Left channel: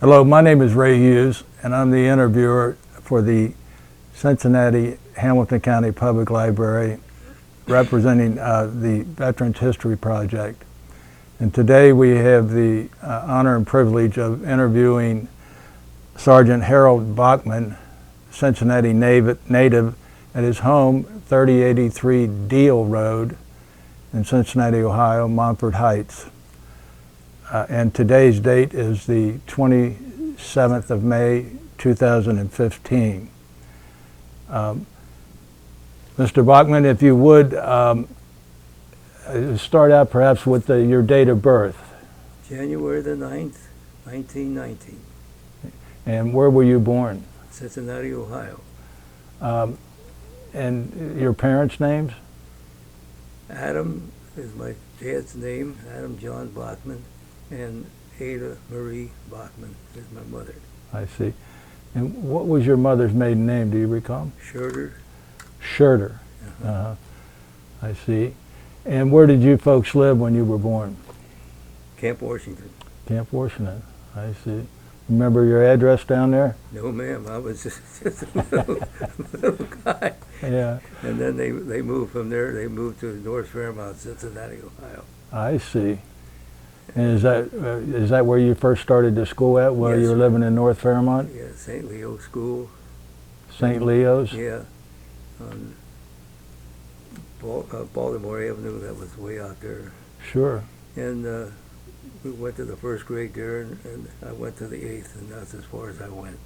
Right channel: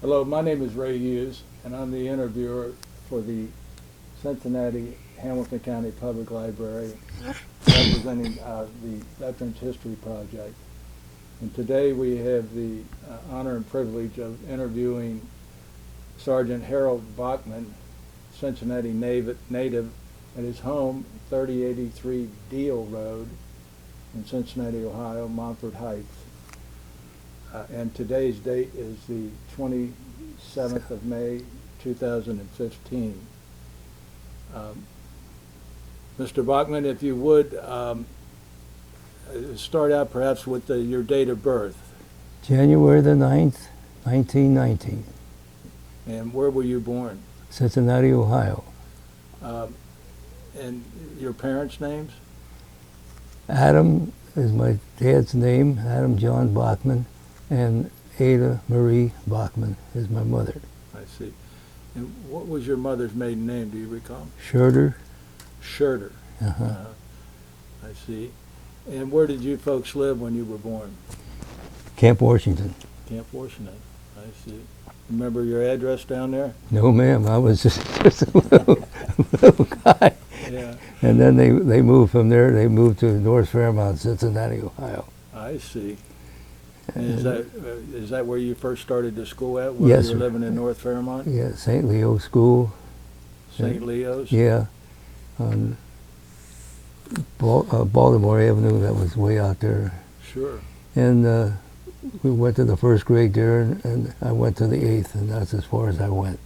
Hello, my name is Ray Hughes, and I'm the interviewer for the Cincinnati Hamilton County Public Library, representing the Veterans History Project. And today we have the honor and privilege of interviewing Sergeant Harold Bachman, Cincinnati native, at his home, 3083 Deal Road in Cincinnati, Ohio, Montford Heights. And today's date is the 27th of May, 2015. Mr. Bachman, if you would, start out perhaps with your date of birth. January the 9th, 1919. And where were you born? Cincinnati, Ohio. And your parents' names? Adam is my dad's name, Adam John Bachman, and Ada Marie Bachman is my mother. I see. And what was your mother's maiden name, do you recall? Schurter. Schurter. I see. And where did you folks live when you were born? Camp Washington. Camp Washington. I see. Remember your address down there? No, ma'am. I was just a little guy. Yeah. And then they moved from there. They moved to North Fairmount, Cincinnati, Ohio. I see. And is that where you first started the school at, while Yes, you were sir. living in North Fairmont? Yeah, St. Leo School. St. Leo's? Yeah. On Baltimore Avenue, that was way out there. Sure. And we went to the first grade there, and I went to the 8th, and that's as far as I went.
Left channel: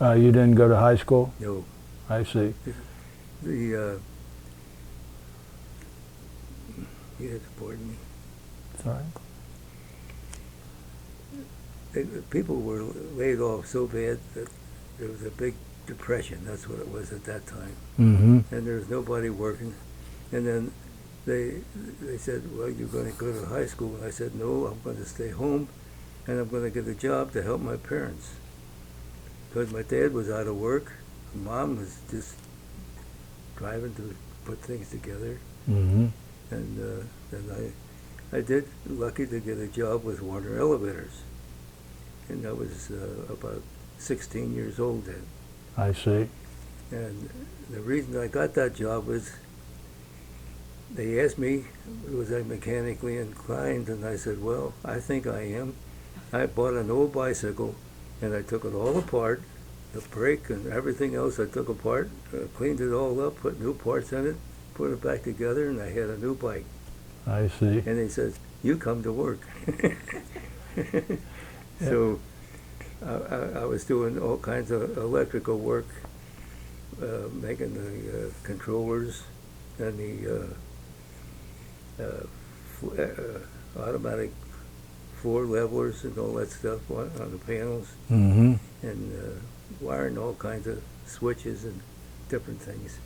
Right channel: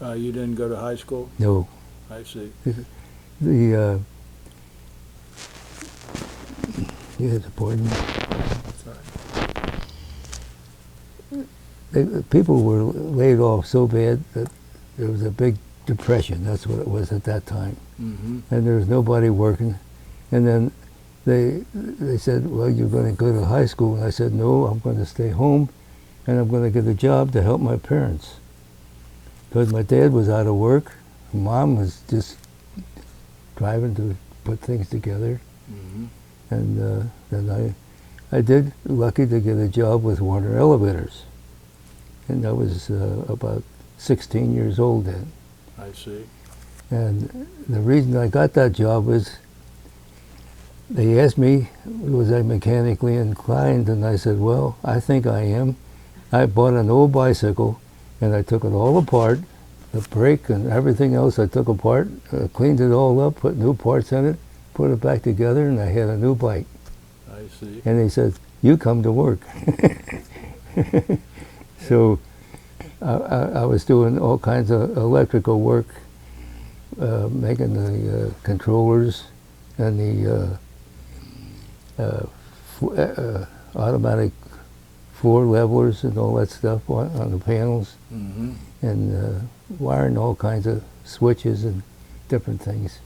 You didn't go to high school? No. I see. The pardon me. Sorry. People were laid off so bad that there was a big depression. That's what it was at that time. Mm-hmm. And there was nobody working. And then they said, well, you're going to go to high school. And I said, no, I'm going to stay home, and I'm going to get a job to help my parents. Because my dad was out of work. Mom was just driving to put things together. Mm-hmm. And then I did lucky to get a job with Warner Elevators. And I was about 16 years old then. I see. And the reason I got that job was they asked me, was I mechanically inclined? And I said, well, I think I am. I bought an old bicycle, and I took it all apart, the brake and everything else I took apart, cleaned it all up, put new parts in it, put it back together, and I had a new bike. I see. And they said, you come to work. So I was doing all kinds of electrical work, making the controllers and the automatic floor levelers and all that stuff on the panels, Mm-hmm. and wiring all kinds of switches and different things.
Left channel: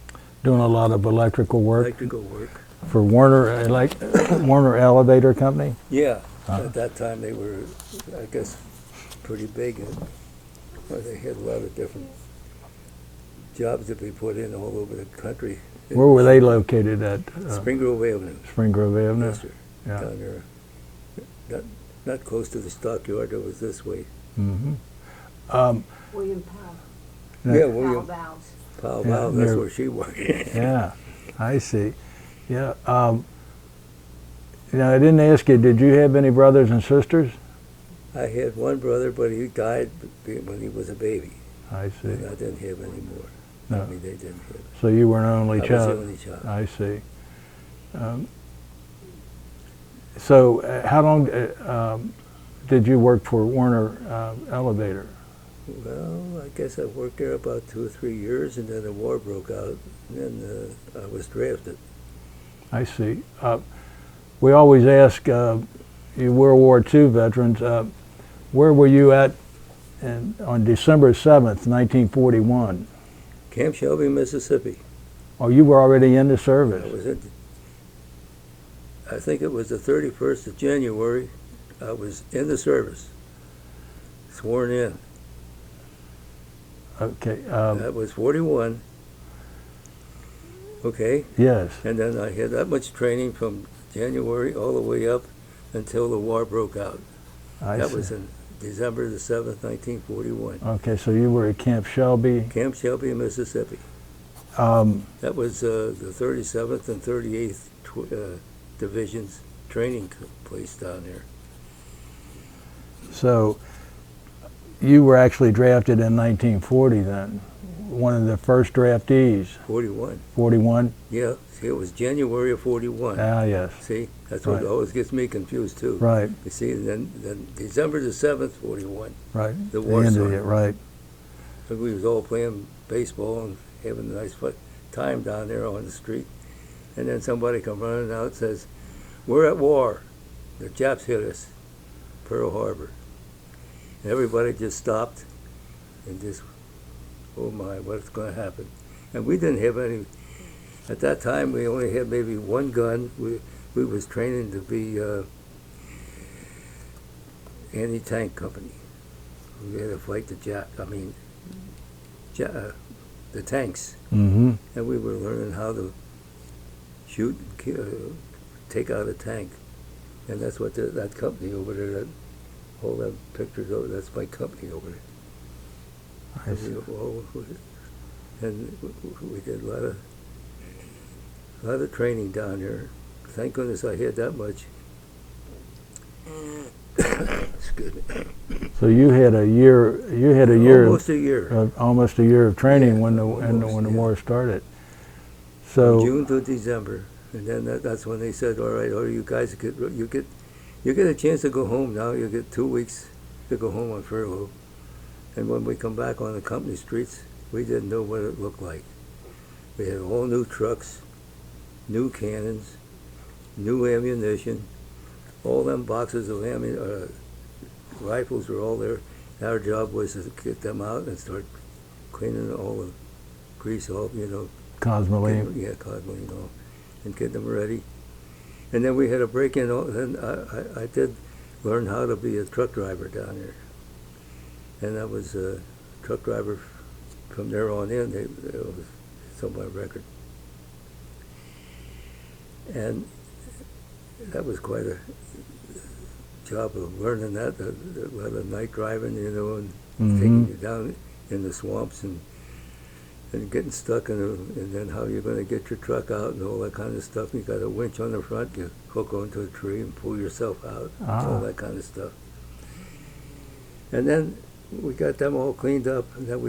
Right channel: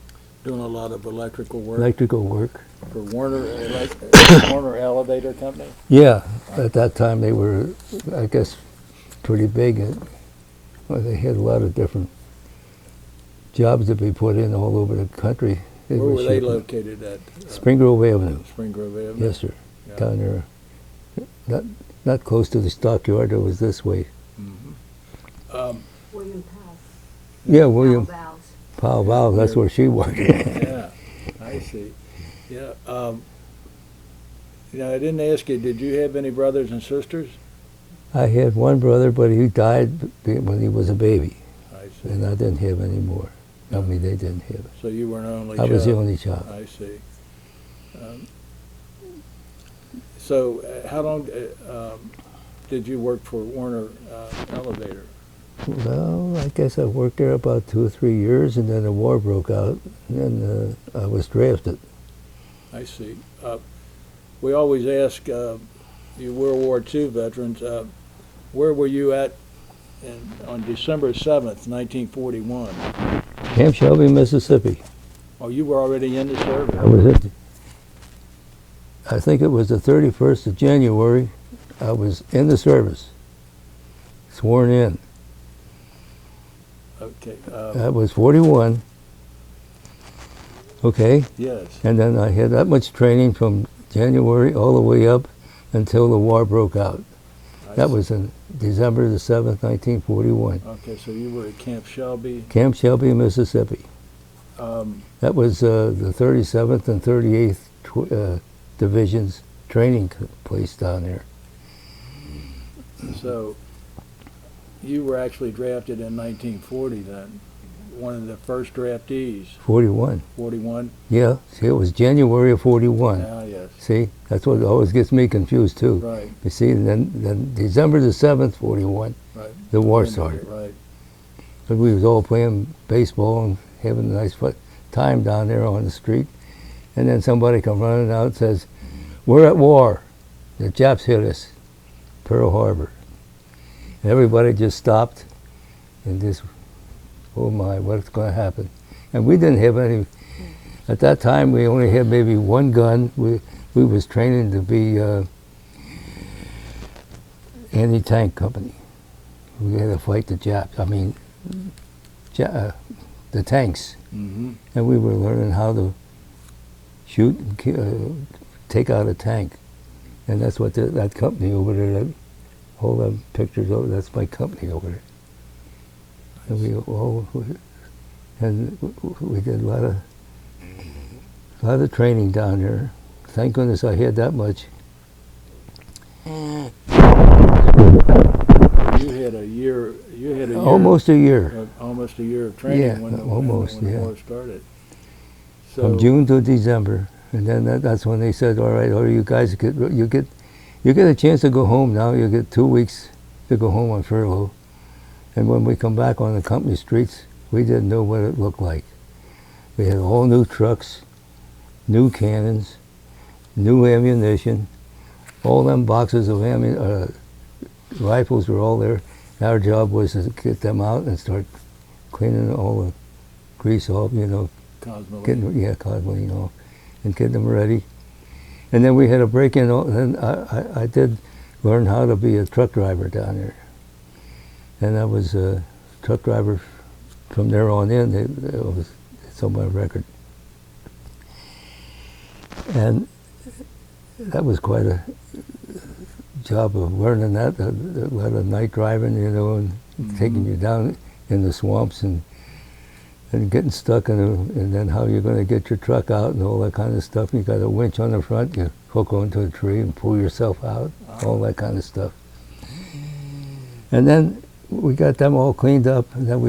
Doing a lot of electrical work Electrical work. for Warner, Warner Elevator Company? Yeah, at that time they were, I guess, pretty big. And, well, they had a lot of different jobs to be put in all over the country. Where were they located at? Spring Grove Avenue. Spring Grove Avenue? Yes, sir. Yeah. Down there. Not close to the stockyard, it was this way. Mm-hmm. William Powell. Yeah, William Valves. Powell Yeah, Valve, that's near- where she worked. Yeah, I see. Yeah. I didn't ask you, did you have any brothers and sisters? I had one brother, but he died when he was a baby, I see. and I didn't have any more. I No. mean, they didn't have it. So you were an only I child? was the only child. I see. So how long did you work for Warner Elevator? Well, I guess I worked there about 2 or 3 years, and then the war broke out, and then I was drafted. I see. We always ask you World War II veterans, where were you at on December 7th, 1941? Camp Shelby, Mississippi. Oh, you were already in the service? I was I think it was the 31st of January. I was in the service, sworn in. Okay. I was 41. Okay. Yes. And then I had that much training from January all the way up until the war broke out. That was in December the 7th, 1941. Okay, so you were at Camp Shelby. Camp Shelby, Mississippi. That was the 37th and 38th Division's training place down there. So you were actually drafted in 1940 then, one of the first draftees. 41. 41? Yeah, see, it was January of 41. Ah, yes. See, that's what Right. always gets me confused too. Right, You see, and then December the 7th, 41, right. the war Ended started. it, right. And we was all playing baseball and having a nice time down there on the street. And then somebody come running out and says, "We're at war. The Japs hit us, Pearl Harbor." And everybody just stopped and just, oh my, what's going to happen? And we didn't have any, at that time we only had maybe one gun. We was training to be anti-tank company. We had to fight the Japs, the tanks. Mm-hmm. And we were learning how to shoot and take out a tank. And that's what that company over there, all them pictures over, that's my company over there. And we did a lot of training down there. Thank goodness I had that much. So you had a year. Almost a year. Almost a year of training Yeah, when the almost, yeah. war started. So From June to December, and then that's when they said, "All right, you guys you get a chance to go home now. You get 2 weeks to go home on furlough." And when we come back on the company streets, we didn't know what it looked like. We had all new trucks, new cannons, new ammunition. All them boxes of rifles were all there. Our job was to get them out and start cleaning all the grease off, Cosmoline. cosmoline off, and get them ready. And then we had a break-in. And I did learn how to be a truck driver down there. And I was a truck driver from there on in. It was on my record. And that was quite a job of learning that, a lot of night driving, and taking you down in the swamps and getting stuck and then how you're going to get your truck out and all that kind of stuff. You got a winch on the front, you hook onto a tree and pull yourself out, all that kind of stuff. And then we got them all cleaned up, and then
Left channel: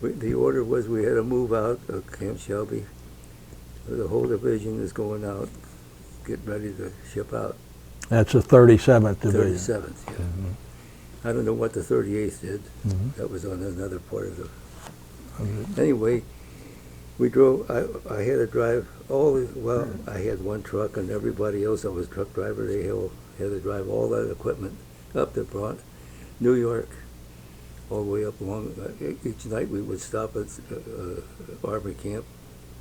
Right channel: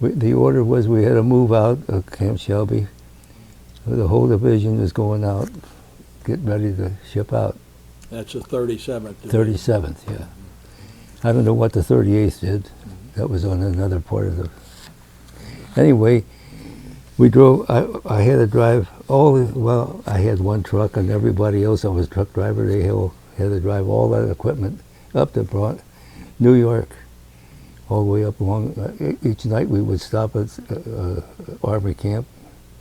the order was we had to move out of Camp Shelby. The whole division is going out, getting ready to ship out. That's the 37th Division. 37th, yeah. I don't know what the 38th did. That was on another part of the... Anyway, we drove, I had to drive I had one truck, and everybody else that was truck driver, they all had to drive all that equipment up to New York, all the way up along. Each night we would stop at Army camp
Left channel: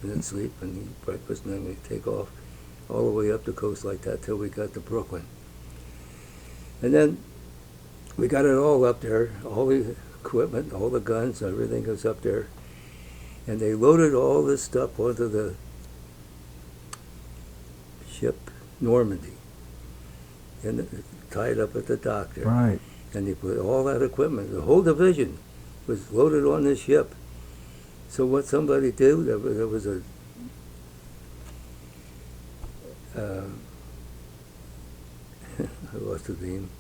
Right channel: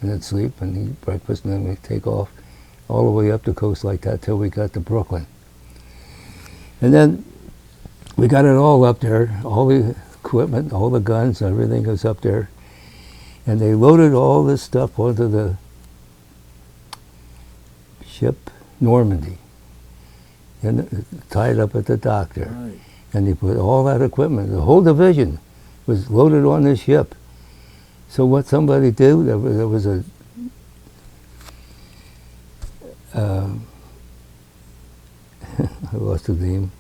and then sleep and eat breakfast, and then we'd take off all the way up the coast like that till we got to Brooklyn. And then we got it all up there, all the equipment, all the guns, everything was up there. And they loaded all this stuff onto the ship Normandy and tied up at the dock there. Right. And they put all that equipment, the whole division was loaded on this ship. So what somebody did, there was a I lost his name.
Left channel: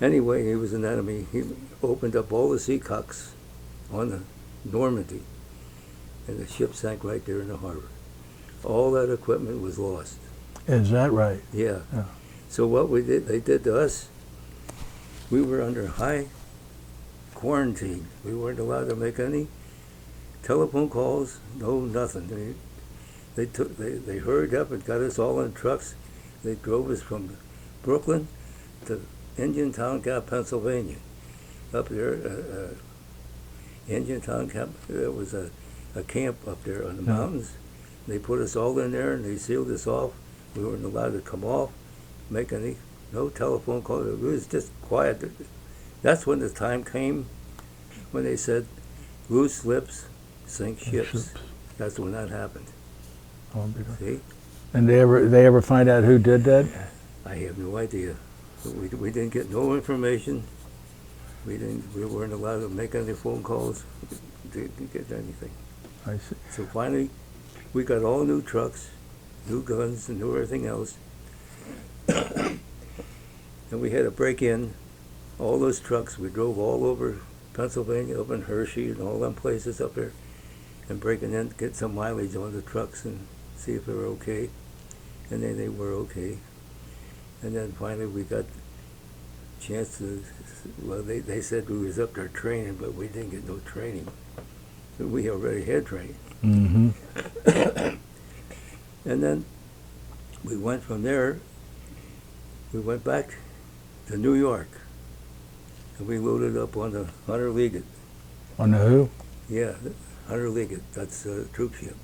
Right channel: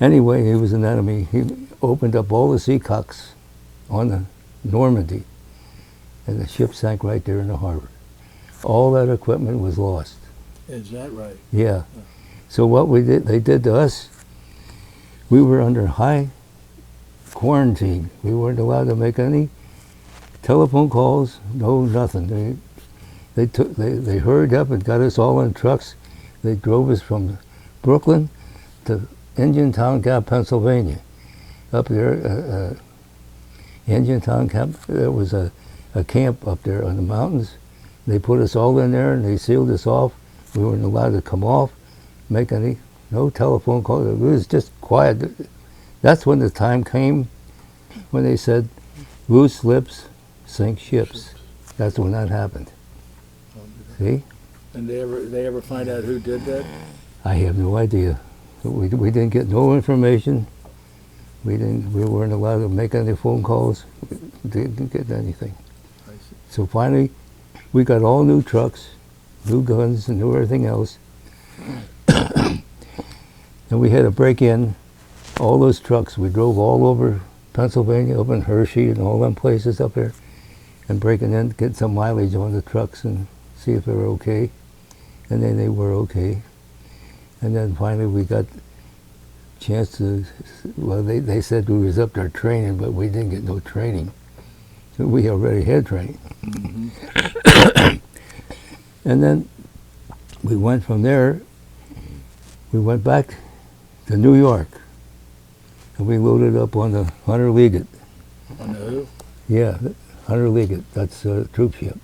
Anyway, he was an enemy. He opened up all the seacocks on the Normandy, and the ship sank right there in the harbor. All that equipment was lost. Is that right? Yeah. Yeah. So what they did to us, we were under high quarantine. We weren't allowed to make any telephone calls, no nothing. They hurried up and got us all in trucks. They drove us from Brooklyn to Indiantown Gap, Pennsylvania. Up there, Indiantown Camp, there was a camp up there on the mountains. They put us all in there and they sealed us off. We weren't allowed to come off, make no telephone calls. It was just quiet. That's when the time came when they said, loose lips sink ships. That's when that happened. See? And they ever find out who did that? I have no idea. But we didn't get no information. We weren't allowed to make any phone calls. We didn't get anything. I see. So finally, we got all new trucks, new guns, and new everything else. And we had to break in all those trucks. We drove all over Pennsylvania, up in Hershey, and all them places up there, and breaking in, get some mileage on the trucks and see if they were okay. And then they were okay. And then finally we got a chance to, well, they said we was up there training, but we didn't get no training. So we already had training. Mm-hmm. And then we went from there, we went back to New York. And we loaded up on the Hunter Liggett. On the who? Yeah, Hunter Liggett, that's a troop ship.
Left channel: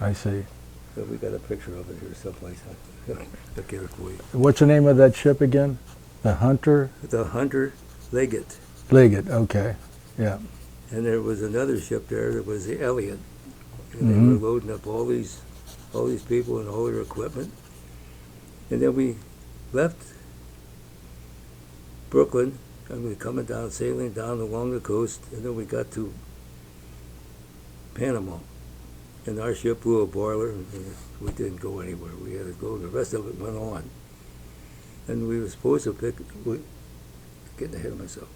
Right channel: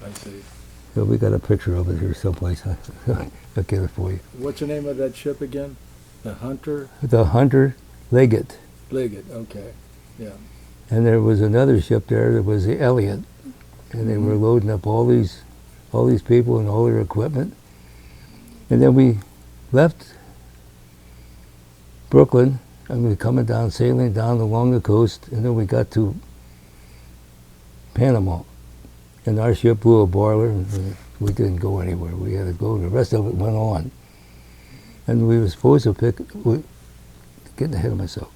I see. So we got a picture of it here someplace. I'll get it for you. What's the name of that ship again? The Hunter The Hunter Liggett. Liggett. Okay. Yeah. And there was another ship there that was the Elliott. And they were loading up all these people and all their equipment. And then we left Brooklyn, and we were coming down, sailing down along the coast, and then we got to Panama. And our ship blew a boiler, and we didn't go anywhere. We had to go. The rest of it went on. And we were supposed to getting ahead of myself.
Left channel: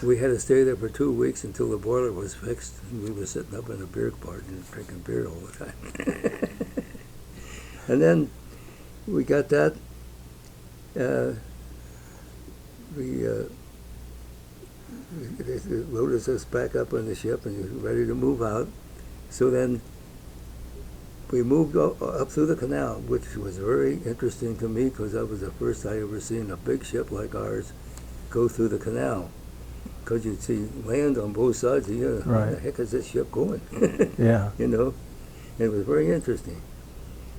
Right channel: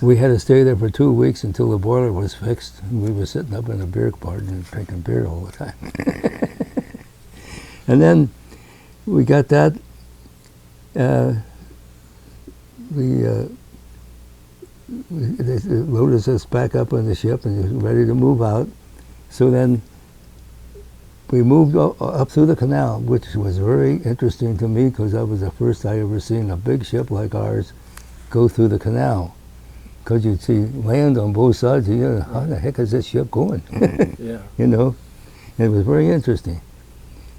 We had to stay there for 2 weeks until the boiler was fixed, and we were sitting up in a beer garden and drinking beer all the time. And then we got that. They loaded us back up on the ship and ready to move out. So then we moved up through the canal, which was very interesting to me because that was the first I ever seen a big ship like ours go through the canal. Because you'd see land on both sides. You how the heck is this ship going? Yeah. You know, it was very interesting.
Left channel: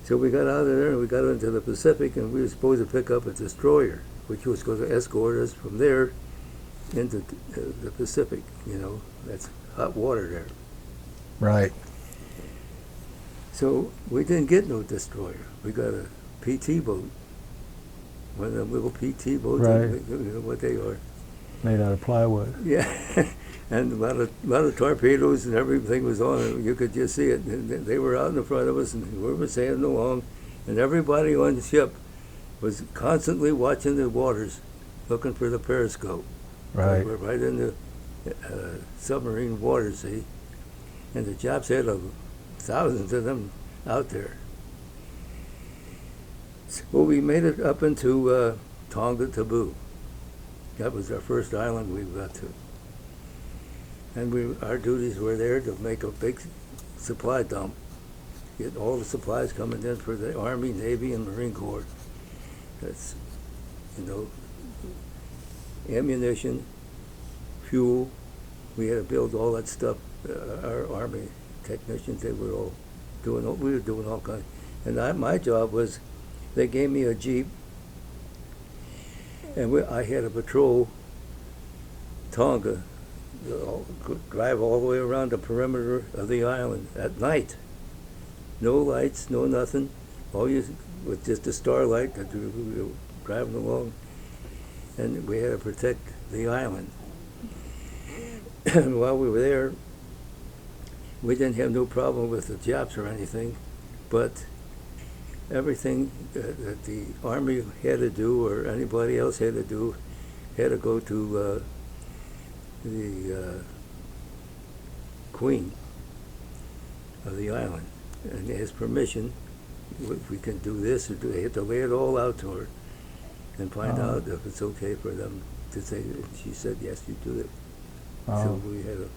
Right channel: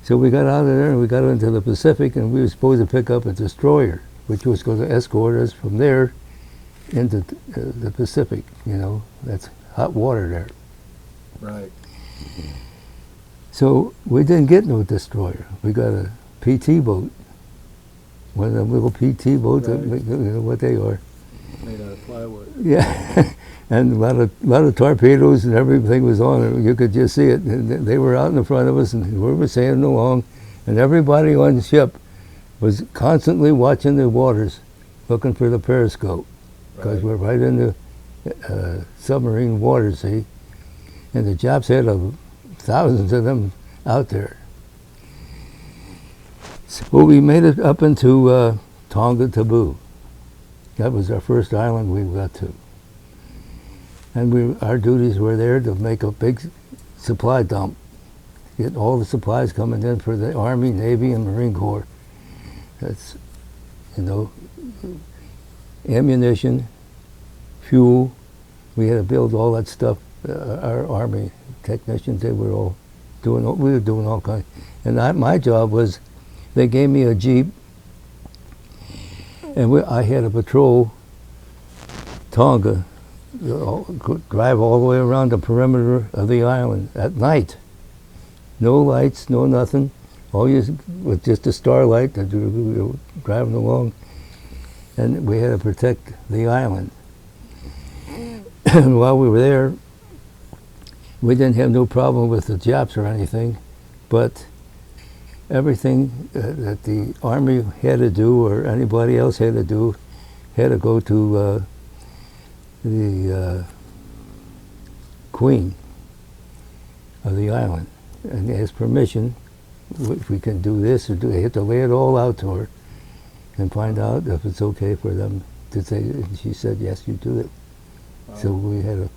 So we got out of there and we got into the Pacific, and we were supposed to pick up a destroyer, which was going to escort us from there into the Pacific. You know, that's hot water there. Right. So we didn't get no destroyer. We got a PT boat, one of them little PT boats. Right. You know what they are. Made out of plywood. Yeah, and a lot of torpedoes and everything was on it. You could just see it. And they were out in front of us, and we were sailing along, and everybody on the ship was constantly watching the waters, looking for the periscope. Right. We're right in the submarine water, see, and the Japs had thousands of them out there. So we made it up into Tonga Taboo. That was our first island we got to. And our duties were there to make a big supply dump, get all the supplies coming in for the Army, Navy, and Marine Corps. That's, you know, ammunition, fuel. We had to build all that stuff. Our Army technicians, they were all doing, we were doing all kinds. And my job was, they gave me a Jeep, and I had to patrol Tonga, drive all the way around the perimeter of the island at night. No lights, no nothing. All you with just a starlight that we were driving along, and we had to protect the island. And while we were there, we didn't have no problem with the Japs or anything, but everything that the Army had to do or anybody else had to do had to go to the Queen of the island and ask permission if we can do this or do. They had to lay it all out to her and find out if it's okay for them to say. And she said, yes, you do it. So we had to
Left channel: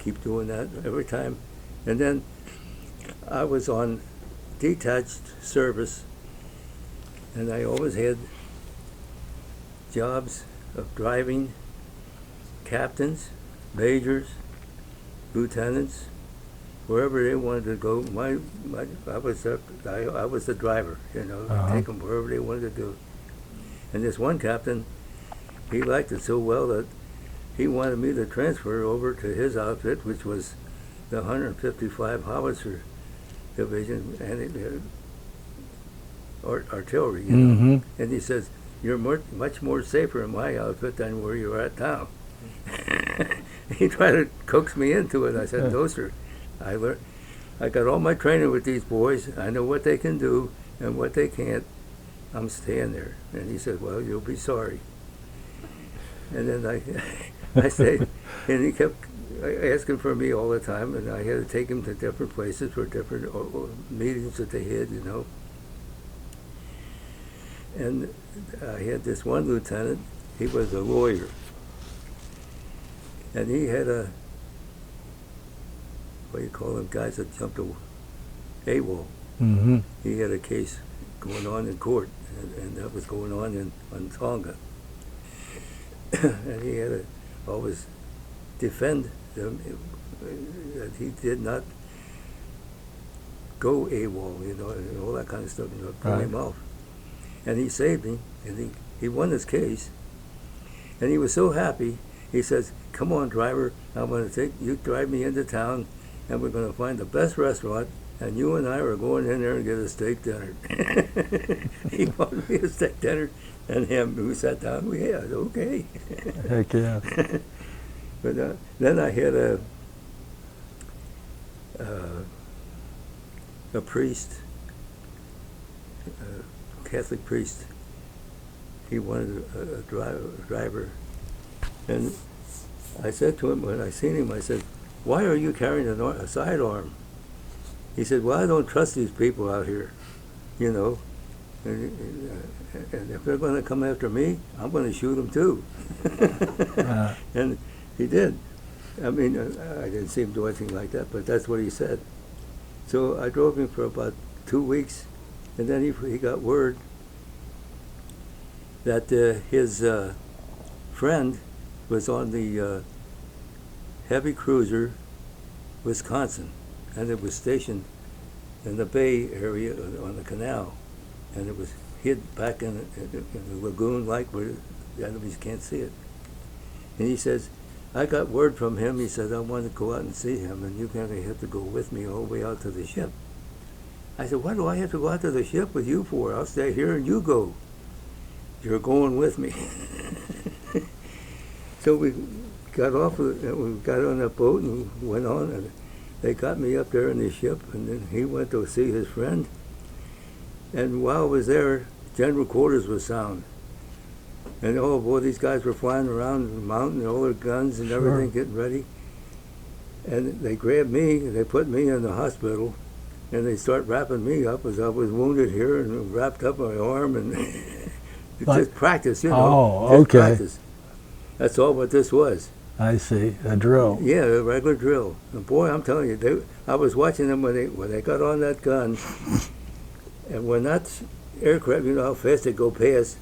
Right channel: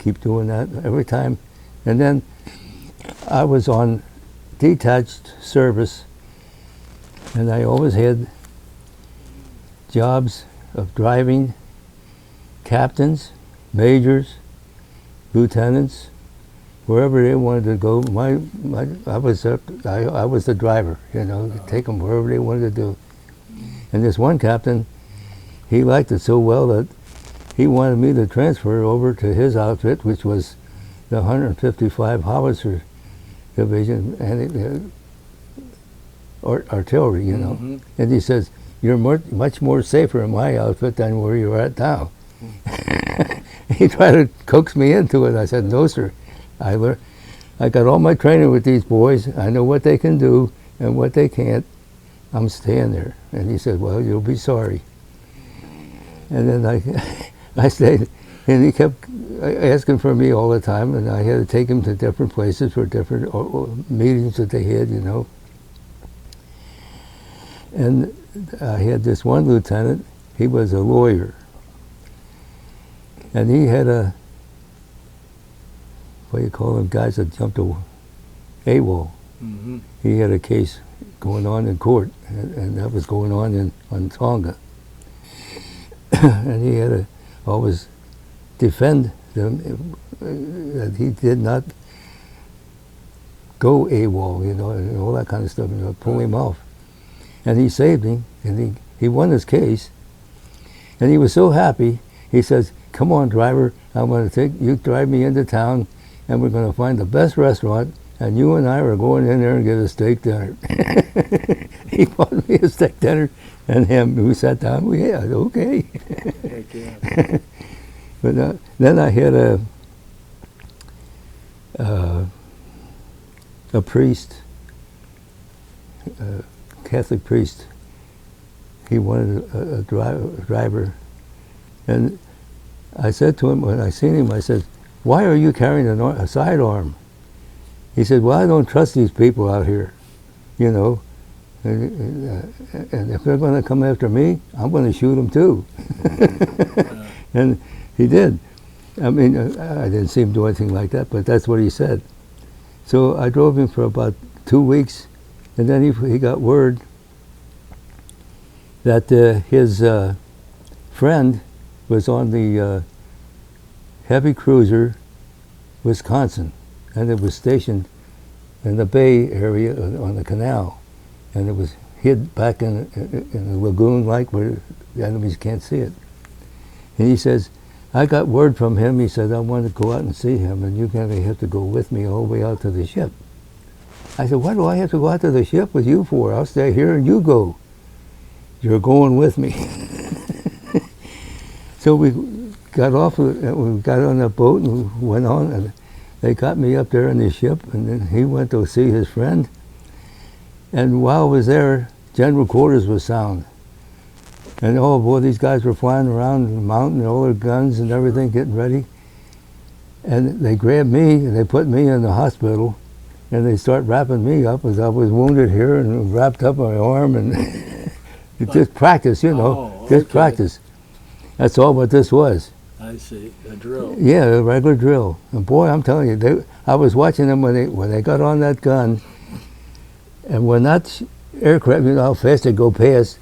keep doing that every time. And then I was on detached service, and I always had jobs of driving captains, majors, lieutenants, wherever they wanted to go. I was the driver, you know, to take them wherever they wanted to do. And this one captain, he liked it so well that he wanted me to transfer over to his outfit, which was the 155 Howitzer Division, and artillery, you know. Mhm. And he says, "You're much more safer in my outfit than where you're at now." He tried to coax me into it. I said, "No, sir. I got all my training with these boys. I know what they can do and what they can't. I'm staying there." And he said, "Well, you'll be sorry." And then I stayed, and he kept asking for me all the time, and I had to take him to different places for different meetings that they had, you know. And I had this one lieutenant. He was a lawyer, and he had what do you call them, guys that jumped AWOL. Mhm. He had a case going on in court, and that was going on Tonga. And he had to always defend them that he did not go AWOL, you know, and all that kind of stuff, you know, pull him off. And he saved him, and he won his case. And he was so happy, he says, "Come on, driver, I'm going to take you, drive me into town, and we're going to find the best restaurant, and you and I are going in there and get a steak dinner." He bought me a steak dinner, and him, we sat down, we had, okay. Heck yeah. But then I had a priest, a Catholic priest. He wanted a driver. And I said to him, when I seen him, I said, "Why are you carrying a sidearm?" He said, "Well, I don't trust these people out here, you know. And if they're going to come after me, I'm going to shoot them too." And he did. I mean, I didn't see him do anything like that, but that's what he said. So I drove him for about 2 weeks, and then he got word that his friend was on the heavy cruiser Wisconsin, and it was stationed in the bay area on the canal, and it was hid back in a lagoon like where the enemies can't see it. And he says, "I got word from him," he said, "I want to go out and see him, and you're going to have to go with me all the way out to the ship." I said, "Why do I have to go out to the ship with you for? I'll stay here and you go." "You're going with me." So we got off, we got on a boat and went on, and they got me up there in the ship, and then he went to see his friend. And while I was there, general quarters was sound. And oh boy, these guys were flying around the mountain, all their guns and everything, getting ready. And they grabbed me and they put me in the hospital, and they start wrapping me up as I was wounded here and wrapped up my arm, and just practice, you know, Oh, just okay. practice. That's all what this was. I see. A drill. Yeah, a regular drill. And boy, I'm telling you, I was watching them when they got on that gun, and when that aircraft, you know how fast they go past,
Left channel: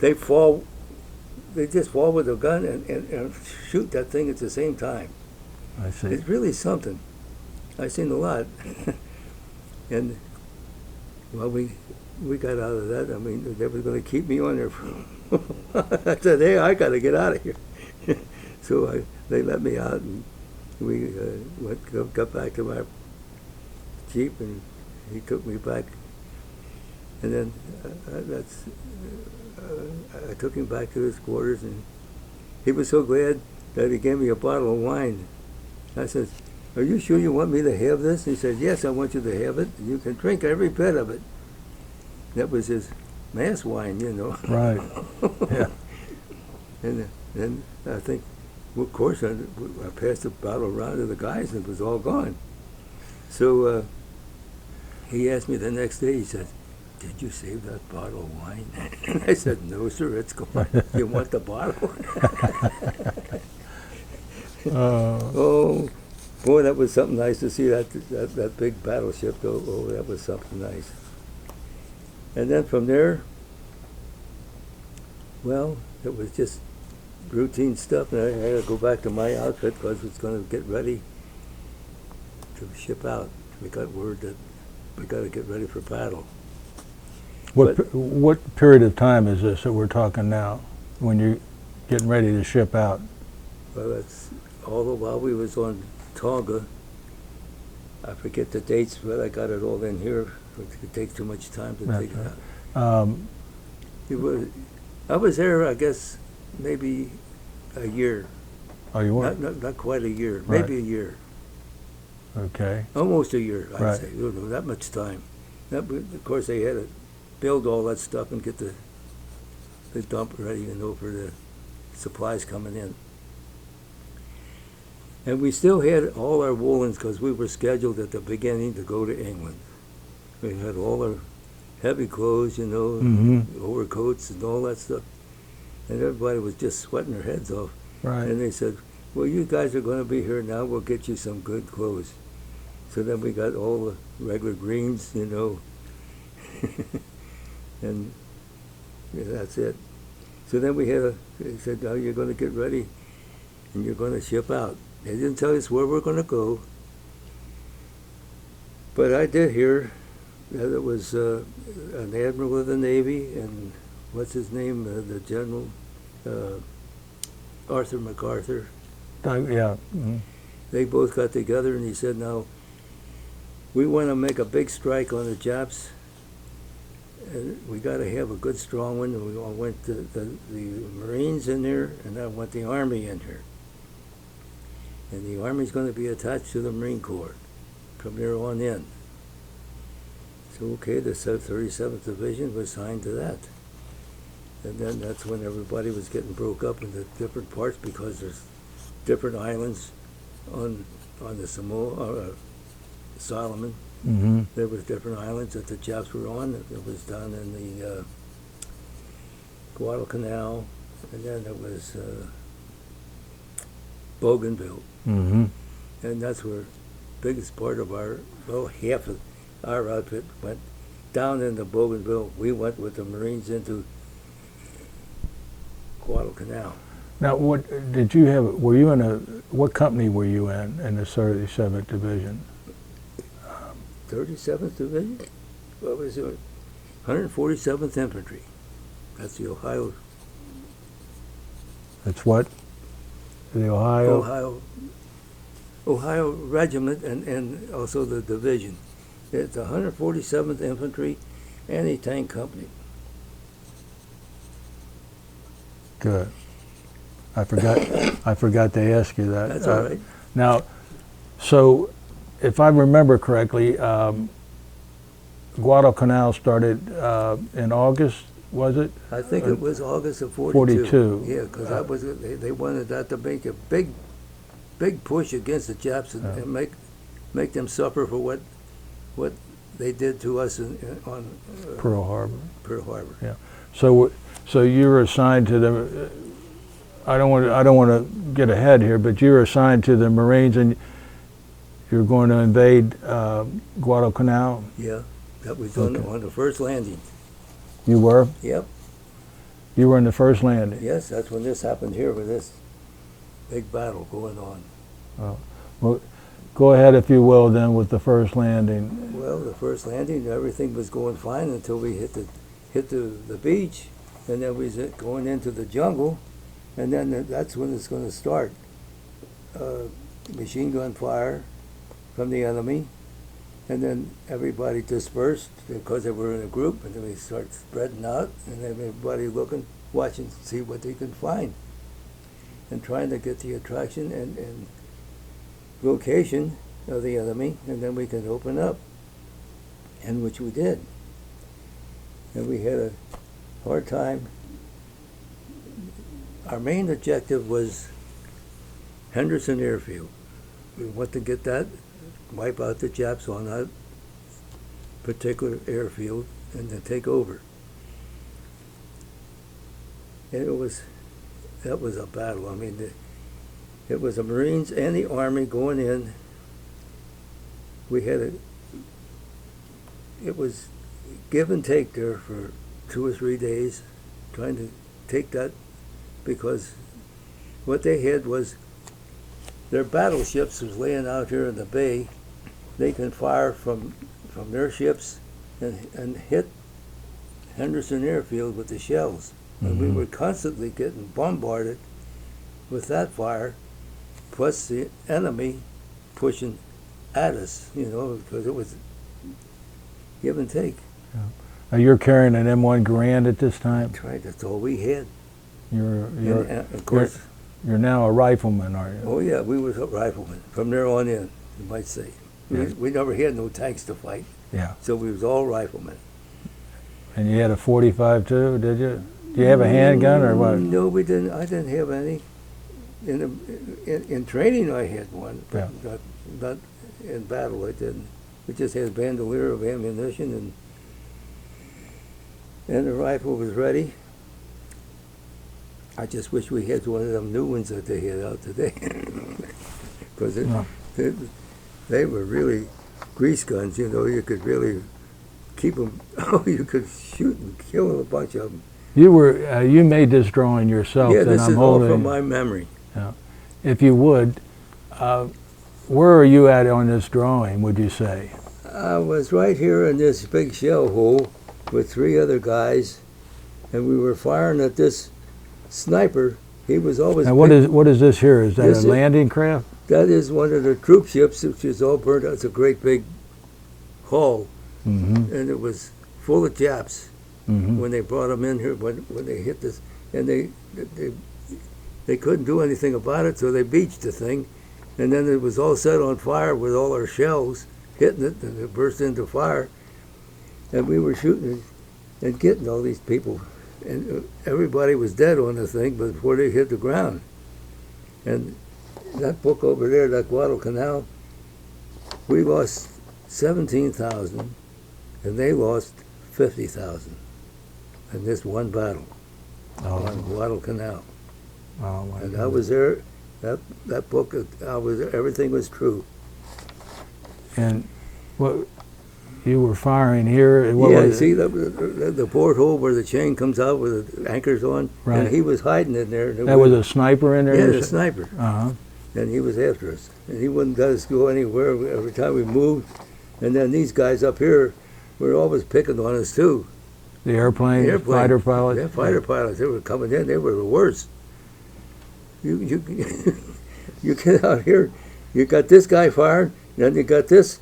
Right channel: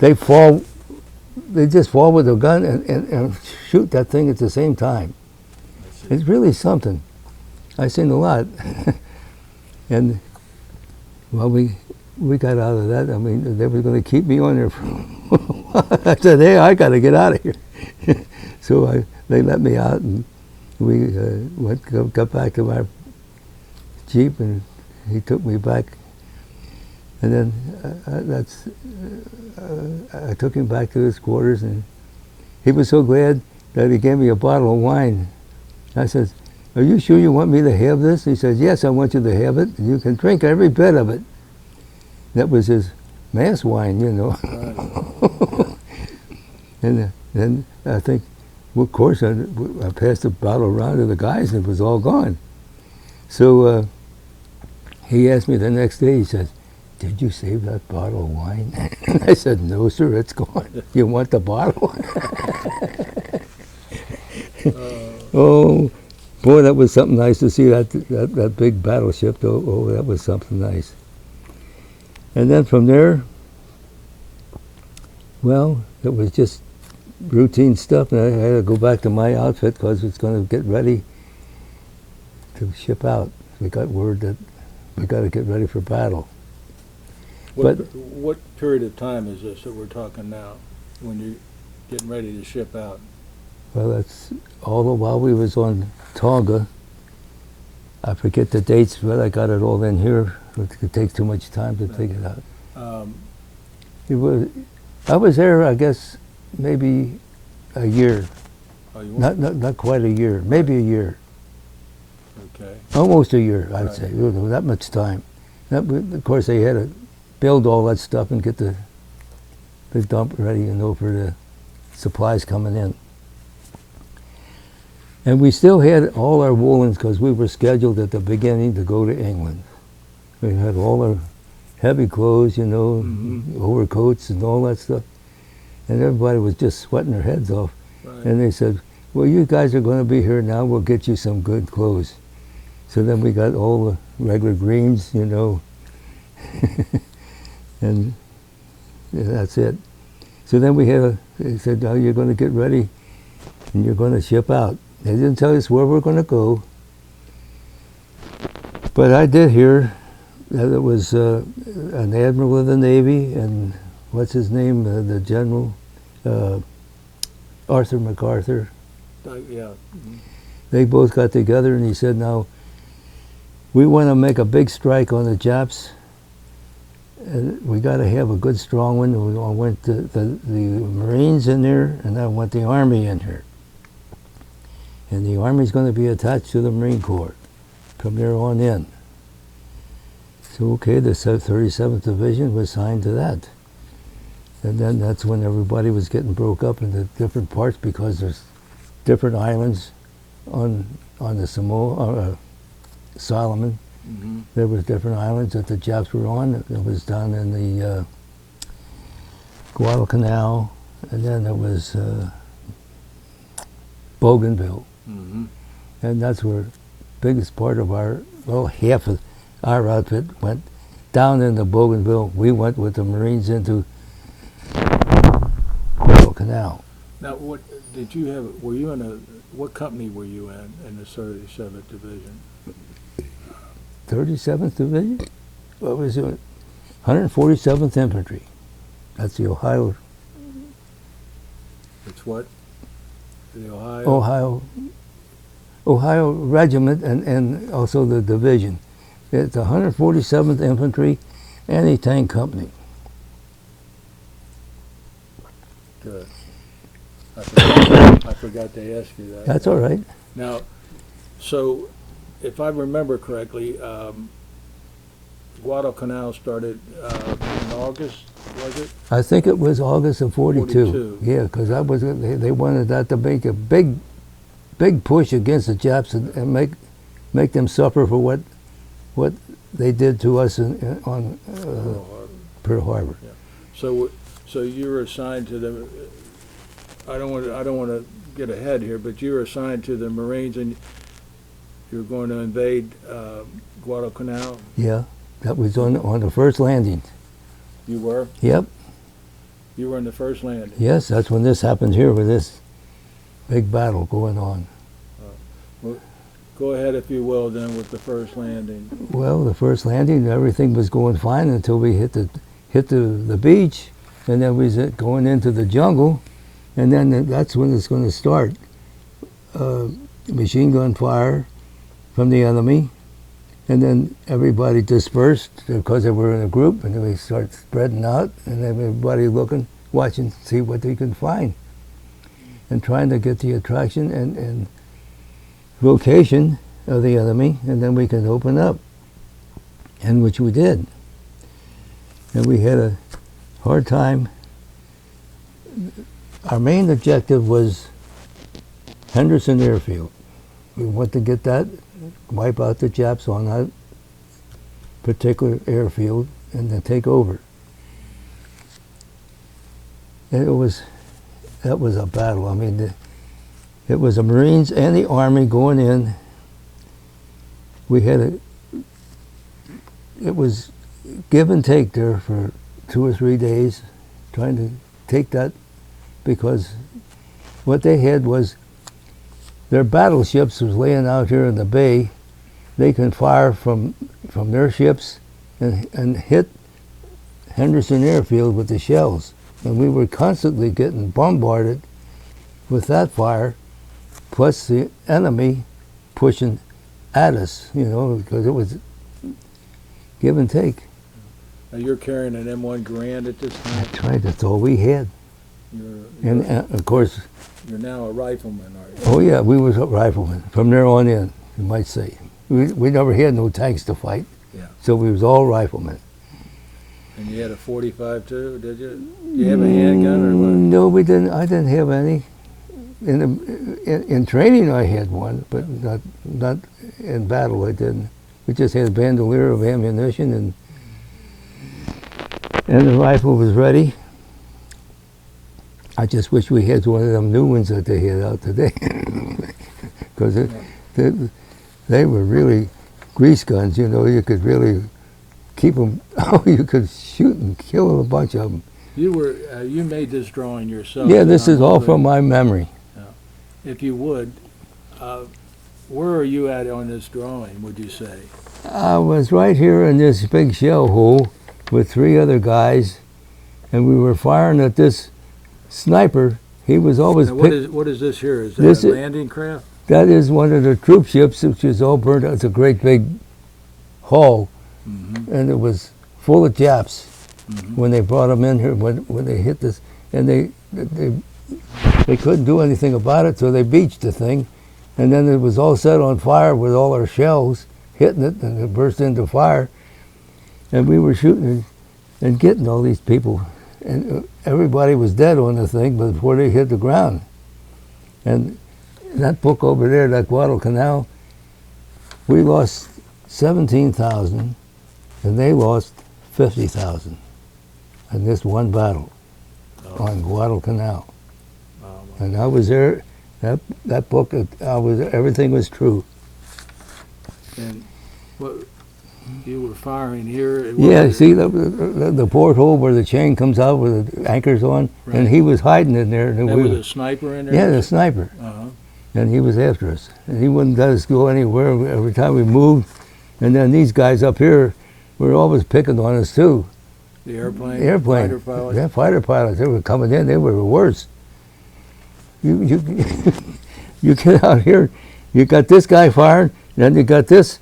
they just fall with the gun and shoot that thing at the same time. I see. It's really something. I've seen a lot. And well, we got out of that. I mean, they were going to keep me on there for a while. I said, "Hey, I got to get out of here." So they let me out, and we got back to our Jeep, and he took me back. And then I took him back to his quarters, and he was so glad that he gave me a bottle of wine. I said, "Are you sure you want me to have this?" He said, "Yes, I want you to have it. You can drink every bit of it." That was his mass wine, you know. Right. Yeah. And then I think, well, of course, I passed the bottle around to the guys, and it was all gone. So he asked me the next day, he said, "Did you save that bottle of wine?" And I said, "No, sir, it's gone. You want the bottle?" Oh, boy, that was something nice to see, that big battleship, though. Oh, that was something nice. And then from there, well, it was just routine stuff, and I had to go back to my outfit because it's going to get ready to ship out. We got word that we got to get ready for battle. What period of time is this that we're talking now, when you're getting ready to ship out? Well, that's all the while we was on Tonga. I forget the dates, but I got it all in here. It takes too much time to take it out. It was, I was there, I guess, maybe a year. Oh, you were? Not quite a year, maybe a year. Okay. Almost a year, I'd Right. say. You know, that much time. Of course, they had to build all that stuff and get the dump ready, you know, for the supplies coming in. And we still had all our woolens because we were scheduled at the beginning to go to England. We had all our heavy clothes, you know, overcoats and all that stuff. And everybody was just sweating their heads off. Right. And they said, well, you guys are going to be here now, we'll get you some good clothes. So then we got all the regular greens, you know, and yeah, that's it. So then they said, now you're going to get ready and you're going to ship out. They didn't tell us where we're going to go. But I did hear that it was an admiral of the Navy and what's his name, the general, Arthur MacArthur. Yeah. They both got together and he said, now, we want to make a big strike on the Japs and we got to have a good strong one. We want the Marines in there and I want the Army in here. And the Army's going to be attached to the Marine Corps from there on in. So, okay, the 37th Division was signed to that. And then that's when everybody was getting broke up into different parts because there's different islands on the Samoa, Solomon. There was different islands that the Japs were on. It was down in the Guadalcanal, and then there was Bougainville. And that's where the biggest part of our, well, half of our outfit went down into Bougainville. We went with the Marines into Guadalcanal. Now, what did you have? Were you in what company were you in the 37th Division? 37th Division? What was it? 147th Infantry. That's the Ohio. That's what? The Ohio? Ohio Regiment and also the division. It's the 147th Infantry Anti-Tank Company. Good. I forgot to ask you that. That's all right. Now, so if I remember correctly, Guadalcanal started in August, was it? I think it was August of 42. 42. Yeah, because that was they wanted that to make a big push against the Japs and make them suffer for what they did to us on Pearl Harbor. Pearl Harbor. Yeah. So you were assigned to the. I don't want to get ahead here, but you were assigned to the Marines, and you're going to invade Guadalcanal. Yeah, that was on the first landing. You were. Yep. You were in the first landing. Yes, that's when this happened here with this big battle going on. Well, go ahead, if you will, then with the first landing. Well, the first landing, everything was going fine until we hit the beach, and then we was going into the jungle, and then that's when it's going to start. Machine gun fire from the enemy, and then everybody dispersed because they were in a group, and then we start spreading out, and everybody looking, watching, see what they can find, and trying to get the attraction and location of the enemy, and then we can open up, and which we did. And we had a hard time. Our main objective was Henderson Airfield. We want to get that, wipe out the Japs on that particular airfield, and then take over. And that was a battle. I mean, it was the Marines and the Army going in. It was give and take there for 2 or 3 days, trying to take that, because what they had was their battleships was laying out here in the bay. They can fire from their ships and hit Henderson Airfield with the shells. And we were constantly getting bombarded with that fire, plus the enemy pushing at us, you know, because it was give and take. You're carrying an M1 Garand at this time? That's right, that's all we had. You're, And of course, you're now a rifleman, are you? oh yeah, we was riflemen. From there on in, you might say. We never had no tanks to fight, Yeah. so we was all riflemen. And you had a 45 too, did you? Do you have a handgun or what? No, we didn't. I didn't have any. In training, I had one, but not in battle. I didn't. We just had a bandolier of ammunition, and the rifle was ready. I just wish we had one of them new ones that they had out today, because they were really grease guns. You know, you could really keep them. Oh, you could shoot and kill a bunch of them. You made this drawing yourself. Yeah, and this I'm is all holding from it. my memory. If you would, where are you at on this drawing, would you say? I was right here in this big shell hole with 3 other guys, and we were firing at this sniper. He was always And what is this here? Is that This a is- landing craft? that is one of the troop ships, which is all burned out. It's a great big hull, Mm-hmm. and it was full of Japs Mm-hmm. when they brought them in here, when they hit this, and they couldn't do anything about it, so they beached the thing, and then it was all set on fire with all our shells hitting it, and it burst into fire, and we were shooting and getting all these people, and everybody was dead on the thing before they hit the ground. And that book over there, that Guadalcanal, we lost 17,000, and they lost 50,000 in this one battle on Guadalcanal. Oh, my And I was there. That book, everything was true. And what you were firing here? Yeah, see the porthole where the chain comes out with the anchors on, Right. and he was hiding in there. And That was a sniper in there? yeah, the sniper, Uh-huh. and he was after us, and he wouldn't let us go anywhere every time we moved. And then these guys up here were always picking on us too. The airplane, Airplane. fighter pilots? Yeah, fighter pilots. They were coming in. They were the worst. You you get out here, you got this guy firing, then you got this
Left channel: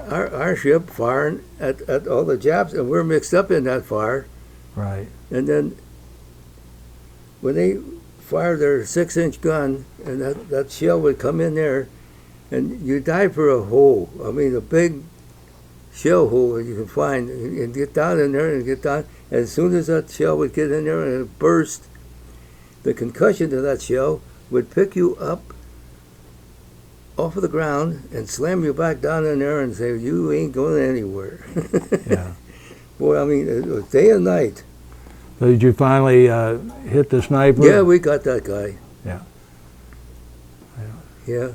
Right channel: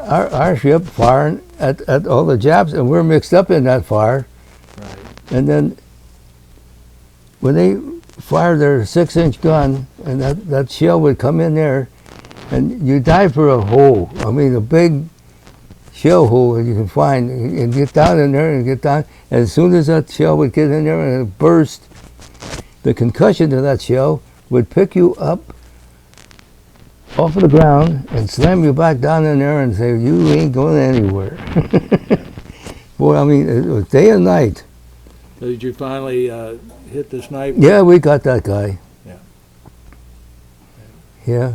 our ship firing at all the Japs, and we're mixed up in that fire. Right. And then when they fired their 6-inch gun, and that shell would come in there, and you dive for a hole. I mean, a big shell hole that you can find, and get down in there and get down. And as soon as that shell would get in there and it burst, the concussion of that shell would pick you up off of the ground and slam you back down in there and say, you ain't going anywhere. Yeah. Boy, I mean, it was day and night. So did you finally hit the sniper? Yeah, we got that guy. Yeah. Yeah.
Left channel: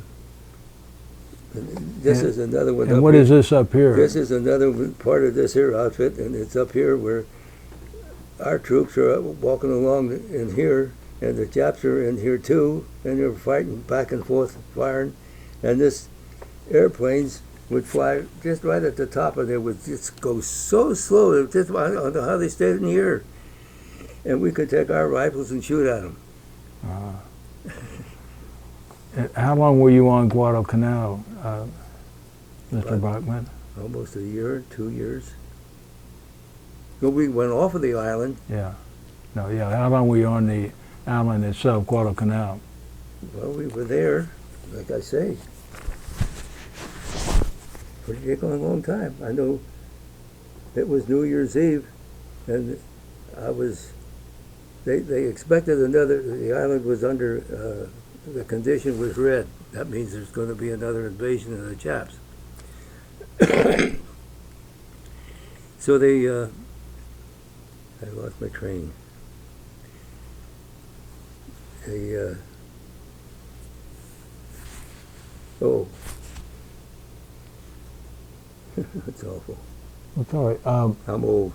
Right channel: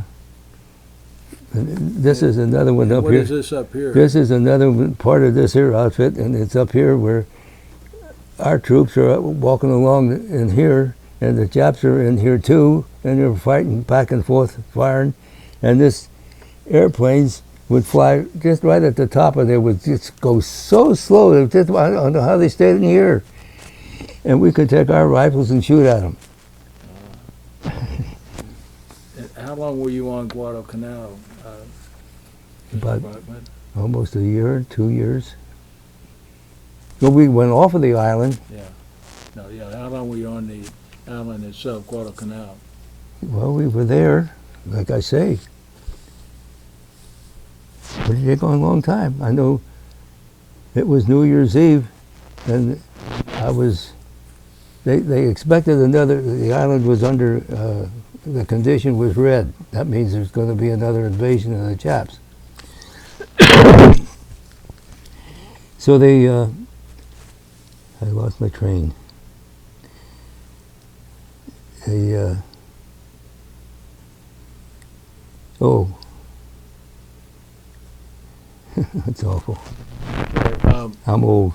And this is another one And up what here. is this up here? This is another part of this here outfit, and it's up here where our troops are walking along in here, and the Japs are in here too, and they're fighting back and forth, firing, and this airplanes would fly just right at the top of there, would just go so slow. It was just, I don't know how they stayed in the air, and we could take our rifles and shoot at them. How long were you on Guadalcanal, Mr. About- Bachman? Almost a year, 2 years. Well, we went off of the island. Yeah. No, yeah. How long were you on the island itself, Guadalcanal? Well, we were there, like I say. But it took a long time. I know it was New Year's Eve, and they expected the island was under, the condition was red. That means there's going to be another invasion of the Japs. So I lost my train. Oh, that's awful. Right. I'm old.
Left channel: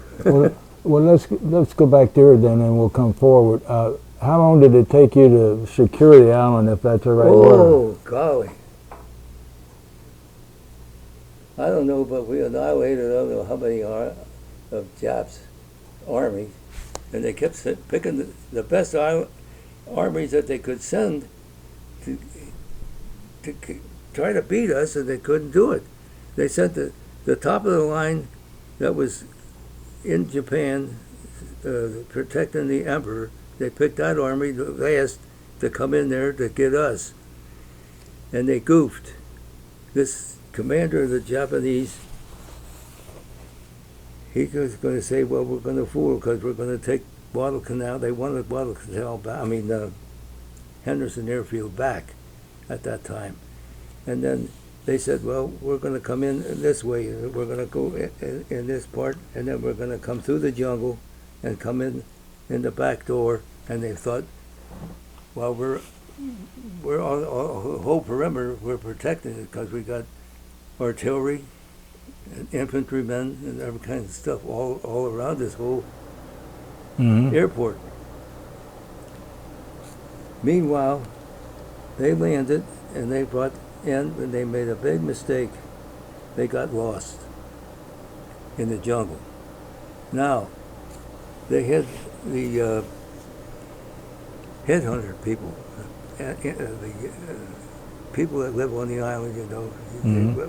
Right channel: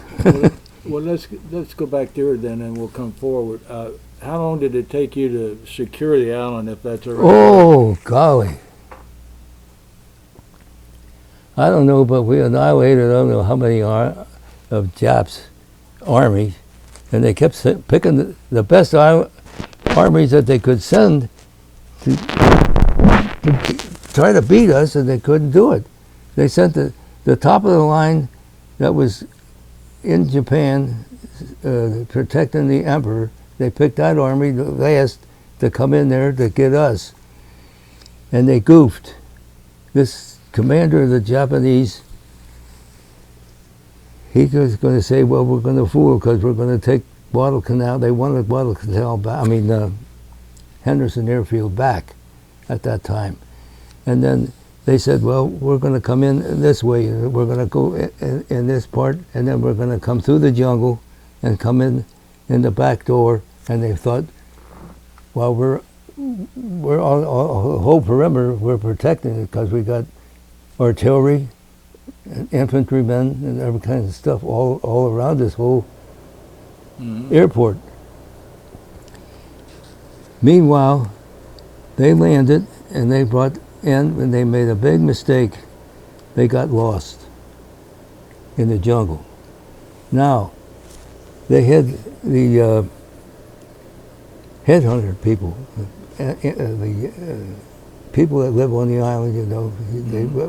Well, let's go back there then, and we'll come forward. How long did it take you to secure the island, if that's the right word? Oh, golly. I don't know, but we annihilated, I don't know how many of Japs' armies, and they kept picking the best armies that they could send to try to beat us, and they couldn't do it. They sent the top of the line that was in Japan, protecting the emperor, they picked that army the last to come in there to get us. And they goofed. This commander of the Japanese, he was going to say, well, we're going to fool because we're going to take Guadalcanal. They wanted Guadalcanal back, Henderson Airfield back at that time. And then they said, well, we're going to come in this way. We're going to go in this part, and then we're going to come through the jungle and come in the back door. And they thought, well, we're on the whole perimeter, we're protecting it because we got artillery and infantrymen and every kind of stuff all around this whole airport. Meanwhile, they landed and they brought in, and they made a big mistake. They got lost in the jungle. Now, they had the headhunter people, the people that live on the island, you know,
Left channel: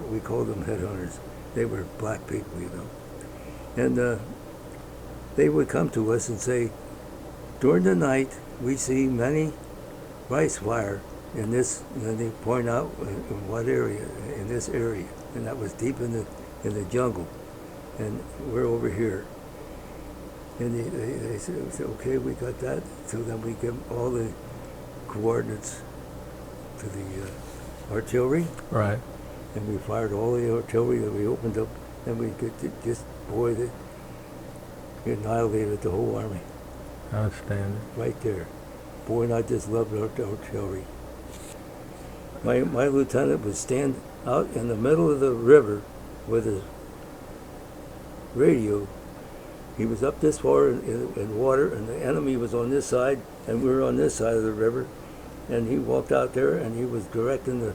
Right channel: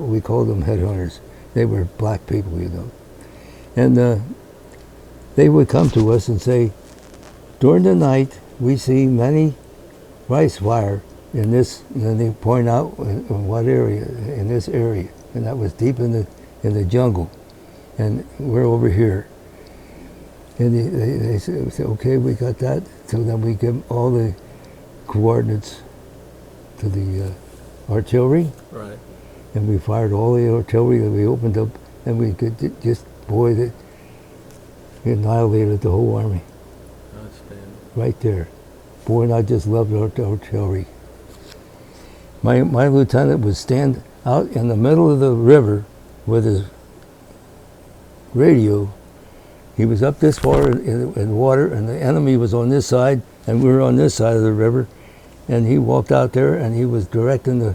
we called them headhunters. They were black people, you know. And they would come to us and say, during the night, we see many rice fire in this, and then they point out in what area, in this area. And that was deep in the jungle. And we're over here. And they said, okay, we got that. So then we give all the coordinates to the artillery. Right. And we fired all the artillery that we opened up, and we could they annihilated the whole army. Outstanding. Right there. Boy, and I just loved artillery. My lieutenant would stand out in the middle of the river with his radio. He was up this far in water, and the enemy was on this side, and we were on this side of the river. And he walked out there, and he was directing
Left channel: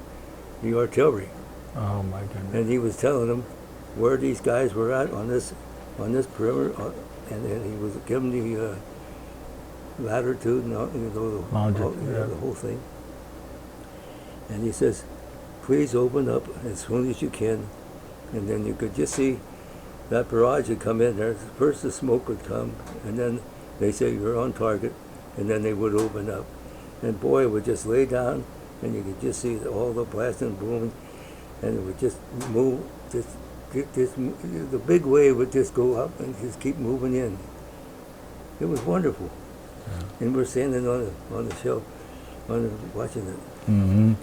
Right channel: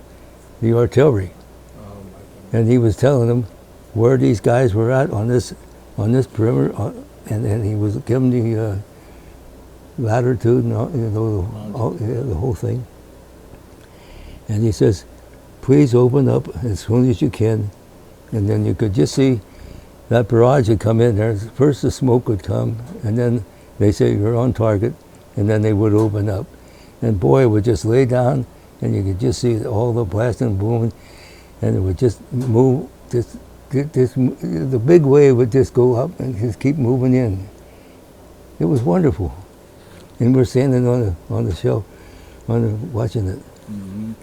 the artillery. Oh my goodness. And he was telling them where these guys were at on this perimeter, and he was giving the latitude and the whole thing. And he says, please open up as soon as you can. And then you could just see that barrage would come in there. First the smoke would come, and then they say you're on target, and then they would open up. And boy, it would just lay down, and you could just see all the blasting booming, and it would just move. The big wave would just go up and just keep moving in. It was wonderful. Yeah. And we're standing on the shelf, watching it. Mm-hmm.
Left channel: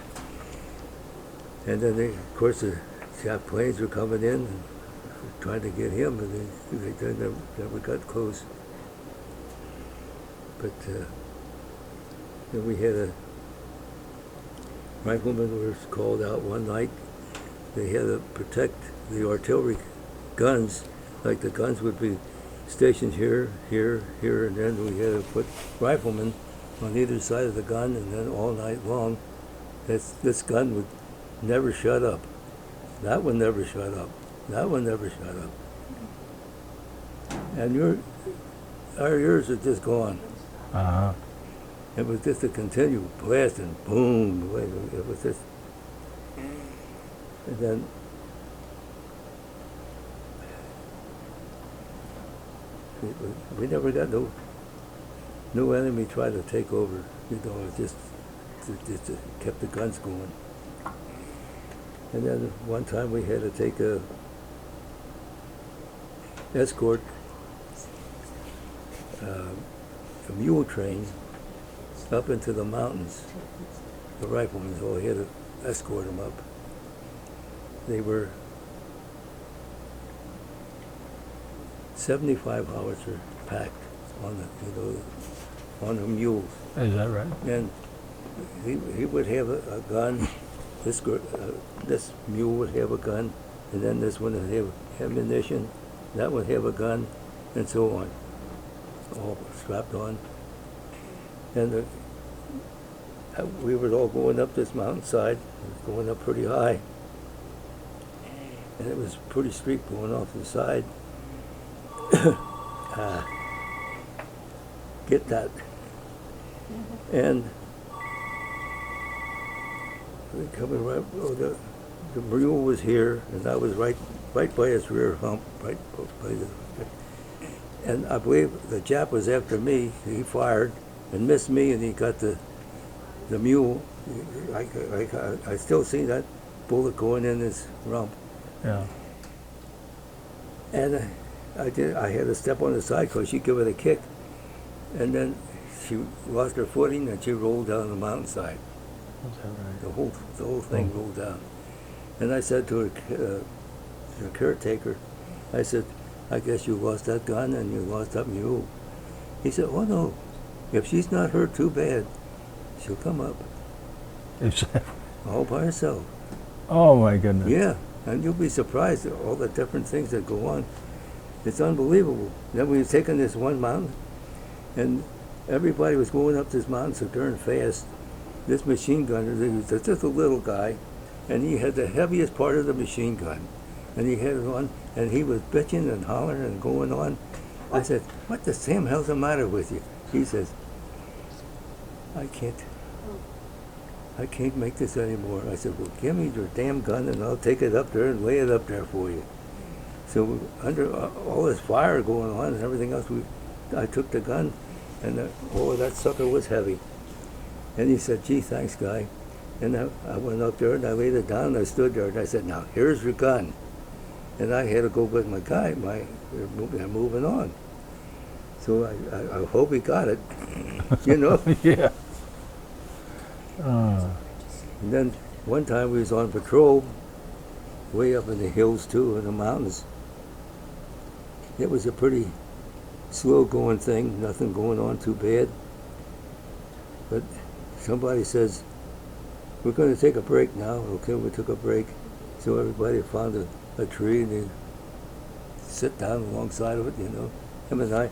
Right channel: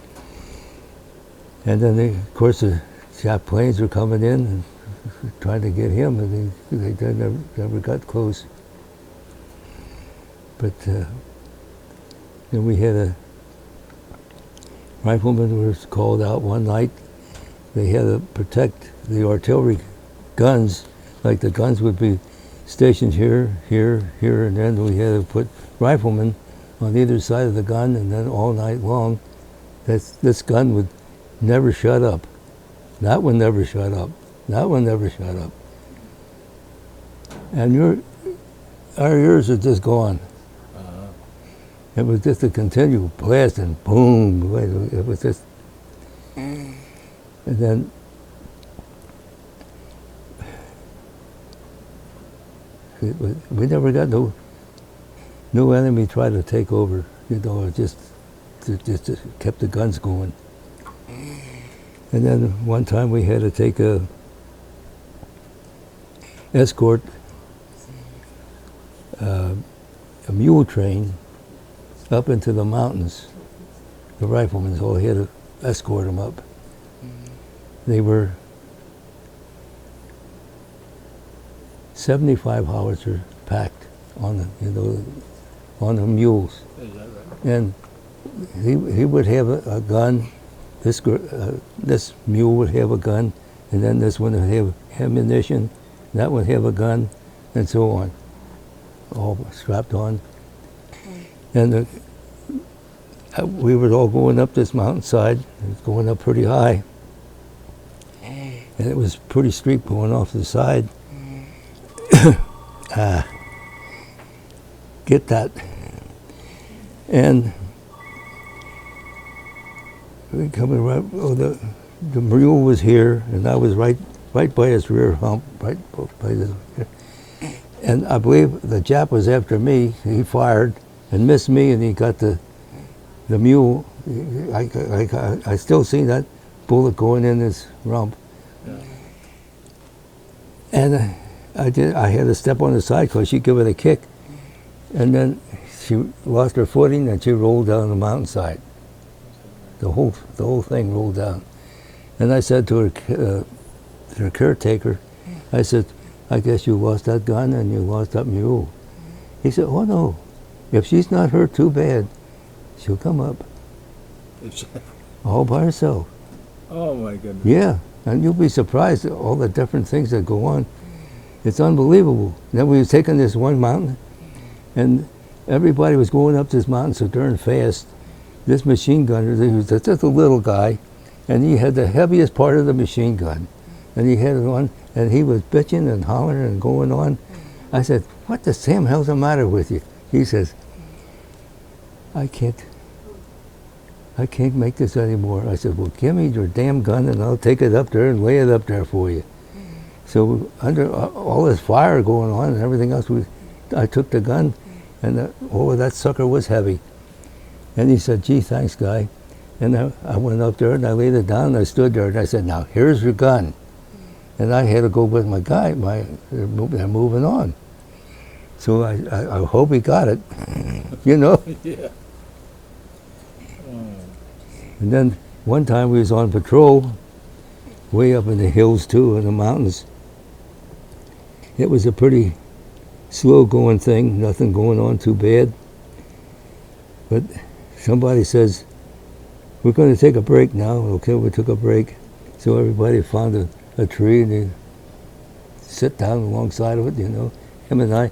And then, of course, the Jap planes were coming in and trying to get him, and they never got close. But then we had a rifleman who was called out one night. They had to protect the artillery guns, like the guns would be stationed here, and then we had to put riflemen on either side of the gun, and then all night long, this gun would never shut up. That one never shut up. That one never shut up. And our ears are just gone. Uh-huh. It was just a continual blast and boom. It was just, and then we never got no enemy tried to take over. You know, it just kept the guns going. And then one time we had to take a escort a mule train up into the mountains. The riflemen all had to escort them up. They were 75 howitzer packed on the mules. Is that right? And he would have a gun. This mule would have a gun, and then this one would have ammunition. That would have a gun, and so on, all strapped on. And we were all going up this mountainside. It was going up pretty high, and it was pretty steep going off to the side. Get that. And we coming right. Oh, the mule was here, and I was right by his rear hump, right by the. And I believe the Jap was after me. He fired and missed me, and he got the mule. I still see that bullet going in his rump. Yeah. And I had to step on the side because she gave it a kick, and then she lost her footing and she rolled down the mountainside. The whole thing rolled down. And I said to her caretaker, I said, I guess you lost that gun and you lost that mule. He said, oh no, if she's not hurt too bad, she'll come up all by herself. Oh my goodness. Yeah, and you'll be surprised at all the different things that go on. It's unbelievable. Then we were taking this one mountain, and everybody was going up this mountain so darn fast. This machine gunner, he was just a little guy, and he had the heaviest part of the machine gun. And he had it on, and he was bitching and hollering and going on. I said, what the Sam hell's the matter with you? He says, I can't make this anymore. I said, well, give me your damn gun and I'll take it up there and lay it up there for you. So under all this fire going on and everything else, I took the gun, and that sucker was heavy. And he said, gee, thanks, guy. And I went up there and I laid it down and I stood there and I said, now, here's your gun. And I had to go with my guy, they're moving on. So I hope he got it, you know? Yeah. And then one time we was on patrol, way up in the hills too, in the mountains. It was a pretty slow going thing, nothing going on too bad. But somebody says, we're going to take a break now. Okay, we took a break. So everybody found a tree and they sit down alongside of it, you know. Him and I,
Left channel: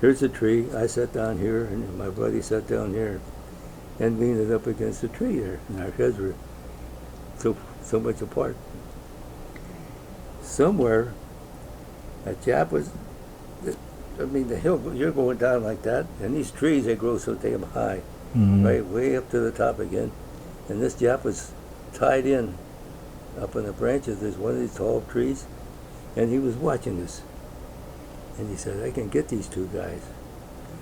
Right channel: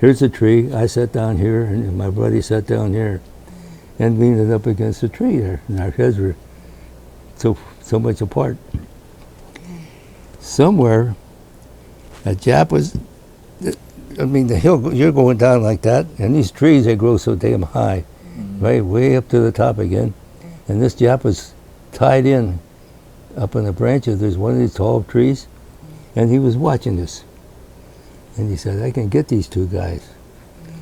here's a tree, I sat down here and my buddy sat down here and leaned it up against the tree there. And our heads were so much apart. Somewhere, a Jap was, I mean, the hill, you're going down like that, and these trees, they grow so damn high, right, way up to the top again. And this Jap was tied in up in the branches. There's one of these tall trees, and he was watching this. And he said, I can get these two guys.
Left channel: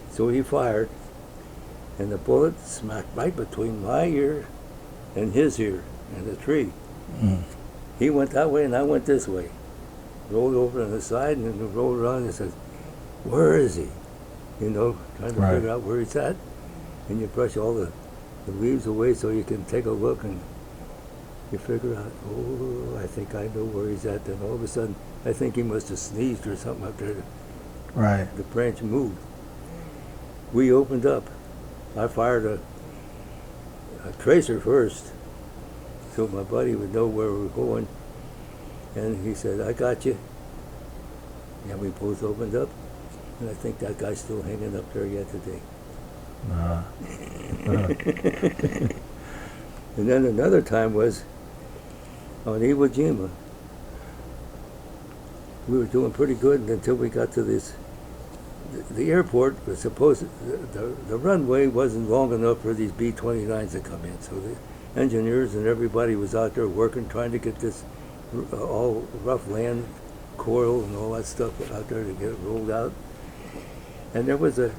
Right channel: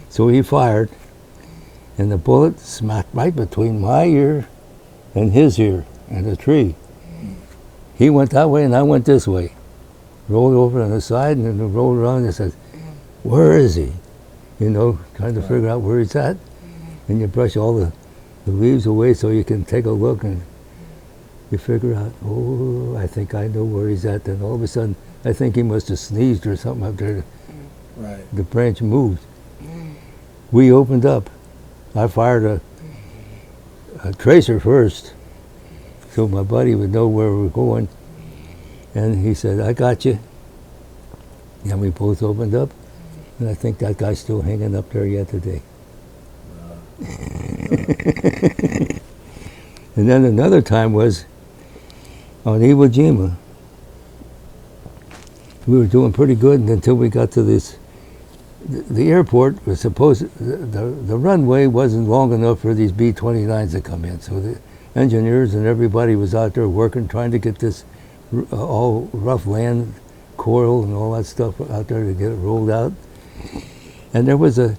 So he fired, and the bullet smacked right between my ear and his ear and the tree. He went that way and I went this way. Rolled over on the side and then rolled around and said, where is he? You know, trying to figure out where he's at. And you brush all the leaves away so you can take a look and you figure out, oh, I think I know where he's at. Then all of a sudden, I think he must have sneezed or something up there. Right. The branch moved. We opened up. I fired a tracer first so my buddy would know where we were going. And he said, I got you. And we both opened up. And I think that guy's still hanging up there yet today. And then another time was on Iwo Jima. We were doing pretty good until we got to this. The airport was supposed, the runway wasn't long enough for these B-29s to come in. So the engineers and everybody was out there working, trying to get this all rough land, coil and all that stuff out there to get it rolled out. And there was a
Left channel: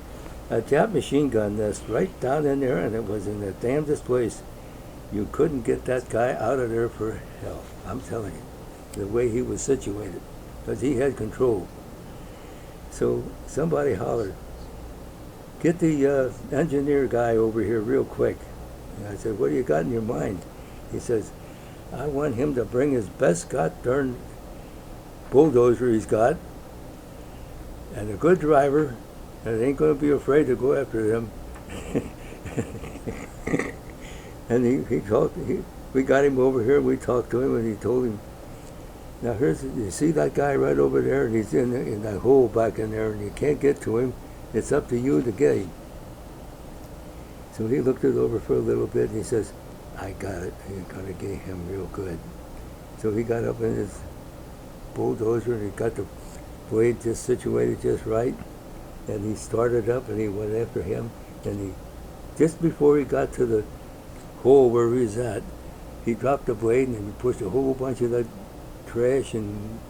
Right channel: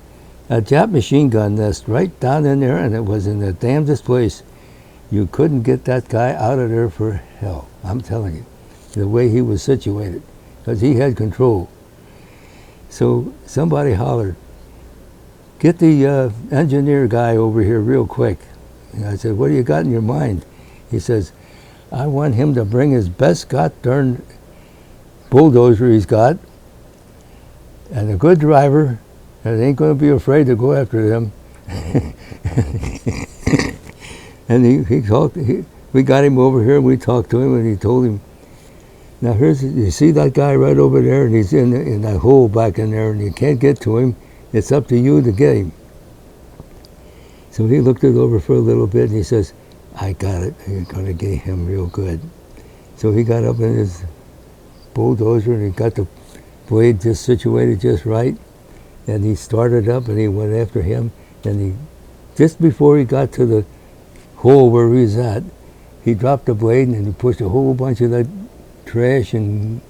Jap machine gun nest right down in there, and it was in the damnedest place. You couldn't get that guy out of there for hell, I'm telling you, the way he was situated, because he had control. So somebody hollered, get the engineer guy over here real quick. And I said, what do you got in your mind? He says, I want him to bring his best god-darn bulldozer he's got, and a good driver, and ain't going to be afraid to go after them. And we got him over here, and we talked to him, and he told him, now you see that guy right over there, and he's in that hole back in there, and you can't get to him. It's up to you to get him. So he looked it over for a little bit, and he says, I got it. I'm going to get him real good. So he got up in his bulldozer, and he got the blade just situated just right, and he started up, and he went after him, and just before he got to the hole where he was at, he dropped the blade, and he pushed a whole bunch of that trash and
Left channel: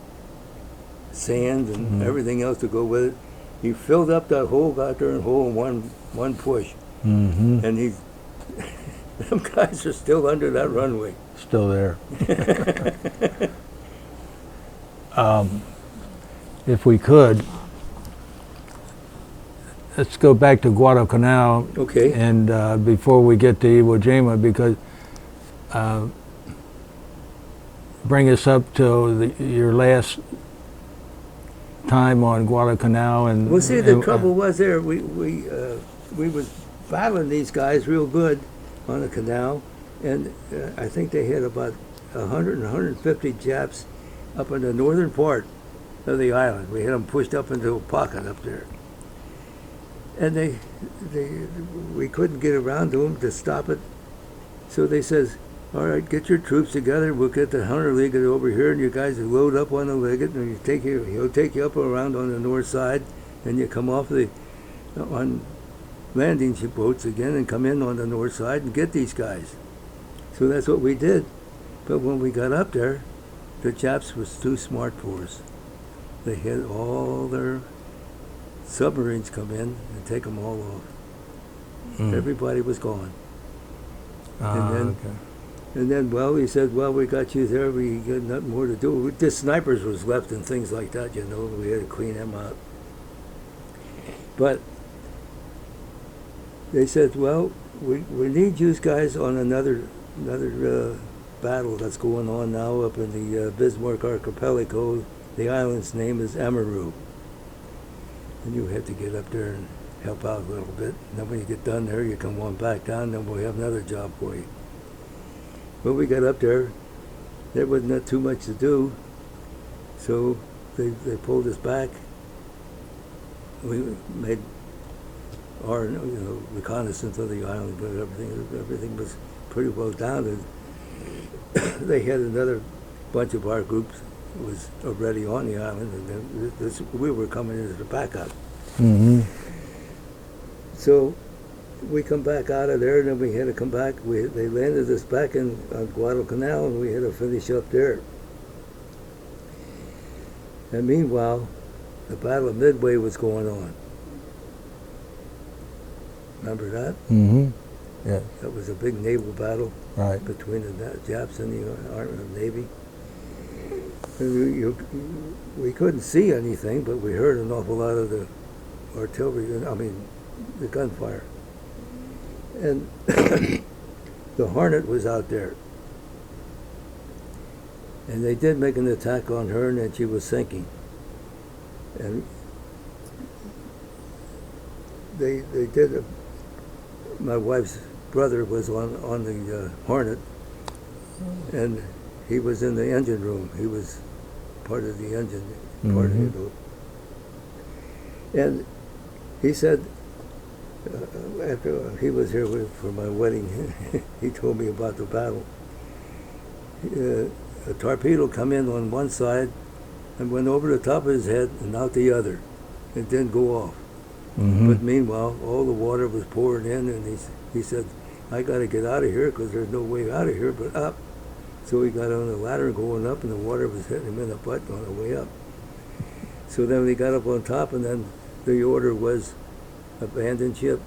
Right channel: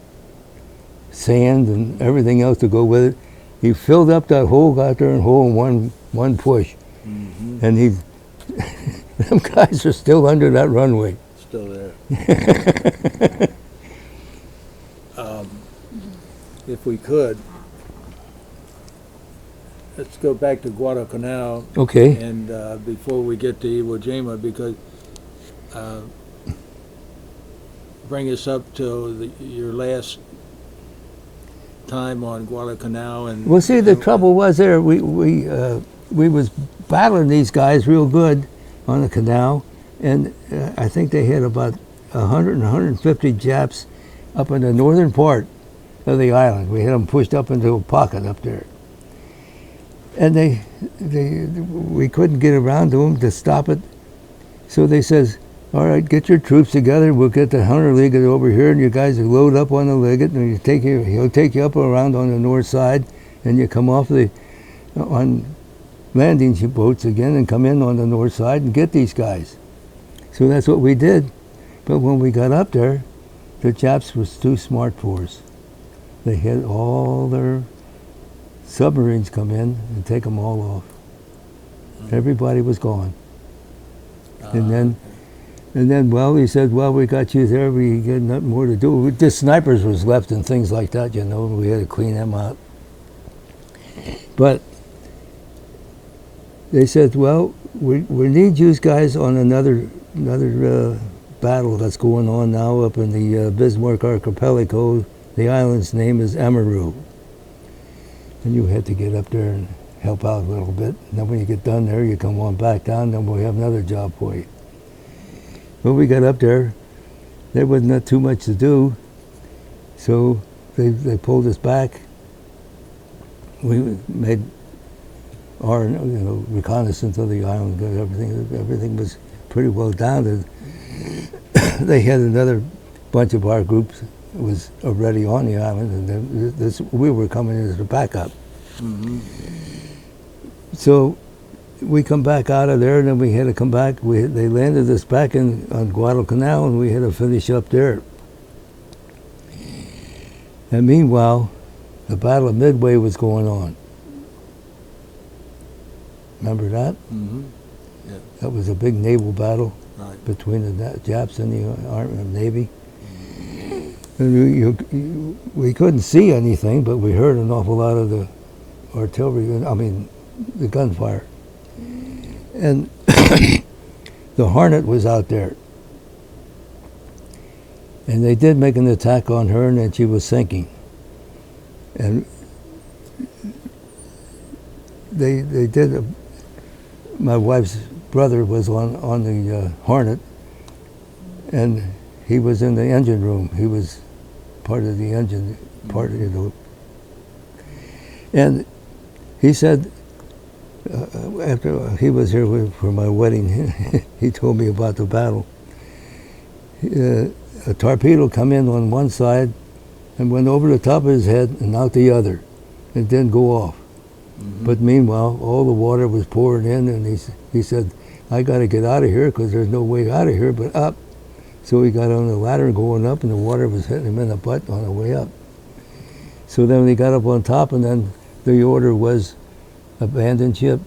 sand and everything else to go with it. He filled up that whole goddamn hole in one push. Mm-hmm. And he, them guys are still under that runway. Still there. If we could, let's go back to Guadalcanal. Okay. And before we get to Iwo Jima, because bring us up to your last time on Guadalcanal. And Well, see, the trouble was there, we was battling these guys real good on the canal, and I think they had about 100 and 150 Japs up in the northern part of the island. We had them pushed up into a pocket up there. And we couldn't get around to them to stop it. So they says, all right, get your troops together. We'll get the Hunter Liggett over here, and you guys will load up on the Liggett, and he'll take you up around on the north side, and you come off on landing boats again and come in on the north side and get these guys. So that's what we did. But when we got up there, the Japs was too smart for us. They had all their submarines come in and take them all off. Everybody was gone. And then, well, he said, well, we got you there. We got nothing more to do. Just snipers was left and things like that, you know. We had to clean them out. But they said, well, we need you guys on another battle that's going on now up in the Bismarck Archipelago. The island's name is Amaru. And you have to get up there and help out a little bit. And then when you get done there, you come on back down, then we'll have another job for you. When we got up there, there wasn't too much to do, so they pulled us back. We made our reconnaissance of the island. Everything was pretty well down. And they had another bunch of our groups was already on the island, and we were coming as a backup. Mm-hmm. So we come back out of there, and then we had to come back. They landed us back on Guadalcanal, and we had to finish up there. And meanwhile, the Battle of Midway was going on. Remember that? Mm-hmm. Yeah. That was a big naval battle between the Japs and the Army and Navy. And we couldn't see anything, but we heard an awful lot of the artillery, the gunfire. And the Hornet was out there. And they did make an attack on her, and then she was sinking. And they did, my wife's brother was on the Hornet, and he was in the engine room. He was part of the engine, part of it. And he said, after he was here for my wedding, he told me about the battle. A torpedo come in on one side and went over the top of his head and out the other. It didn't go off. Mm-hmm. But meanwhile, all the water was pouring in, and he said, I got to get out of here because there's no way out of here but up. So he got on the ladder going up, and the water was hitting him in the butt on the way up. So then he got up on top, and then the order was abandon ship.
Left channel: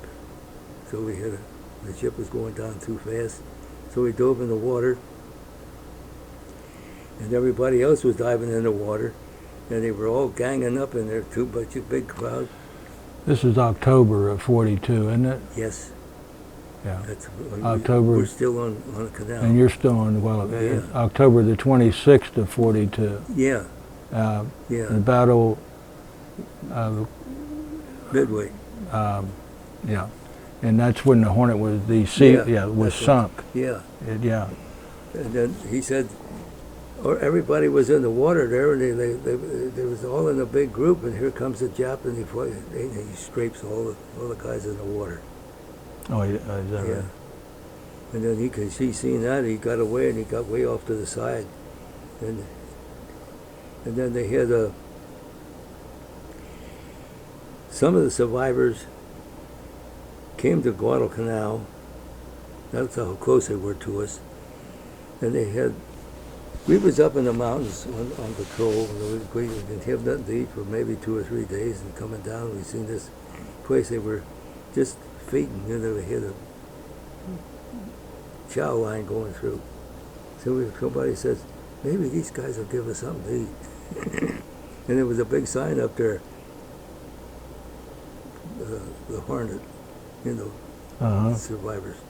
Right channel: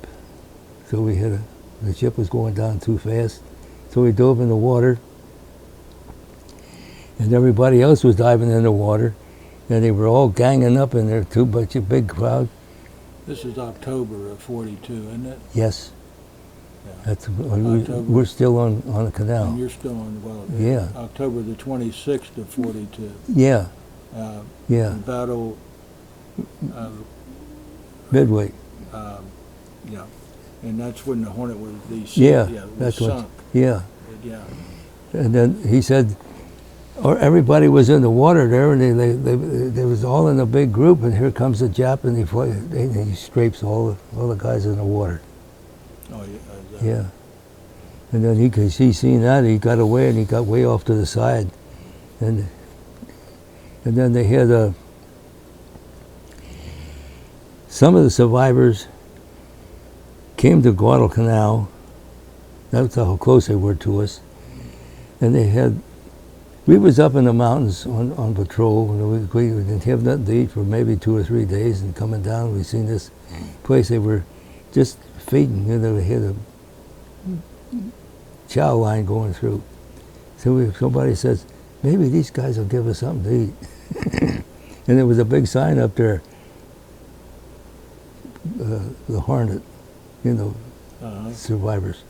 So the ship was going down too fast. So we dove in the water, and everybody else was diving in the water, and they were all ganging up in there too, but a big crowd. This is October of '42, isn't it? Yes. Yeah. That's October. We're still on the canal. And you're still on, Yeah. October the 26th of '42. Yeah. The Yeah. battle, Midway. yeah, and that's when the Hornet was was that's sunk. Yeah. Yeah. And then he said, or everybody was in the water there, and they was all in a big group, and here comes the Jap, and he scrapes all the guys in the water. Oh, Yeah. And then he seen that, he got away, and he got way off to the side. And then they had some of the survivors came to Guadalcanal. That's how close they were to us. And they had We was up in the mountains on patrol. And we didn't have nothing to eat for maybe 2 or 3 days. And coming down, we seen this place they were just feeding. You know, they had a chow line going through. So somebody says, maybe these guys will give us something to eat. And there was a big sign up there, the Hornet, you know, survivors.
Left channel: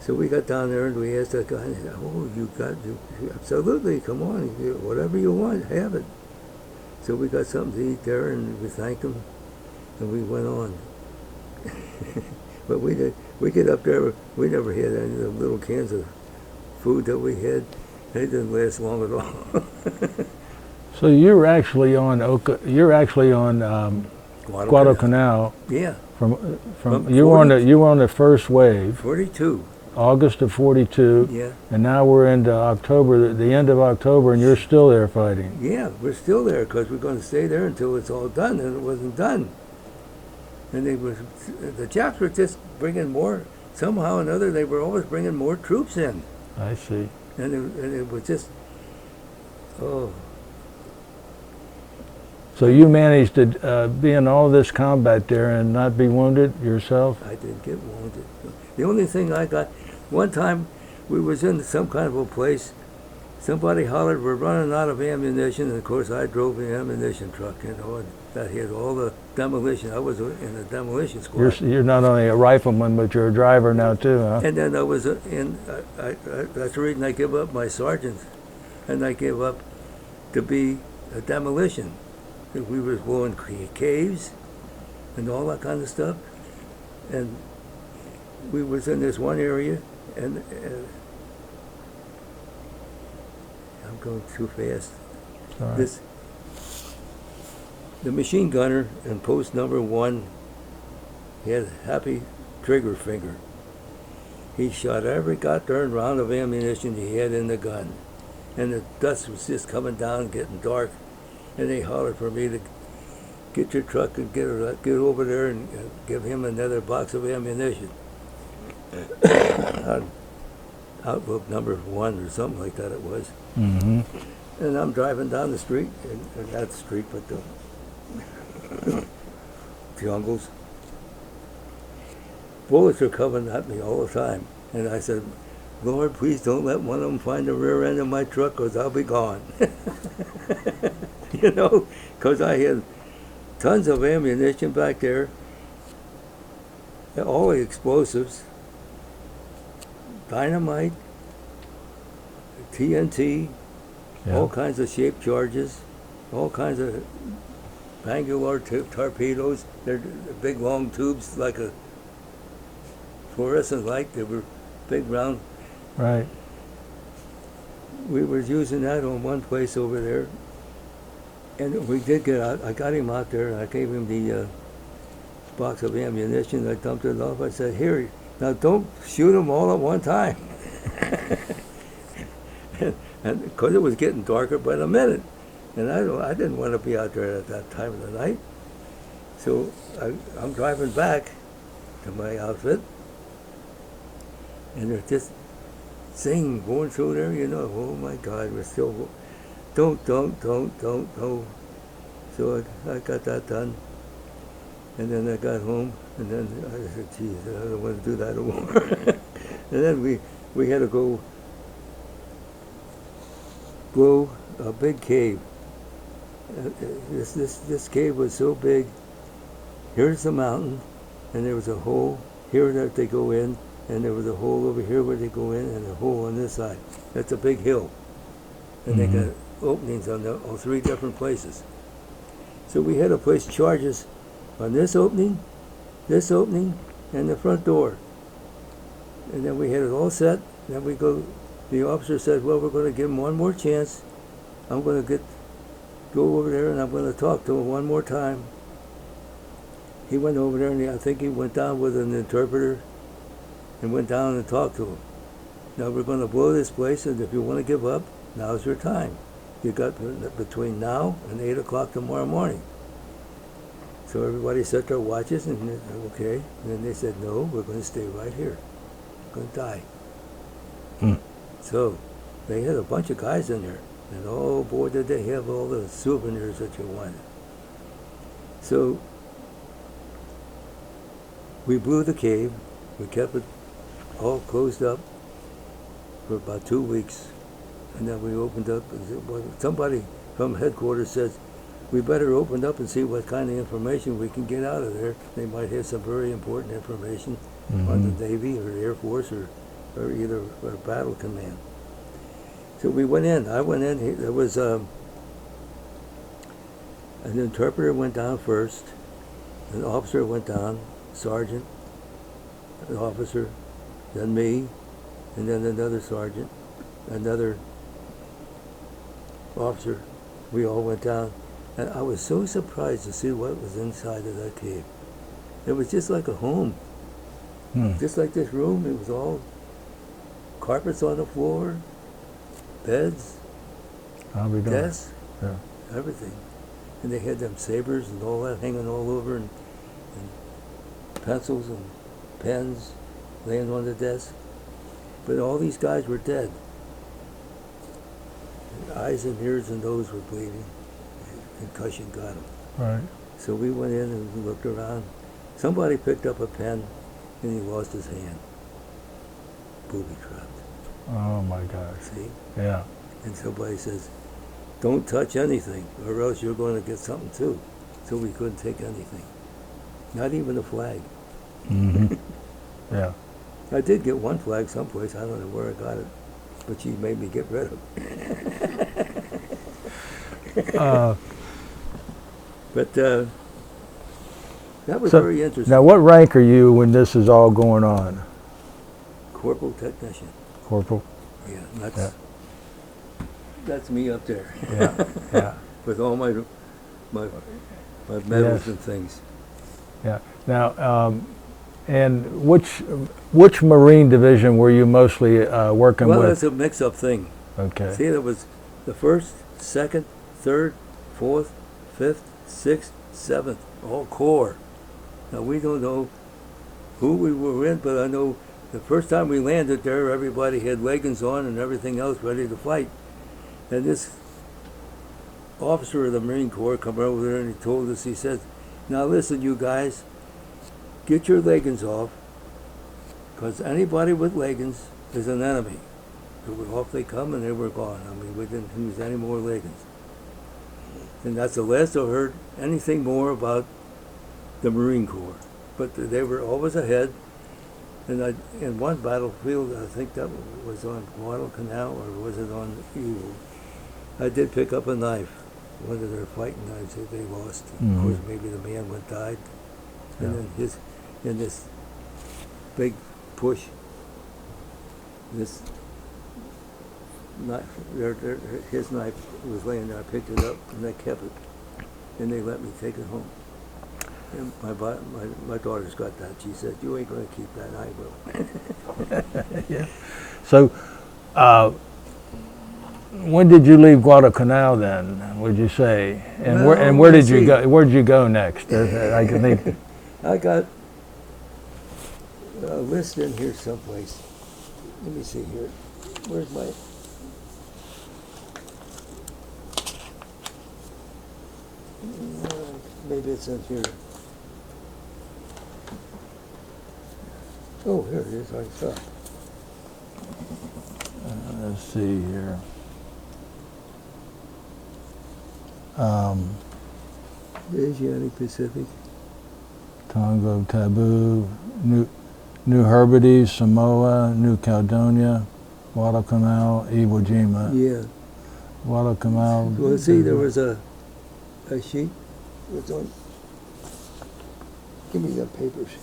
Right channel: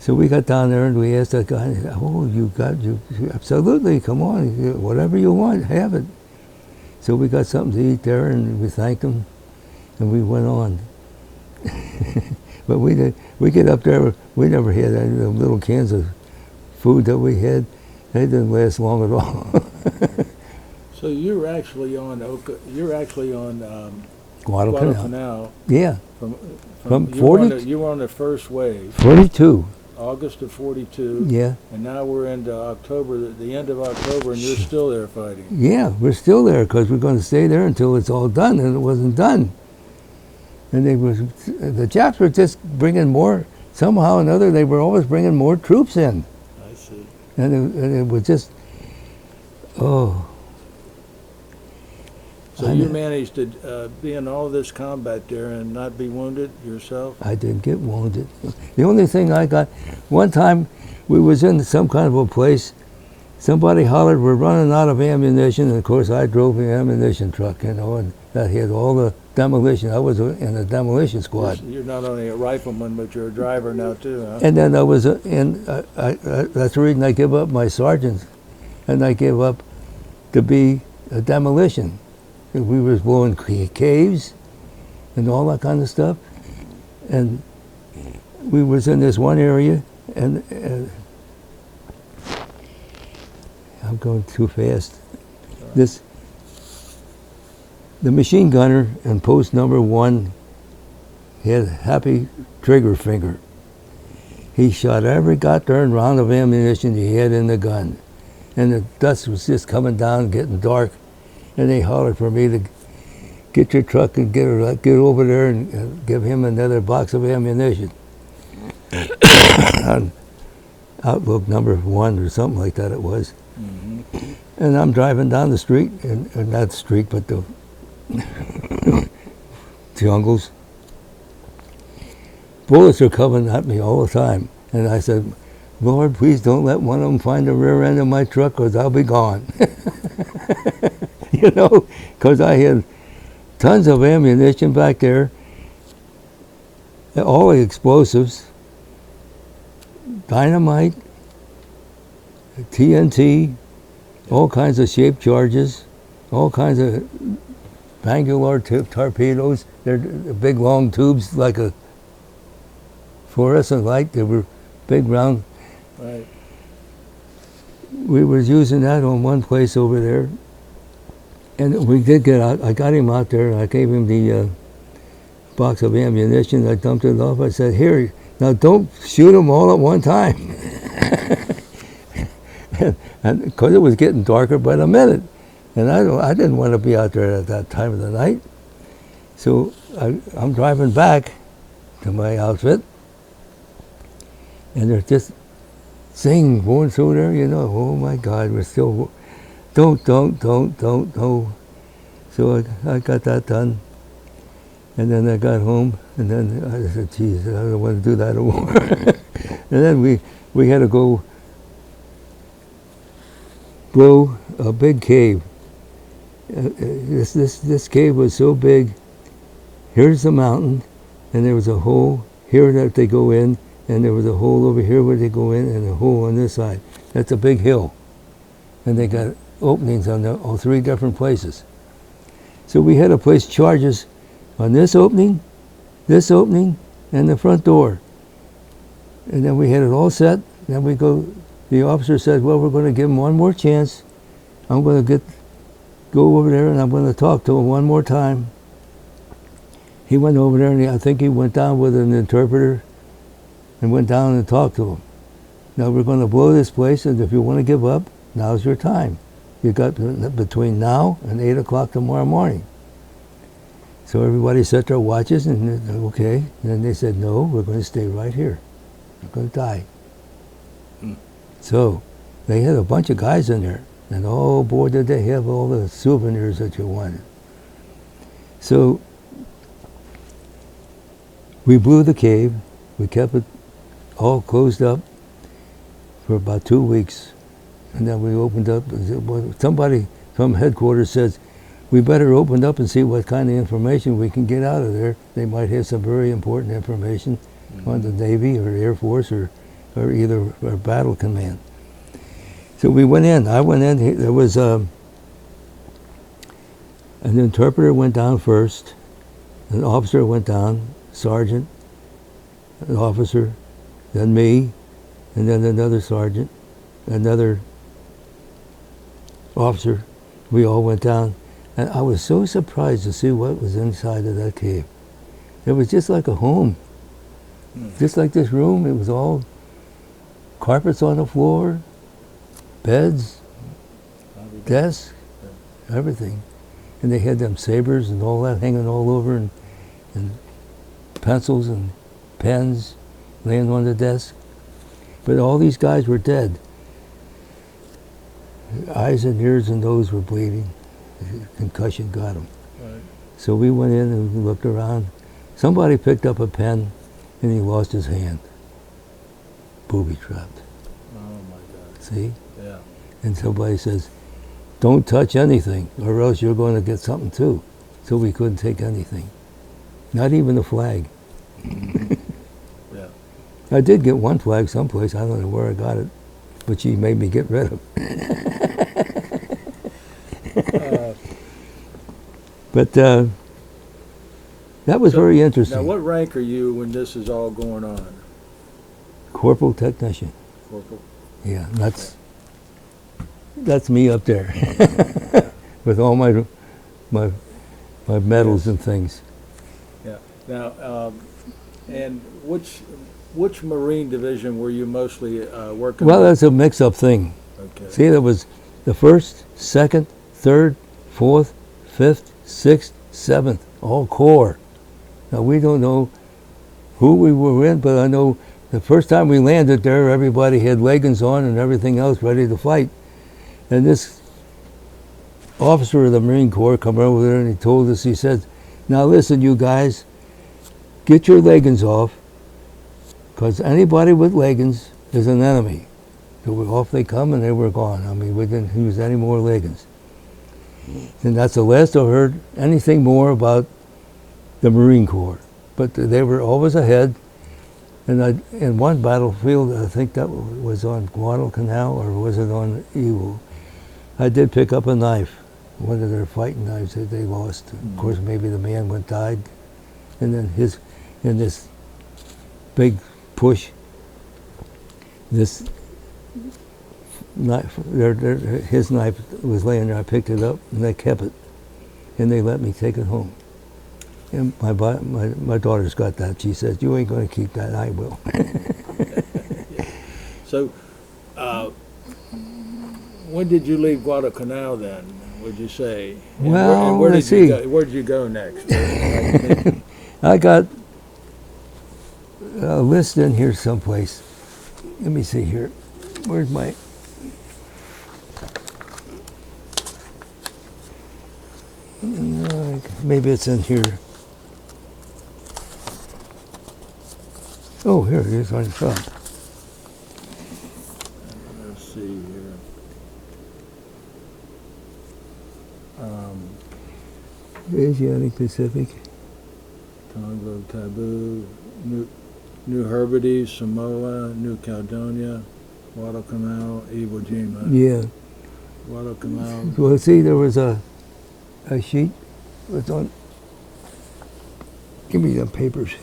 So we got down there and we asked that guy, oh, you absolutely, come on, whatever you want, have it. So we got something to eat there and we thanked him and we went on. But we get up there, we never had any of the little cans of food that we had. They didn't last long at all. So you're actually on Guadalcanal. Yeah. From you were on the first wave. 42. August of 42. Yeah. And now we're into October, the end of October, and you're still there fighting. Yeah, we're still there because we're going to stay there until it's all done, and it wasn't done. And the Japs were just bringing more, somehow or another, they were always bringing more troops in. I see. And it was just, oh. So you managed to be in all this combat there and not be wounded yourself? I didn't get wounded. The only thing I got, one time we was in some kind of a place, somebody hollered, we're running out of ammunition, and of course I drove the ammunition truck, you know, and that had all the demolition. I was in a demolition squad. You're not only a rifleman, but you're a driver now too, huh? And then I was, that's the reason I gave up my sergeant, and I gave up to be a demolition. And we was blowing caves and all that kind of stuff. And we was in this one area, and I'm going too fast. Right. The machine gunner in post number 1 had a happy trigger finger. He shot every goddamn round of ammunition he had in the gun. And the dust was just coming down, getting dark. And they hollered for me to get your truck and get over there and give him another box of ammunition. Outlook number 1 or something like that it was. Mm-hmm. And I'm driving down the street, and not the street, but the jungles. Bullets are coming at me all the time. And I said, Lord, please don't let one of them find the rear end of my truck, because I'll be gone. You know, because I had tons of ammunition back there, all the explosives, dynamite, TNT, all kinds of shaped charges, all kinds of angular torpedoes. They're big long tubes like a fluorescent light. They were big round. Right. We was using that on one place over there. And we did get out. I got him out there. I gave him the box of ammunition. I dumped it off. I said, here, now don't shoot them all at one time. And because it was getting darker by the minute. And I didn't want to be out there at that time of the night. So I'm driving back to my outfit. And there's just sing going through there, you know. Oh my God, we're still... Don't. So I got that done. And then I got home, and then I said, geez, I don't want to do that anymore. And then we had to go blow a big cave. This cave was so big. Here's the mountain, and there was a hole here that they go in, and there was a hole over here where they go in, and a hole on this side. That's a big hill. And they got openings on all 3 different places. So we had to place charges on this opening, and the front door. And then we had it all set. Then the officer said, well, we're going to give him one more chance. I'm going to go over there and I'm going to talk to him one more time. He went over there, and I think he went down with an interpreter and went down and talked to him. Now we're going to blow this place, and if you want to give up, now's your time. You got between now and 8 o'clock tomorrow morning. So everybody set their watches, and okay. And then they said, no, we're going to stay right here. We're going to die. So they had a bunch of guys in there. And oh boy, did they have all the souvenirs that you wanted. So we blew the cave. We kept it all closed up for about 2 weeks. And then we opened up. Somebody from headquarters says, we better open up and see what kind of information we can get out of there. They might have some very important information on the Navy or Air Force or either or Battle Command. So we went in. I went in. There was an interpreter went down first. An officer went down, sergeant, an officer, then me, and then another sergeant, another officer. We all went down. And I was so surprised to see what was inside of that cave. It was just like a home. Just like this room. It was all carpets on the floor, beds, desks, everything. And they had them sabers and all that hanging all over, and pencils and pens laying on the desk. But all these guys were dead. Their eyes and ears and nose were bleeding. Concussion got them. Right. So we went in and we looked around. Somebody picked up a pen and he lost his hand. Booby trapped. Oh my God. See? Yeah. And somebody says, don't touch anything or else you're going to get something too. So we couldn't take anything. Not even a flag. Yeah. I did get one flag someplace. I don't know where I got it. But she made me get rid of it. But that was very interesting. Now, what rank are you when this is all going on? Corporal technician. Corporal? Yeah, that's me up there. Yeah. With all my medals and things. Yeah. Now, and which Marine division were you mostly working with? Well, that's a mix-up thing. Okay. See, there was the 1st, 2nd, 3rd, 4th, 5th, 6th, 7th, all corps. Now, we don't know who we were in, but I know the first time we landed there, everybody had leggings on and everything else ready to fight. And this officer of the Marine Corps come over there and he told us, he said, now listen, you guys, get your leggings off, because anybody with leggings is an enemy. So off they come and they were gone. I mean, we didn't use any more leggings. And that's the last I heard anything more about the Marine Corps. But they were always ahead. And in one battlefield, I think that was on Guadalcanal, or was it on Iwo, I did pick up a knife, one of their fighting knives that they lost. Of course, maybe the man died. And then in this big push, this knife, his knife was laying there. I picked it up and they kept it, and they let me take it home. And my daughter's got that. She says, "You ain't going to keep that." I will. Yeah. So, when did you leave Guadalcanal then? Would you say? And Well, where did let's you see. go? Where did you go next? I got a list in here someplace. Let me see here. Where's my? Maybe it's in here. Oh, here it is on the top. Let's see here. Asiatic Pacific. Tonga, Taboo, New Hebrides, Samoa, New Caledonia, Guadalcanal, Iwo Jima. Yeah. Guadalcanal. Well, see, there was a sheet. It's on. Give me the papers.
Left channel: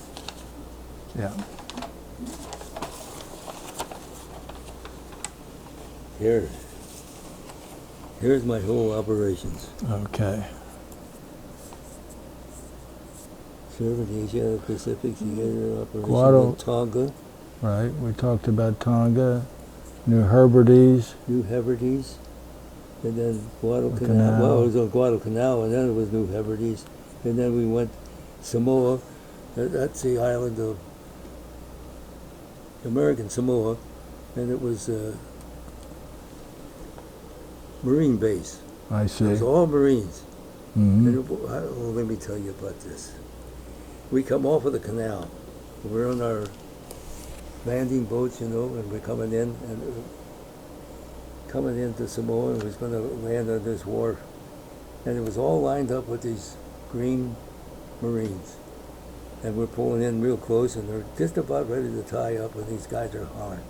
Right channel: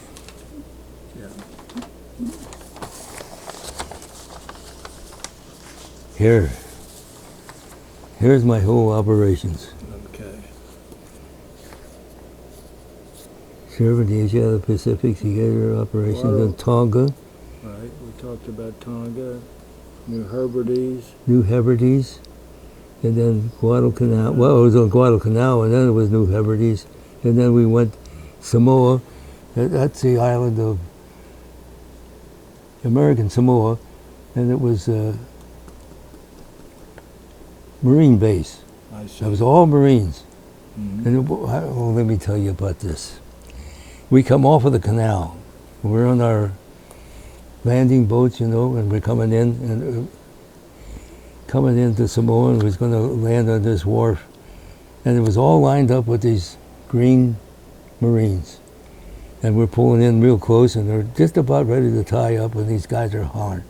Yeah. Here's my whole operations. Okay. Served the Asiatic Pacific together operations in Tonga. Right. We talked about Tonga, New Hebrides. New Hebrides, and then Guadalcanal. Well, it was on Guadalcanal, and then it was New Hebrides, and then we went Samoa. That's the island of American Samoa, and it was Marine base. I see. It was all Marines. Mhm. And let me tell you about this. We come off of the canal. We're on our landing boats, you know, and we're coming in and coming into Samoa, and was going to land on this wharf, and it was all lined up with these green Marines, and we're pulling in real close, and they're just about ready to tie up, and these guys are hollering,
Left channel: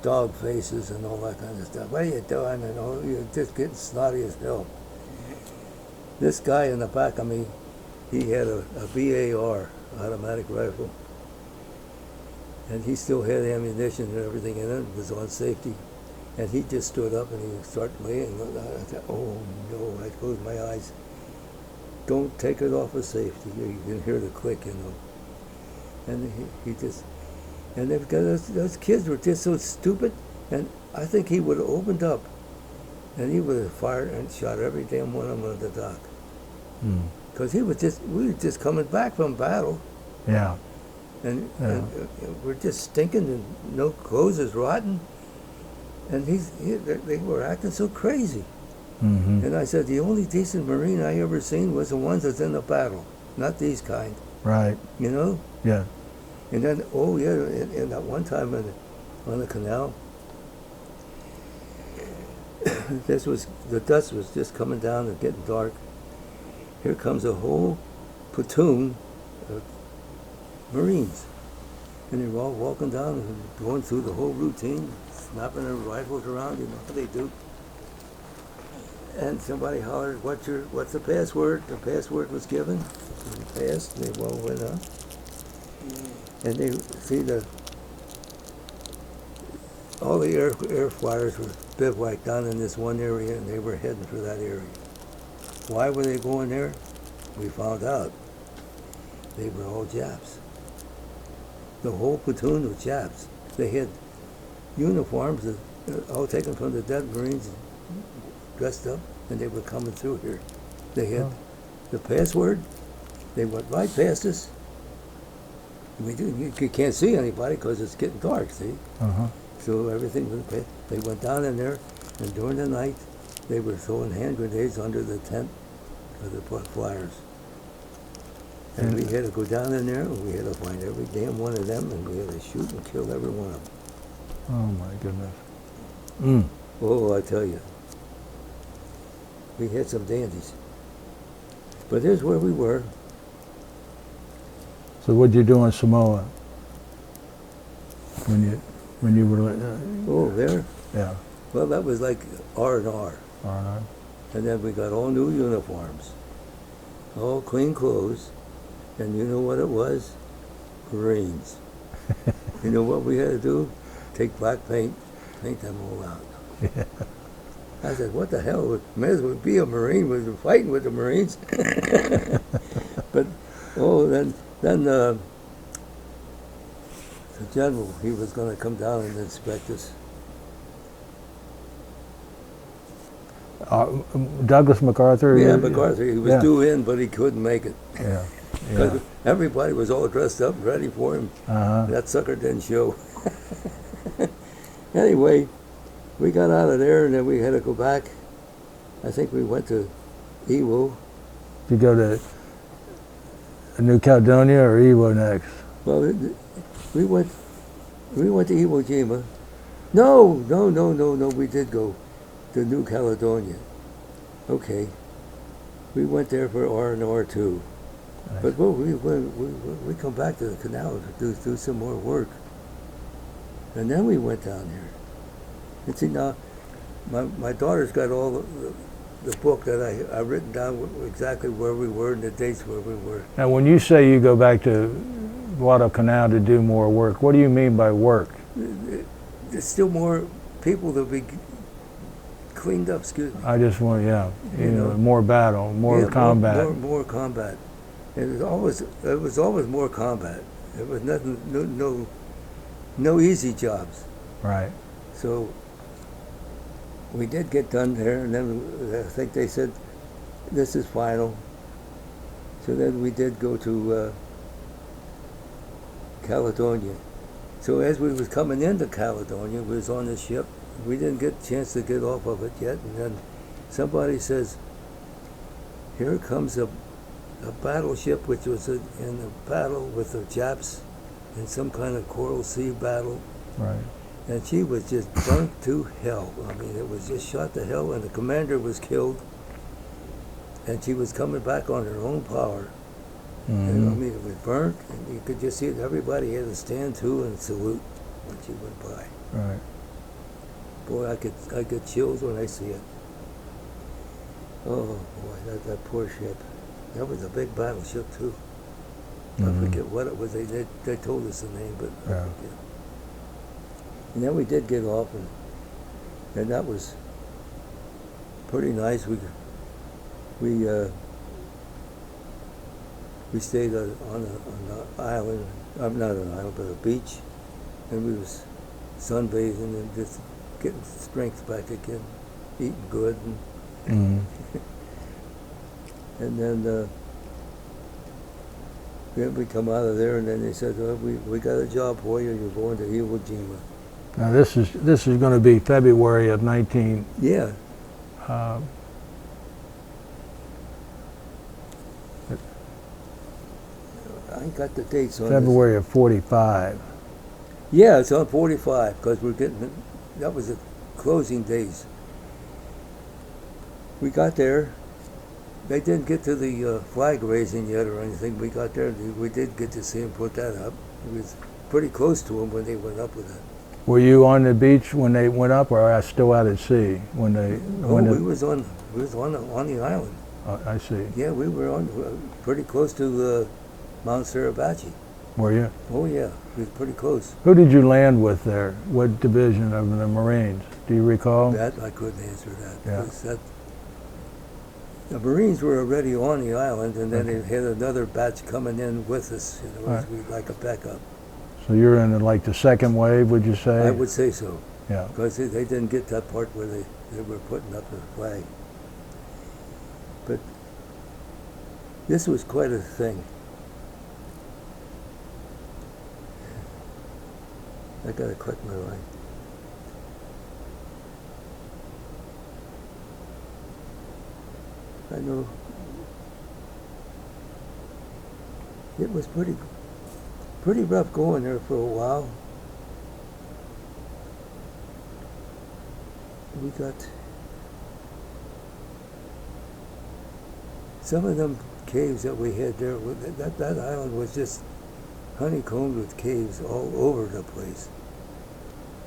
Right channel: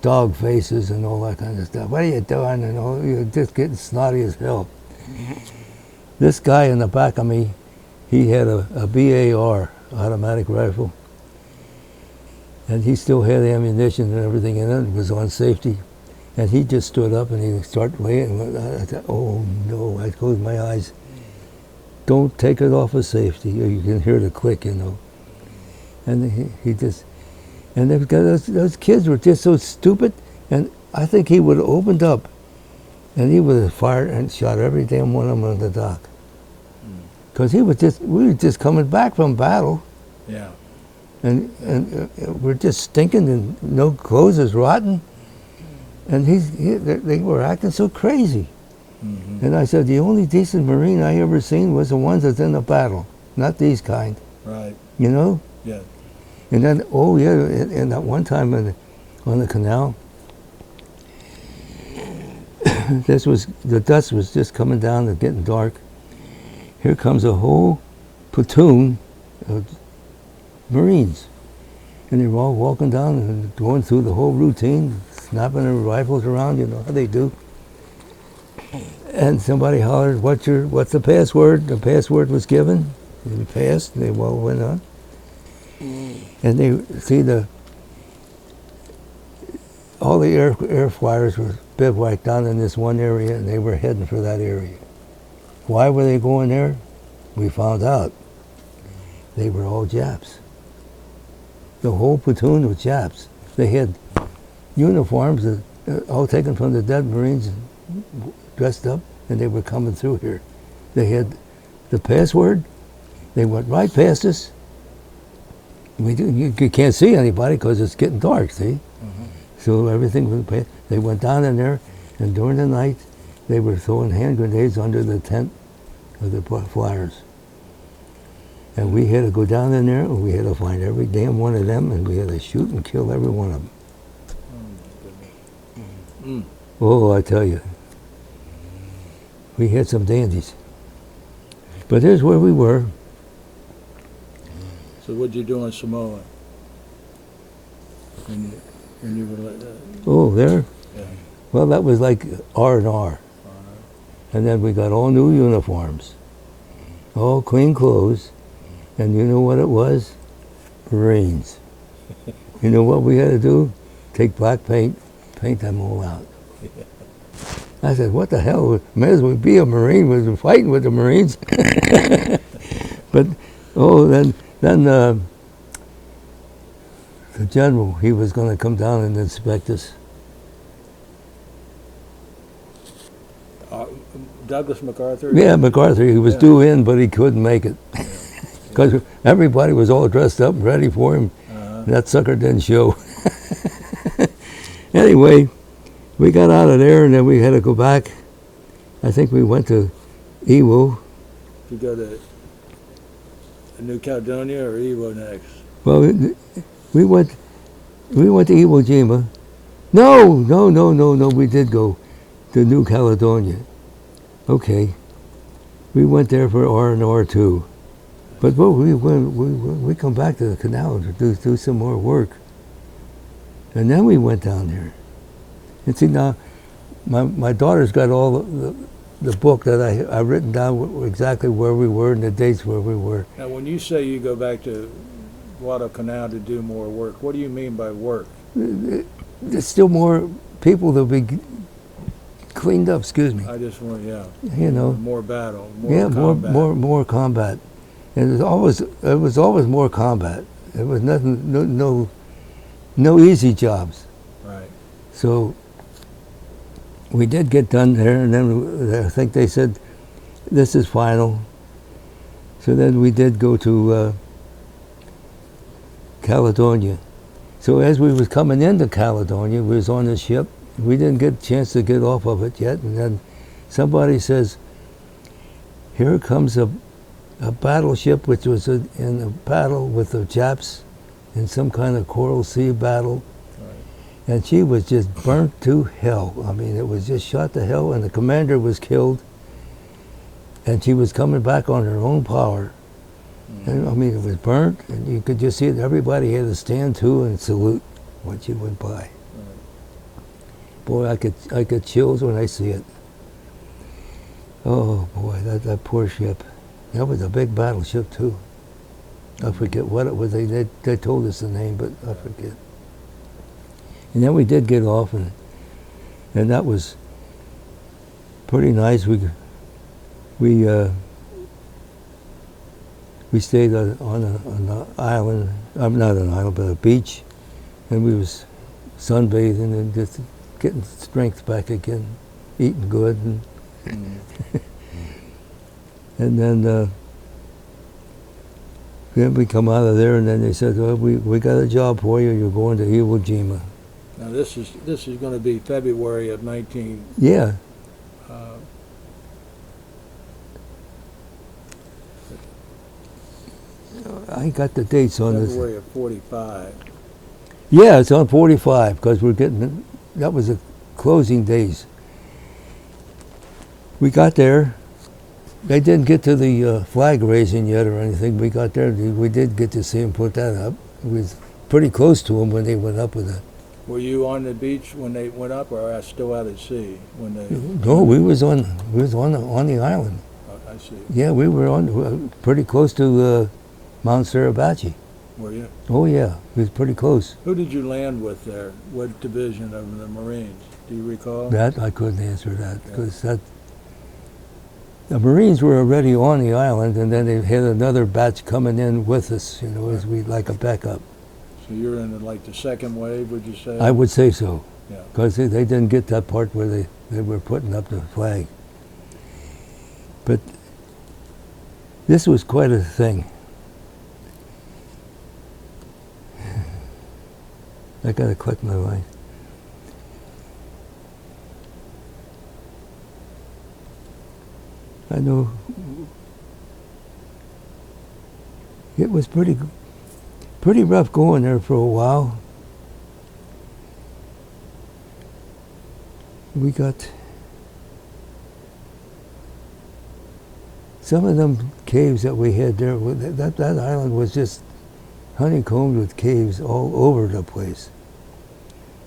dog faces and all that kind of stuff. What are you doing? And all, you're just getting snotty as hell. This guy in the back of me, he had a BAR, automatic rifle, and he still had ammunition and everything in it. It was on safety. And he just stood up and he started laying. I thought, oh no, I closed my eyes. Don't take it off of safety. You can hear the click, you know. And he just, and those kids were just so stupid. And I think he would have opened up and he would have fired and shot every damn one of them on the dock. Because we were just coming back from battle. Yeah. And we're just stinking and no clothes is rotten. And they were acting so crazy. Mm-hmm. And I said, the only decent Marine I ever seen was the ones that's in the battle, not these kind. Right. You know? Yeah. And then, oh yeah, and that one time on the canal, the dust was just coming down and getting dark. Here comes a whole platoon of Marines. And they were all walking down and going through the whole routine, snapping their rifles around, you know how they do. And somebody hollered, what's the password? The password was given, and passed, and they all went on. And they see all the air flyers were bivouacked down in this one area, and they were heading for that area. Why were they going there? We found out. They were all Japs. The whole platoon was Japs. They had uniforms that all taken from the dead Marines, dressed up, and they were coming through here. They had the password. They went right past us. You can't see anybody because it's getting dark, see? Uh-huh. So everything was past. They went down in there, and during the night, they were throwing hand grenades under the tent of the flyers. And we had to go down in there, and we had to find every damn one of them, and we had to shoot and kill every one of them. Oh my goodness. Mm. Oh, I tell you, we had some dandies. But here's where we were. So what'd you do in Samoa? When you were Oh, there? yeah. Well, that was like R&R. All right. And then we got all new uniforms, all clean clothes, and you know what it was? Marines. You know what we had to do? Take black paint, paint them all out. Yeah. I said, what the hell? May as well be a Marine. We were fighting with the Marines. But, then the general, he was going to come down and inspect us. Douglas MacArthur? Yeah, MacArthur, he was Yeah. due in, but he couldn't make it. Yeah. Because everybody was all dressed up, ready for him. Uh-huh. That sucker didn't show. Anyway, we got out of there, and then we had to go back. I think we went to Iwo. Did you go to New Caledonia or Iwo next? Well, we went to Iwo Jima. No, we did go to New Caledonia. Okay. We went there for R&R too. But we come back to the canal to do some more work. And then we went down there. And see, now, my daughter's got all the book that I've written down exactly where we were and the dates where we were. Now, when you say you go back to Guadalcanal to do more work, what do you mean by work? There's still more people that be cleaned up, excuse me. I just want, You know, more battle, more combat. More combat. And it was always more combat. It was nothing, no easy jobs. Right. So we did get done there, and then I think they said, this is final. So then we did go to Caledonia. So as we was coming into Caledonia, we was on the ship. We didn't get a chance to get off of it yet, and then somebody says, here comes a battleship which was in a battle with the Japs in some kind of Coral Sea battle. Right. And she was just burnt to hell. I mean, it was just shot to hell, and the commander was killed. And she was coming back on her own power. Mm-hmm. And, I mean, it was burnt, and you could just see it. Everybody had to stand to and salute when she went by. Right. Boy, I get chills when I see it. Oh boy, that poor ship. That was a big battleship too. I forget what it was. They told us the name, but I forget. And then we did get off, and that was pretty nice. We stayed on an island. Not an island, but a beach, and we was sunbathing and just getting strength back again, eating good, and and then we come out of there, and then they said, "Well, we got a job for you. You're going to Iwo Jima." Now this is going to be February of 19. Yeah. I ain't got the dates on February of 45. Yeah, it's on 45 because we're getting. That was the closing days. We got there. They didn't get to the flag raising yet or anything. We got there. We did get to see them put that up. We was pretty close to them when they went up with it. Were you on the beach when they went up, or still out at sea when they? No, we was on the island. I see. Yeah, we were on pretty close to Mount Suribachi. Were you? Oh yeah, we was pretty close. Who did you land with there? What division of the Marines? Do you recall? That I couldn't answer that. Yeah. 'Cause the Marines were already on the island, and then they had another batch coming in with us, as we like a backup. So you're in like the second wave, would you say? I would say so. Yeah. Because they didn't get that part where they were putting up the flag. But this was quite a thing. I gotta click my line. I know it was pretty rough going there for a while. We got some of them caves that we had there. That island was just honeycombed with caves all over the place,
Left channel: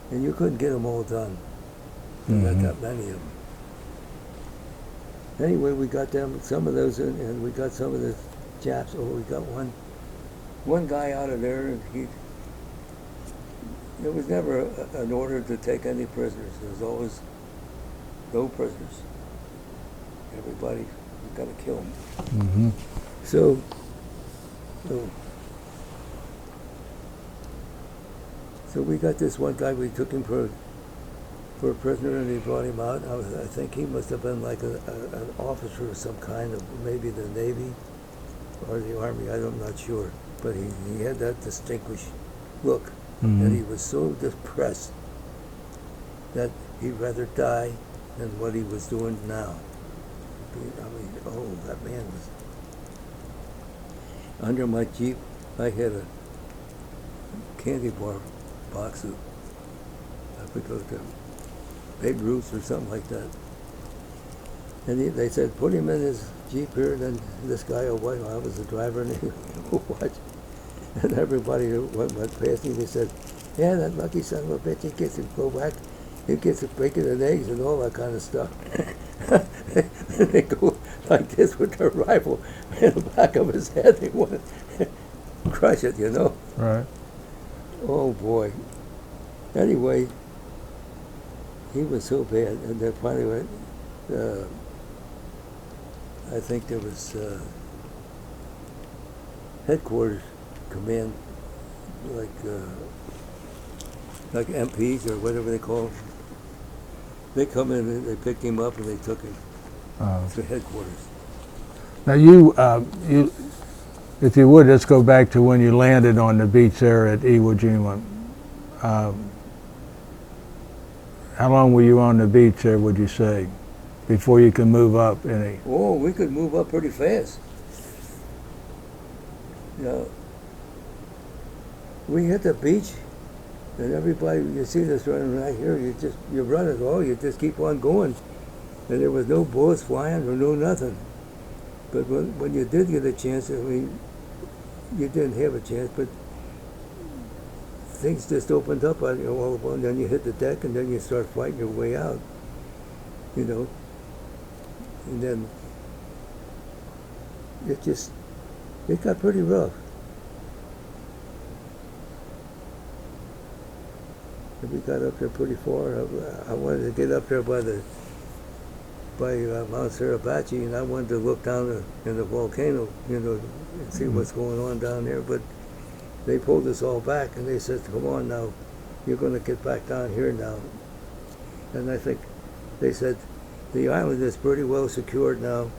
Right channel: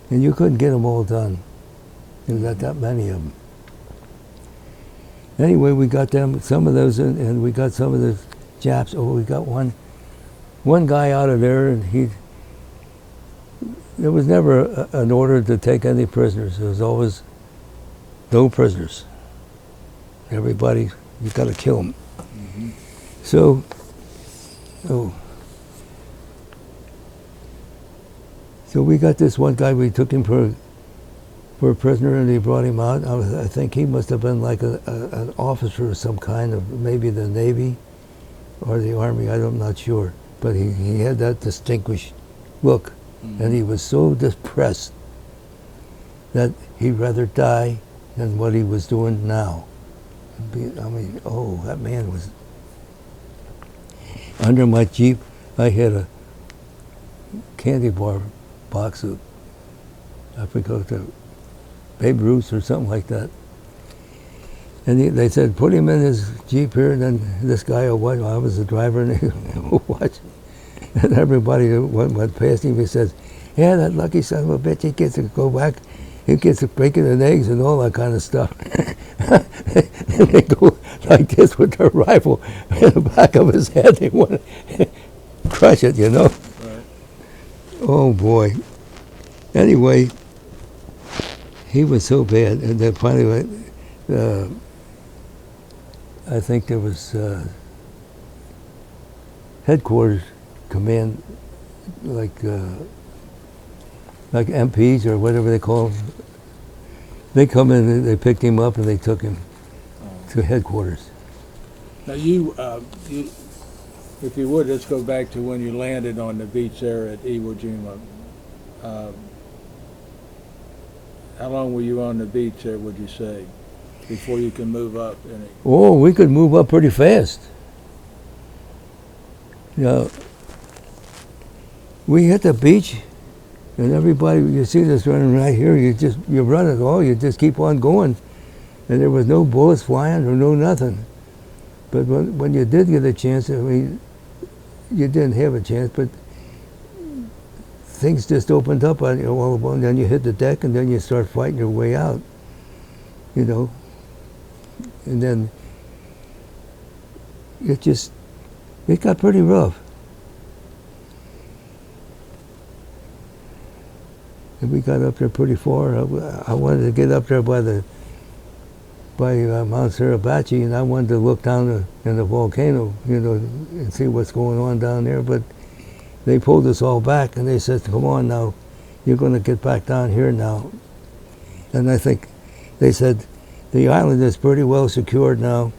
and you couldn't get them all done. You got that many of them. Anyway, we got some of those, and we got some of the Japs. Oh, we got one guy out of there, and there was never an order to take any prisoners. There was always no prisoners. Everybody, you got to kill them. Mm-hmm. So we got this one guy. We took him for a prisoner, and they brought him out. I think he must have been like an officer of some kind, of maybe the Navy or the Army. I'm not sure, but he had that distinguished look, and he was so depressed that he'd rather die than what he was doing now. I mean, oh, that man was. Under my Jeep, I had a candy bar box of, I forgot the Babe Ruth or something like that. And they said, put him in his Jeep here, and then this guy will watch. I was the driver, and he will watch. And everybody that went past him, he said, yeah, that lucky son of a bitch, he gets to go back. He gets to bacon and eggs and all that kind of stuff. And they go like this with their rifle in the back of his head. They want to crush it, Right. Oh, boy. Anyway, he was so bad. And then finally, I think there was headquarters command, like MPs or whatever they call them. They come in and they picked him up and they took him to headquarters. Now you, if you would, let's go back to when you landed on the beach there at Iwo Jima. How long were you on the beach there, would you say? before you can move up any? Oh, we could move up pretty fast. You know, we hit the beach, and everybody, you see this running right here, you run it all, you just keep on going. And there was no bullets flying or no nothing. But when you did get a chance, I mean, you didn't have a chance, but things just opened up on you all of a sudden. Then you hit the deck, and then you start fighting your way out, you know. And then it got pretty rough. And we got up there pretty far. I wanted to get up there by Mount Suribachi, and I wanted to look down in the volcano, you know, and see what's going on down there. But they pulled us all back, and they said, "Come on now, you're going to get back down here now." And I think they said, "The island is pretty well secured now.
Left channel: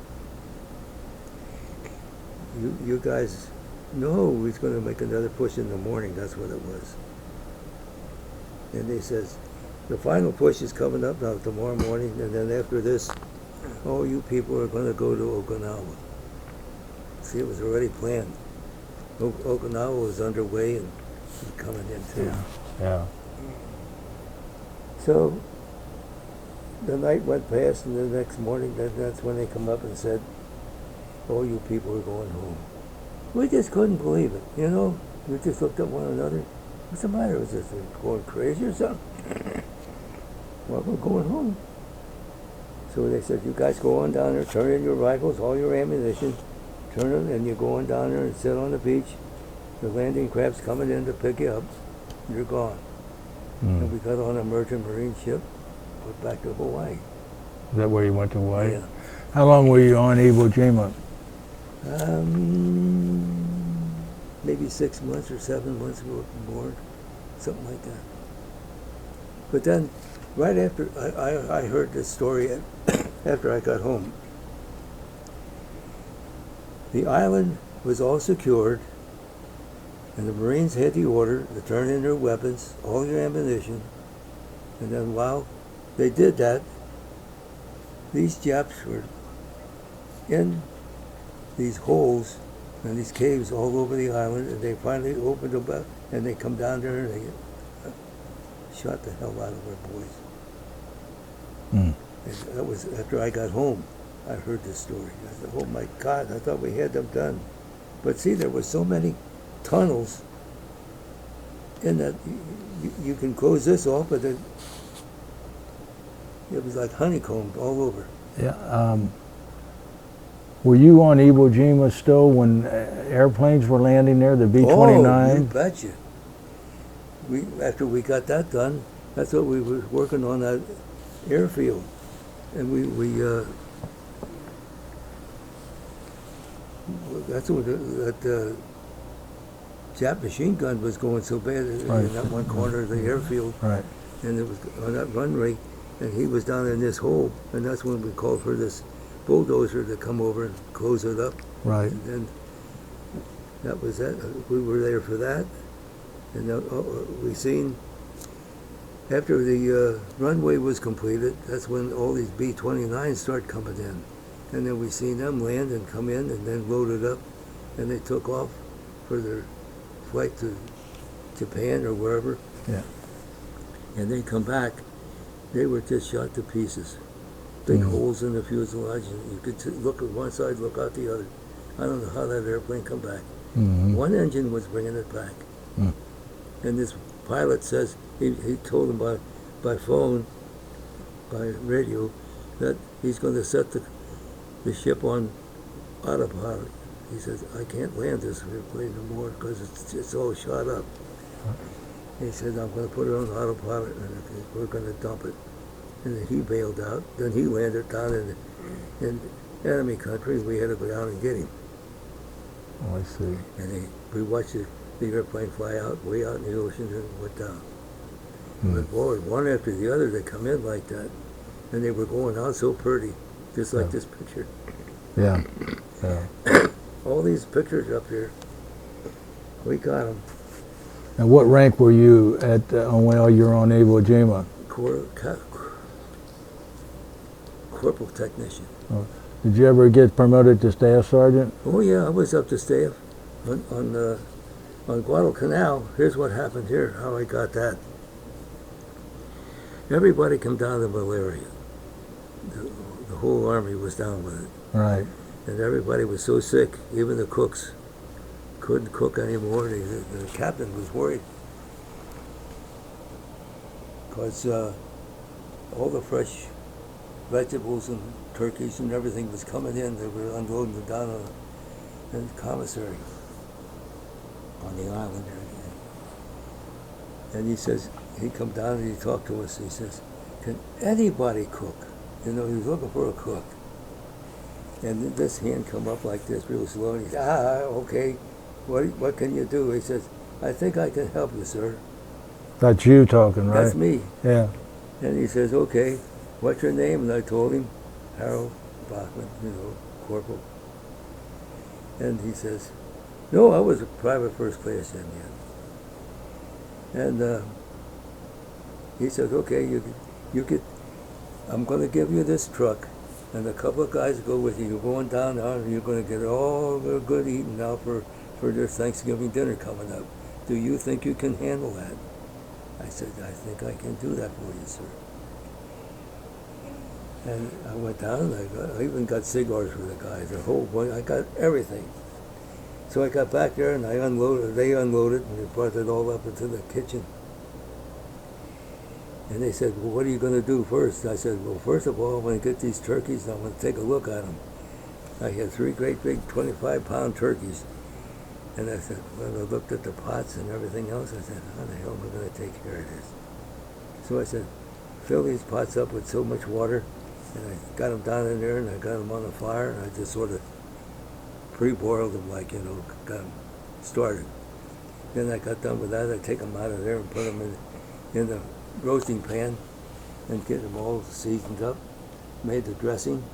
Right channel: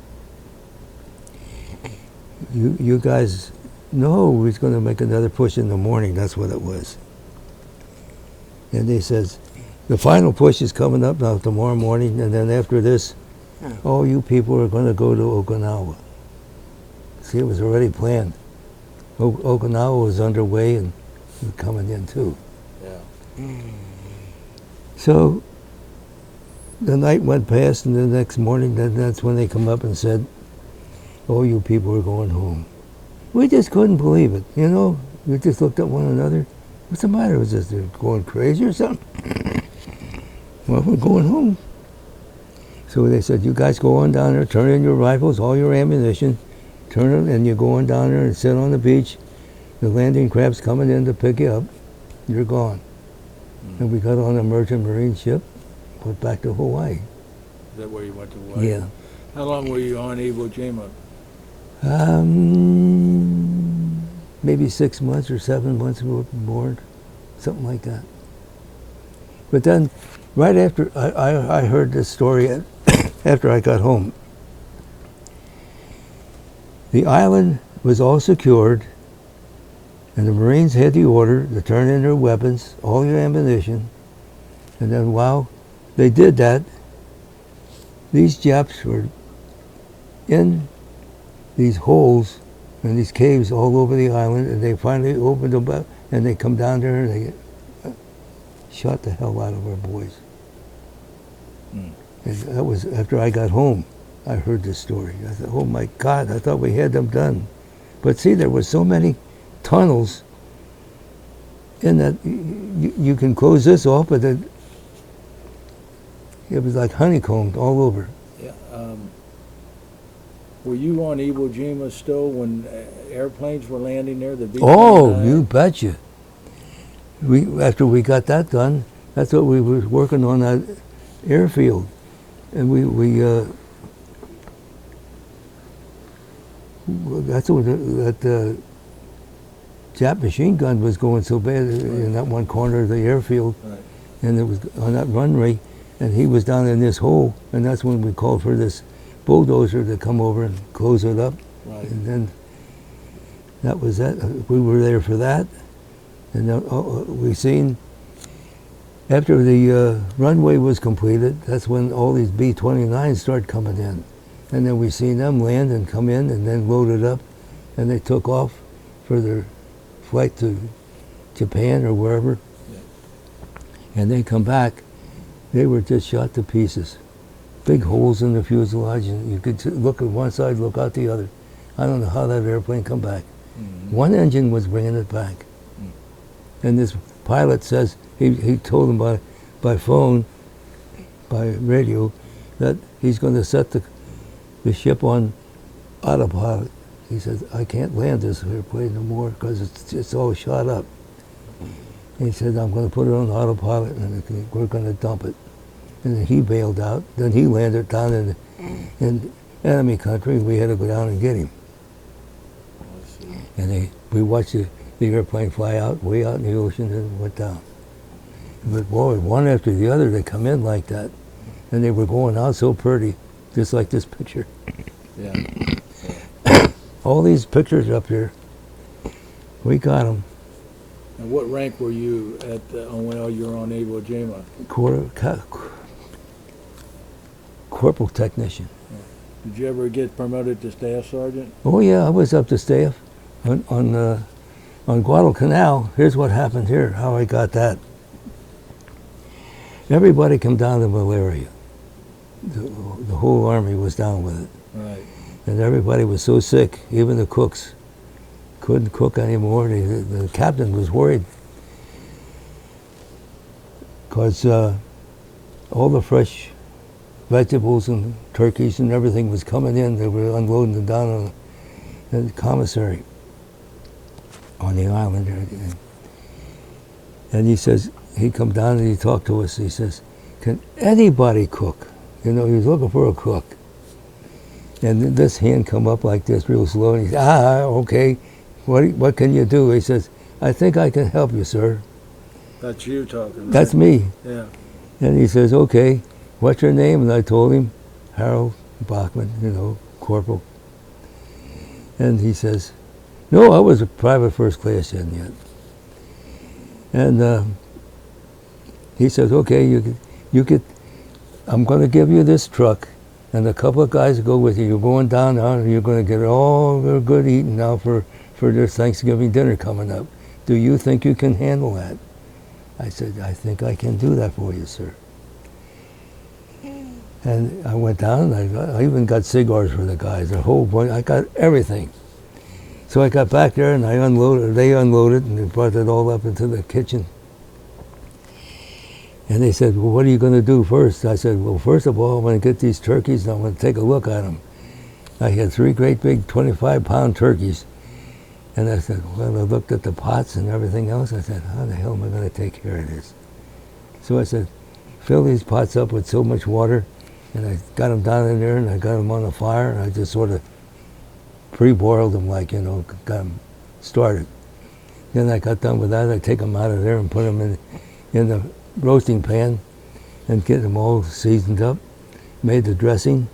You guys know we're going to make another push in the morning." That's what it was. And they says, "The final push is coming up now tomorrow morning, and then after this, all you people are going to go to Okinawa." See, it was already planned. Okinawa was underway and coming in too. Yeah. So the night went past, and the next morning, that's when they come up and said, "Oh, you people are going home." We just couldn't believe it, you know. We just looked at one another. What's the matter? Was this going crazy or something? Well, we're going home. So they said, "You guys go on down there, turn in your rifles, all your ammunition, turn it, and you go on down there and sit on the beach. The landing crab's coming in to pick you up. You're gone." And we got on a merchant marine ship, went back to Hawaii. Is that where you went to Hawaii? Yeah. How long were you on Iwo Jima? Maybe 6 months or 7 months aboard, something like that. But then, right after I heard this story, after I got home, the island was all secured, and the Marines had the order to turn in their weapons, all your ammunition, and then while they did that, these Japs were in these holes and these caves all over the island, and they finally opened them up, and they come down there and they shot the hell out of our boys. And that was after I got home. I heard this story. I thought, "Oh my God, I thought we had them done." But see, there were so many tunnels in that you can close this off, but it was like honeycombed all over. Yeah. Were you on Iwo Jima still when airplanes were landing there, the B-29? Oh, you betcha. After we got that done, that's what we were working on, that airfield. And that's what that Jap machine gun was going so bad in that one corner of the airfield. Right. And it was on that runway, and he was down in this hole, and that's when we called for this bulldozer to come over and close it up. Right. And then that was that. We were there for that. And we seen, after the runway was completed, that's when all these B-29s started coming in. And then we seen them land and come in and then loaded up, and they took off for their flight to Japan or wherever. Yeah. And they come back, they were just shot to pieces. Big holes in the fuselage, and you could look at one side, look out the other. I don't know how that airplane come back. One engine was bringing it back. And this pilot says, he told him by phone, by radio, that he's going to set the ship on autopilot. He says, "I can't land this airplane no more because it's all shot up." And he said, "I'm going to put it on autopilot and we're going to dump it." And then he bailed out. Then he landed down in enemy country, and we had to go down and get him. Oh, I see. And we watched the airplane fly out, way out in the ocean, and went down. But boy, one after the other, they come in like that. And they were going out so pretty, just like this picture. Yeah. All these pictures up here, we got them. And what rank were you at while you were on Iwo Jima? corporal technician. Did you ever get promoted to staff sergeant? Oh yeah, I was up to staff on Guadalcanal. Here's what happened here, how I got that. Everybody come down to malaria. The whole army was down with it. Right. And everybody was so sick, even the cooks couldn't cook anymore. The captain was worried because all the fresh vegetables and turkeys and everything was coming in. They were unloading them down on the commissary on the island there. And he says, he'd come down and he'd talk to us. He says, can anybody cook? You know, he was looking for a cook. And then this hand come up like this real slow, and he said, okay, what can you do? He says, I think I can help you, sir. That's you talking, right? That's me. Yeah. And he says, okay, what's your name? And I told him, Harold Bachman, you know, corporal. And he says, no, I was a private first class then yet. And he says, okay, you get, I'm going to give you this truck, and a couple of guys go with you. You're going down now, and you're going to get all the good eating now for their Thanksgiving dinner coming up. Do you think you can handle that? I said, I think I can do that for you, sir. And I went down, and I even got cigars for the guys, a whole bunch. I got everything. So I got back there, and they unloaded, and they brought it all up into the kitchen. And they said, well, what are you going to do first? I said, well, first of all, I'm going to get these turkeys, and I'm going to take a look at them. I had 3 great big 25-pound turkeys. And I said, well, I looked at the pots and everything else. I said, how the hell am I going to take care of this? So I said, fill these pots up with so much water. And I got them down in there, and I got them on the fire, and I just sort of pre-boiled them, like, you know, got them started. Then I got done with that. I take them out of there and put them in the roasting pan and get them all seasoned up. Made the dressing,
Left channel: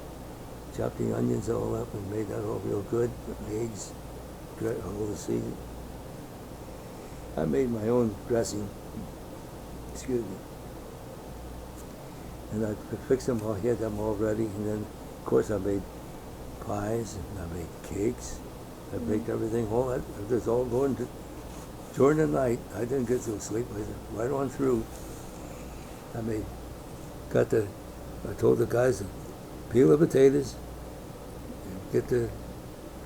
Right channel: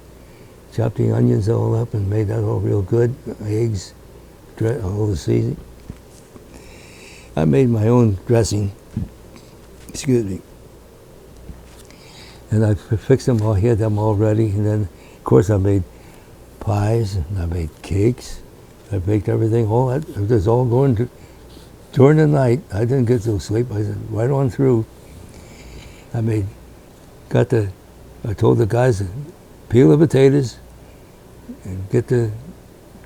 chopped the onions all up and made that all real good. Eggs, all the seasoning. I made my own dressing, excuse me. And I fixed them all, had them all ready. And then, of course, I made pies, and I made cakes. I baked everything, all that. It was all going during the night. I didn't get no sleep. I said, right on through. I told the guys to peel the potatoes and get the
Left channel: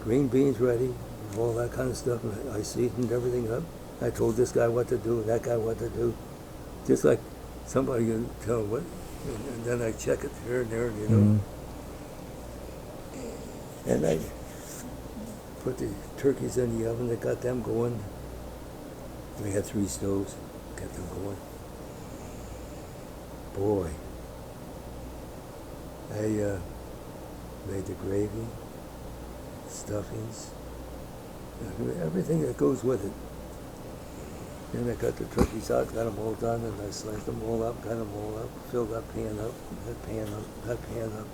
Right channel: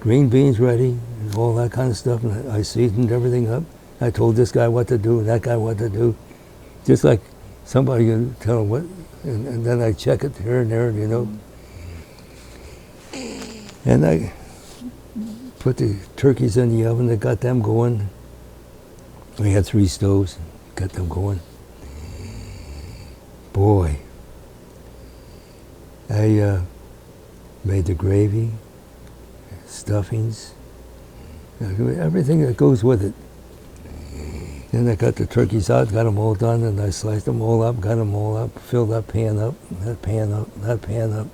green beans ready and all that kind of stuff. And I seasoned everything up. I told this guy what to do and that guy what to do. Just like somebody can tell them what, and then I check it here and there, you know. Mm-hmm. And I put the turkeys in the oven. I got them going. We had 3 stoves, got them going. Boy, I made the gravy, stuffings, everything that goes with it. Then I got the turkeys out, got them all done, and I sliced them all up, got them all up, filled that pan up, that pan up, that pan up.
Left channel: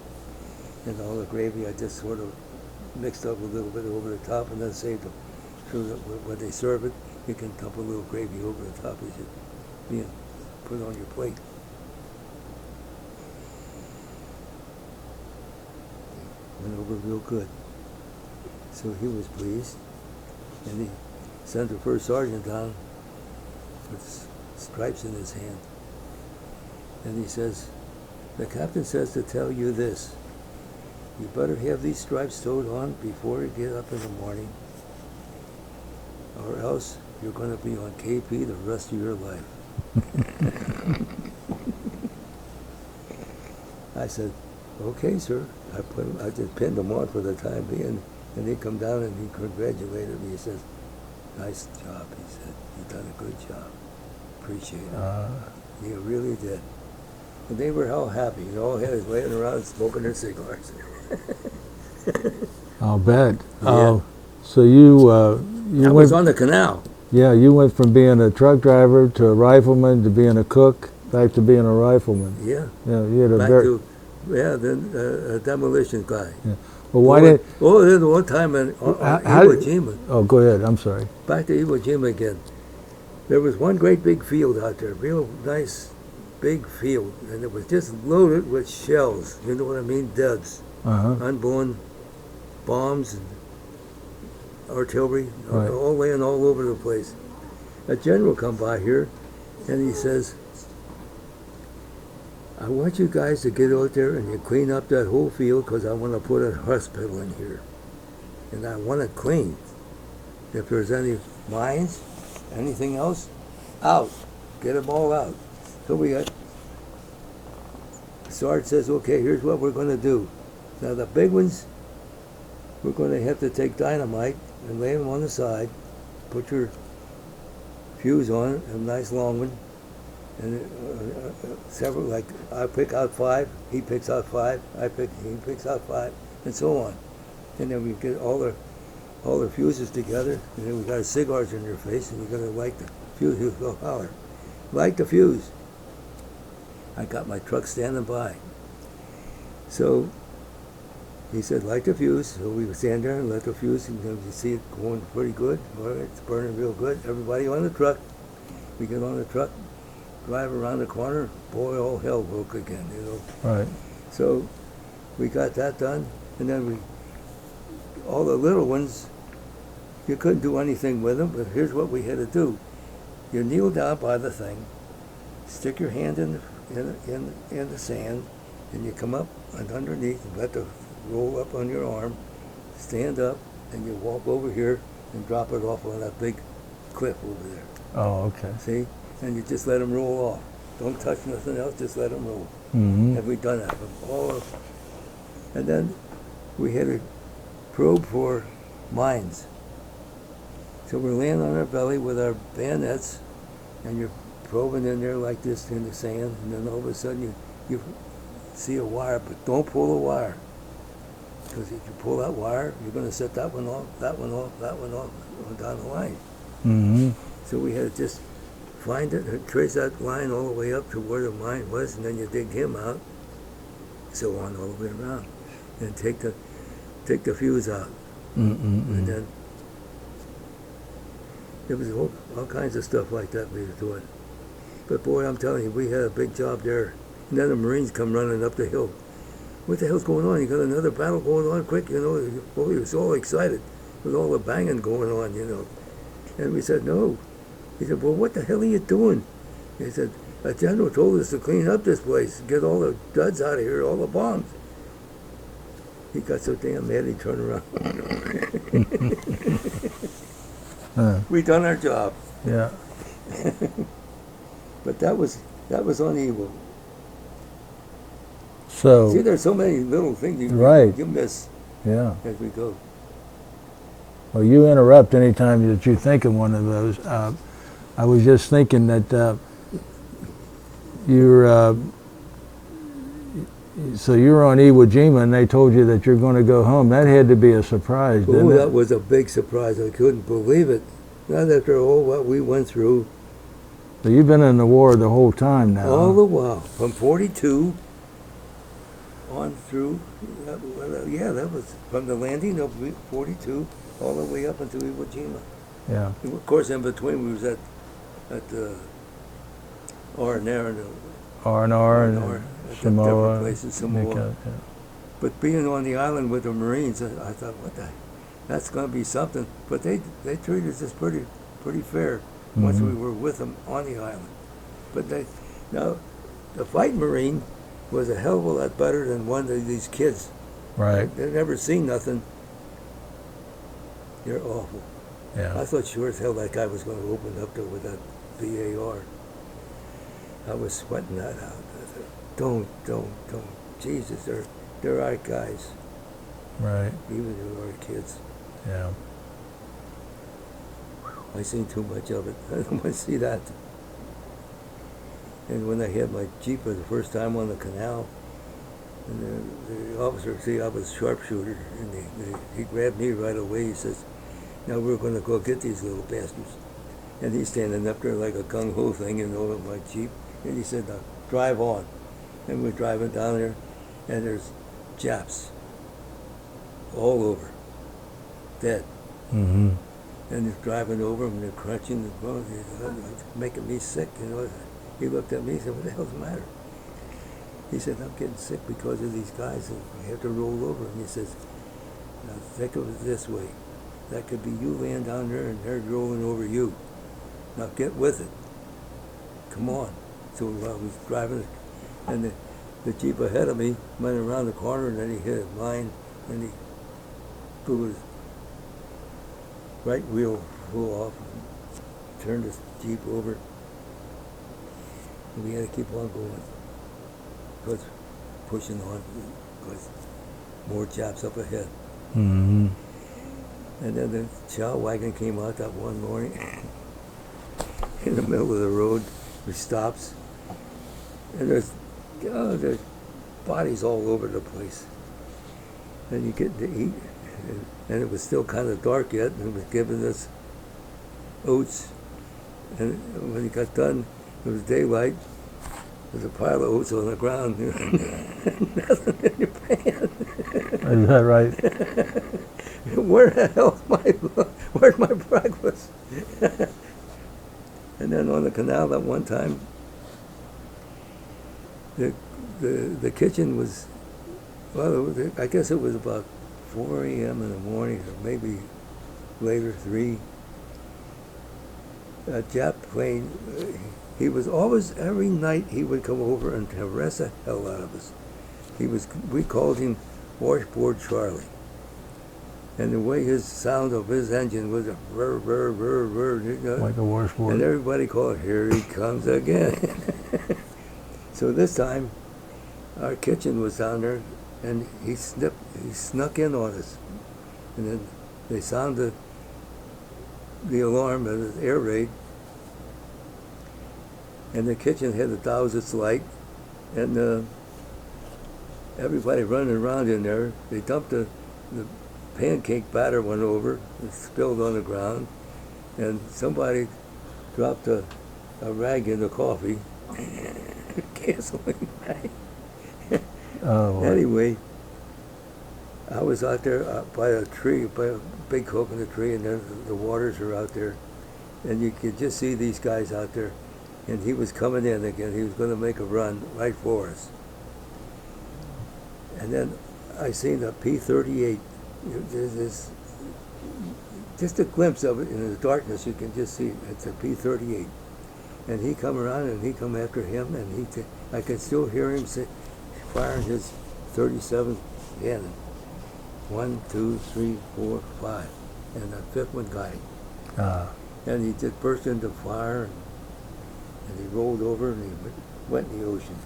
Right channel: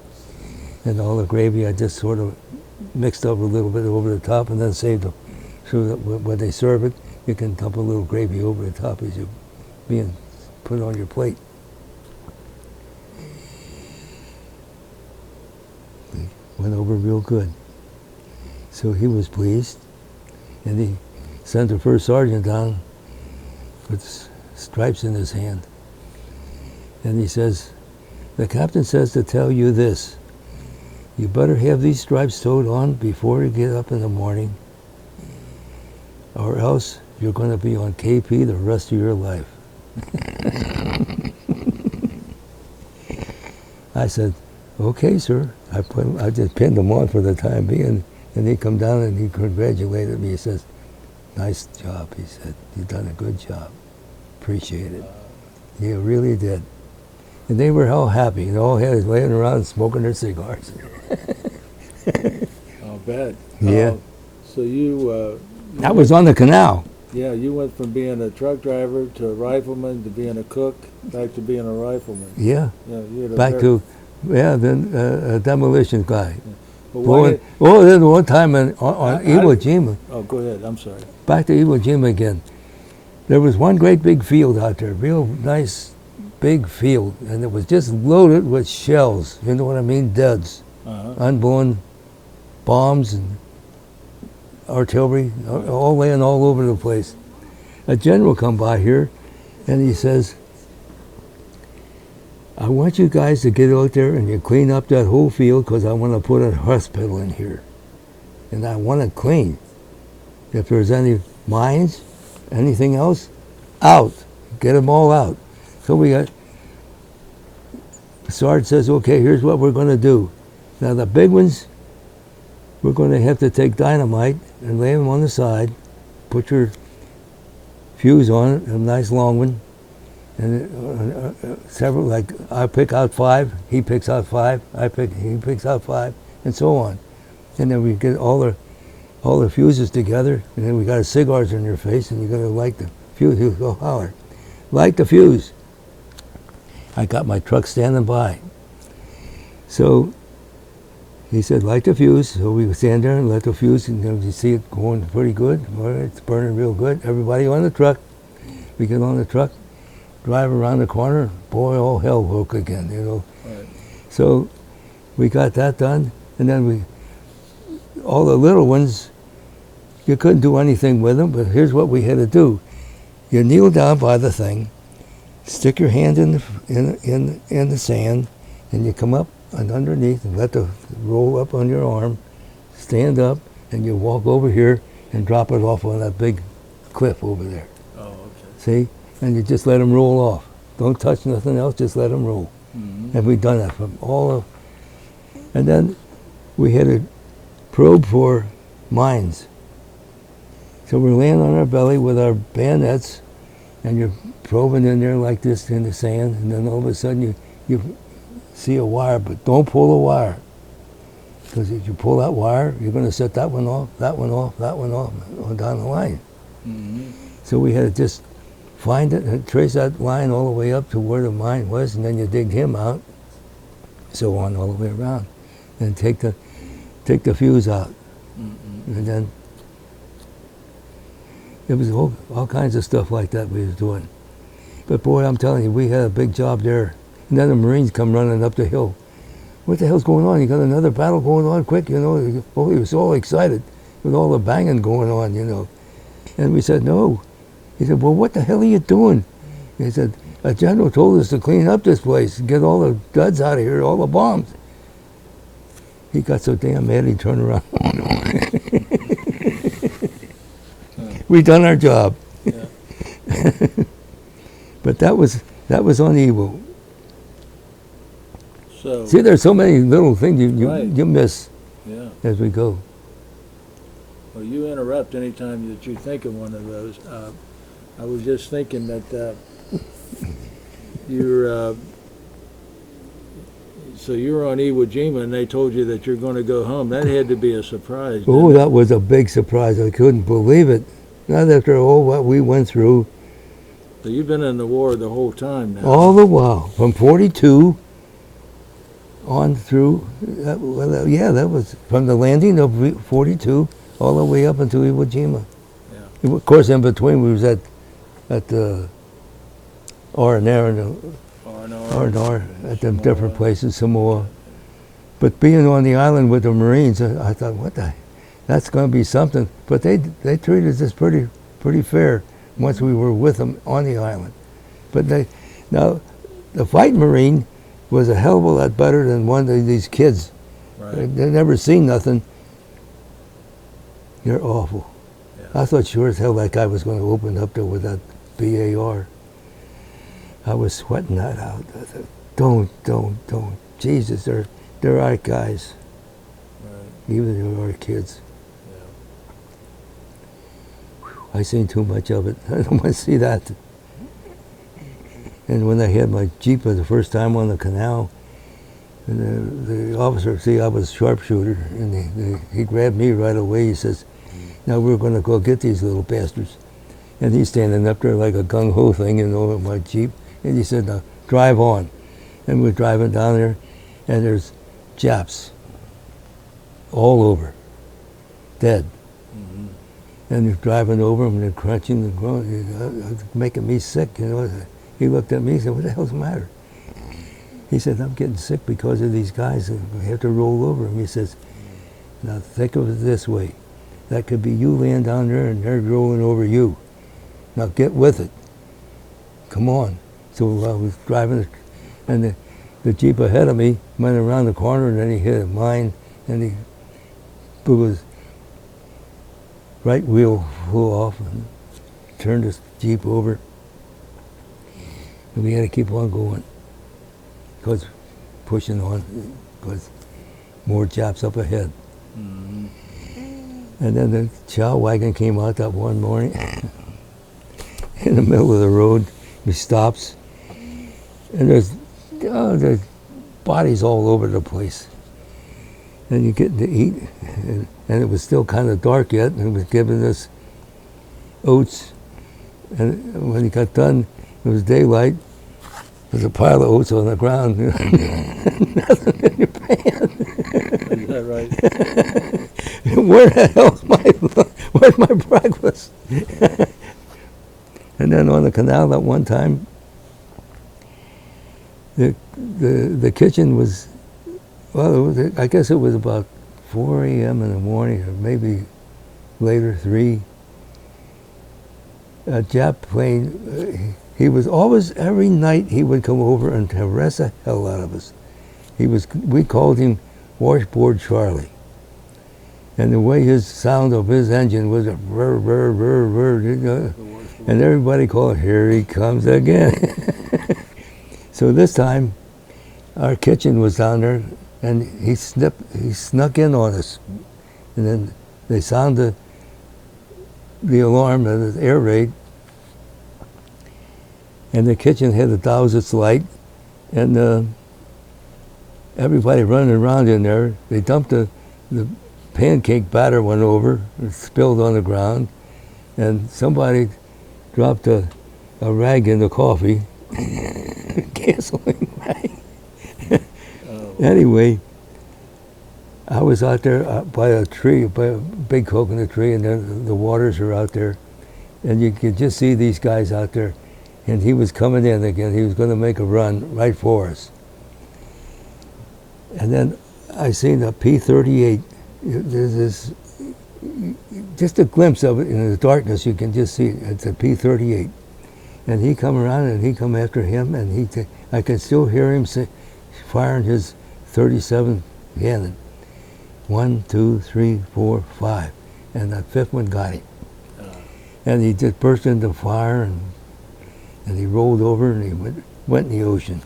And all the gravy I just sort of mixed up a little bit over the top and then saved them. So that when they serve it, you can dump a little gravy over the top as you being put on your plate. Went over real good. So he was pleased, and he sent the first sergeant down with stripes in his hand. And he says, the captain says to tell you this, you better have these stripes sewed on before you get up in the morning, or else you're going to be on KP the rest of your life. I said, okay, sir. I just pinned him on for the time being, and he come down and he congratulated me. He says, nice job, he said. You've done a good job. Appreciate it. You really did. And they were all happy. They all had laying around smoking their cigars. I'll bet. Yeah. So you That was on the canal. Yeah, you went from being a truck driver to a rifleman to being a cook, back to being a rifleman. Yeah. Yeah, you had a Back to, then a demolition guy. Yeah. Well, why then one time on Iwo Jima. Oh, go ahead. I'm sorry. Back to Iwo Jima again. There was one great big field out there, real nice big field, and it was just loaded with shells. You know what I mean? Duds, unblown bombs and artillery, Right. all laying all over the place. A general come by here, and he says, I want you guys to get out there and you clean up that whole field because I want to put a hospital in here. And I want it clean. If there's any mines, anything else, out. Get them all out. So we got, Sarge says, okay, here's what we're going to do. Now the big ones, we're going to have to take dynamite and lay them on the side, put your fuse on it, a nice long one, and several, like I pick out 5, he picks out 5, he picks out 5, and so on. And then we get all the fuses together, and then we got cigars in your face, and you're going to light the fuse. You go holler, light the fuse. I got my truck standing by. So he said, light the fuse. So we stand there and light the fuse, and then you see it going pretty good. All right, it's burning real good. Everybody on the truck. We get on the truck, drive around the corner. Boy, all hell broke again, you know. Right. So we got that done, and then all the little ones, you couldn't do anything with them, but here's what we had to do. You kneel down by the thing, stick your hand in the sand, and you come up and underneath and let the roll up on your arm, stand up, and you walk over here and drop it off on that big cliff over there. Oh, okay. See? And you just let them roll off. Don't touch nothing else, just let them roll. Mm-hmm. And we've done that from all of, and then we had a probe for mines. So we're laying on our belly with our bayonets, and you're probing in there like this in the sand, and then all of a sudden you see a wire, but don't pull the wire. Because if you pull that wire, you're going to set that one off, that one off, that one off, on down the line. Mm-hmm. So we had to just find it and trace that line all the way up to where the mine was, and then you dig him out, so on all the way around, and take the fuse out. And then there was all kinds of stuff like that we was doing. But boy, I'm telling you, we had a big job there. And then the Marines come running up the hill. What the hell's going on? You got another battle going on? Quick, you know. Oh, he was all excited with all the banging going on, you know. And we said, no. He said, well, what the hell are you doing? He said, a general told us to clean up this place, get all the duds out of here, all the bombs. He got so damn mad he turned around. We done our job. Yeah. But that was on Iwo. So. See, there's so many little things Right. you miss Yeah. as we go. Well, you interrupt anytime that you think of one of those. I was just thinking that so you were on Iwo Jima and they told you that you're going to go home. That had to be a surprise, didn't Oh, it? that was a big surprise. I couldn't believe it. Not after all what we went through. So you've been in the war the whole time now. All the while, from 42 on through, that was from the landing of 42 all the way up until Iwo Jima. Yeah. Of course, in between, we was at the R&R and R&R. at the different places, Samoa. But being on the island with the Marines, I thought, that's going to be something. But they treated us pretty fair once we were with them on the island. But now the fighting Marine was a hell of a lot better than one of these kids. Right. They never seen nothing. They're awful. Yeah. I thought sure as hell that guy was going to open up there with that BAR. I was sweating that out. I thought, don't. Jesus, they're our guys. Right. Even they're our kids. Yeah. I seen too much of it. I don't want to see that. And when I had my Jeep for the first time on the canal, and the officer, see, I was sharpshooter, and he grabbed me right away. He says, now we're going to go get these little bastards. And he's standing up there like a gung-ho thing, you know, with my Jeep. And he said, now, drive on. And we're driving down there, and there's Japs all over, dead. Mm-hmm. And they're driving over them, and they're crunching and growing, making me sick, you know. He looked at me, he said, what the hell's the matter? He said, I'm getting sick because of these guys, and we have to roll over. And he says, now think of it this way. That could be you laying down there and they're rolling over you. Now get with it. Come on. So I was driving, and the Jeep ahead of me went around the corner, and then he hit mine, and he blew his right wheel flew off and turned his Jeep over. And we had to keep on going, because pushing on, because more Japs up ahead. Mm-hmm. And then the chow wagon came out that one morning in the middle of the road. He stops, and there's bodies all over the place. And you get to eat, and it was still kind of dark yet, and he was giving us oats. And when he got done, it was daylight. There's a pile of oats on the ground. Nothing in your pan. Is that right? Where the hell's where's my breakfast? And then on the canal that one time, the kitchen was, well, I guess it was about 4 a.m. in the morning, or maybe later, 3. A Jap plane, he was always, every night he would come over and harass the hell out of us. We called him Washboard Charlie. And the way his sound of his engine was a brr, brr, brr, brr, Like a washboard. and everybody called, here he comes again. So this time, our kitchen was down there, and he snuck in on us. And then they sounded the alarm at the air raid, and the kitchen had to douse its light, and everybody running around in there. They dumped the pancake batter went over, it spilled on the ground, and somebody dropped a rag in the coffee, gasoline rag. Oh. Anyway, I was out there by a tree, by a big coconut tree, and the waters are out there, and you could just see these guys out there, and he was coming in again. He was going to make a run right for us. And then I seen a P-38. There's this, just a glimpse of it in the darkness. You can just see it. It's a P-38, and he come around and he come after him, and I can still hear him firing his 37 cannon. 1, 2, 3, 4, 5, and that fifth one got him. And he just burst into fire, and he rolled over, and he went in the ocean.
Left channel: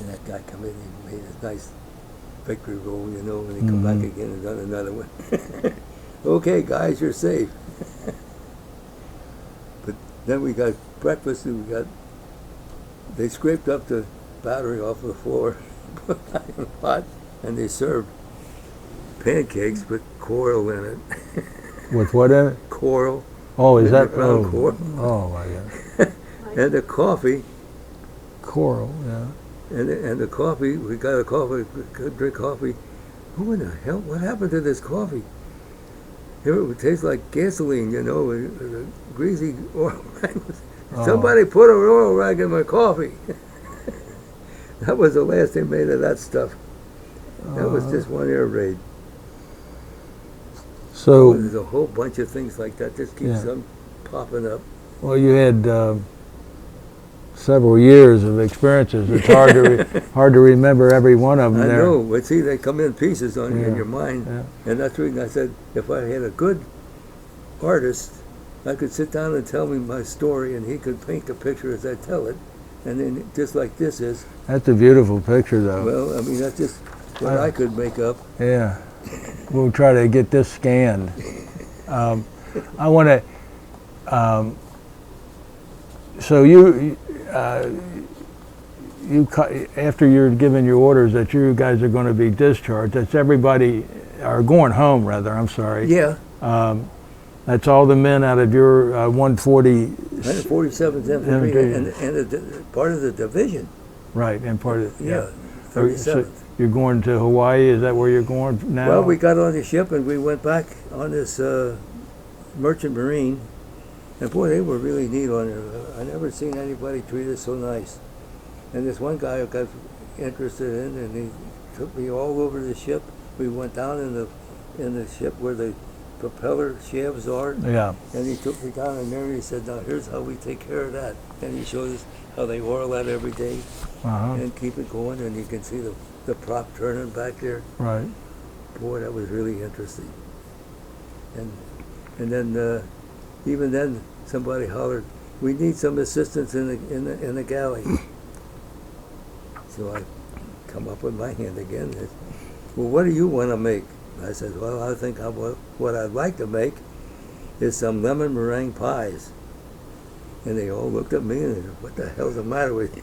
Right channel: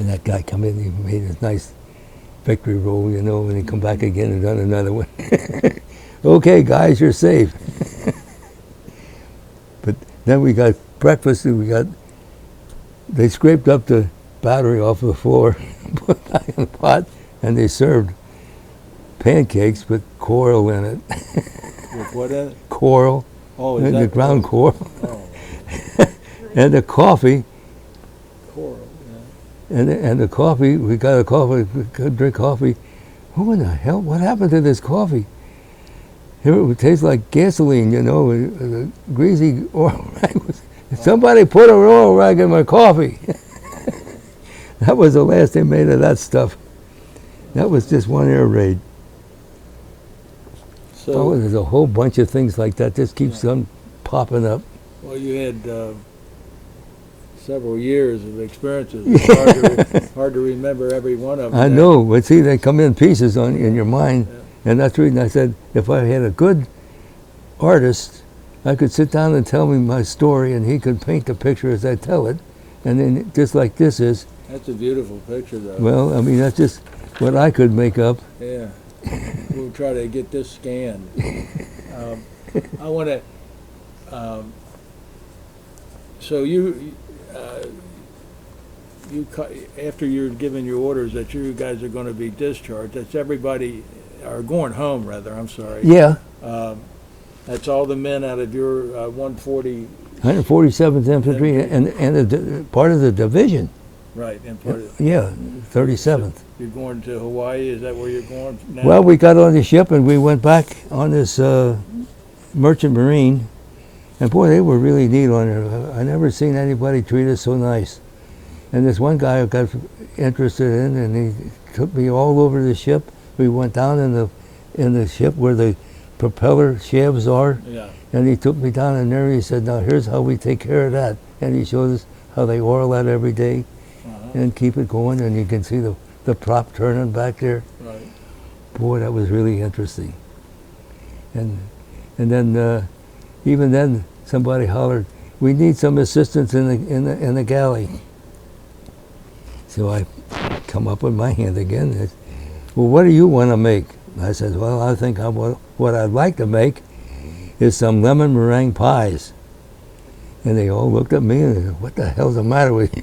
And that guy come in, he made his nice victory roll, you know, and he come back again and done another one. Okay, guys, you're safe. But then we got breakfast, and they scraped up the battery off the floor, put it back in the pot, and they served pancakes with coral in it. With what in it? Coral. Oh, is Maybe that ground coral? Oh my God. And the coffee. Coral, yeah. And the coffee, we got a coffee, we could drink coffee. Who in the hell, what happened to this coffee? Here it would taste like gasoline, you know, a greasy oil rag. Somebody put an oil rag in my coffee. That was the last they made of that stuff. That was just one air raid. So, There's a whole bunch of things like that. Just keeps on popping up. well, you had several years of experiences. It's hard to remember every one of them. I there. know, but see, they come in pieces in Yeah. your mind. Yeah. And that's the reason I said, if I had a good artist, I could sit down and tell me my story, and he could paint the picture as I tell it. And then, just like this is, That's a beautiful picture, though. well, I mean, that's just what I could make up. Yeah. We'll try to get this scanned. I want to. So after you're given your orders that you guys are going to be discharged, that's everybody, or going home rather. I'm sorry. Yeah, That's all the men out of your 140. 147th Infantry, and part of the division. Right, and part of. Yeah, 37th. You're going to Hawaii. Is that where you're going now? Well, we got on the ship and we went back on this merchant marine, And boy, they were really neat on there. I never seen anybody treat us so nice. And this one guy I got interested in, and he took me all over the ship. We went down in the ship where the propeller shafts are. Yeah. And he took me down in there. He said, "Now here's how we take care of that." And he showed us how they oil that every day and keep it going. And you can see the prop turning back there. Right. Boy, that was really interesting. And then even then somebody hollered, "We need some assistance in the galley." So I come up with my hand again. I said, "Well, what do you want to make?" I said, "Well, I think what I'd like to make is some lemon meringue pies." And they all looked at me and said, "What the hell's the matter with you?"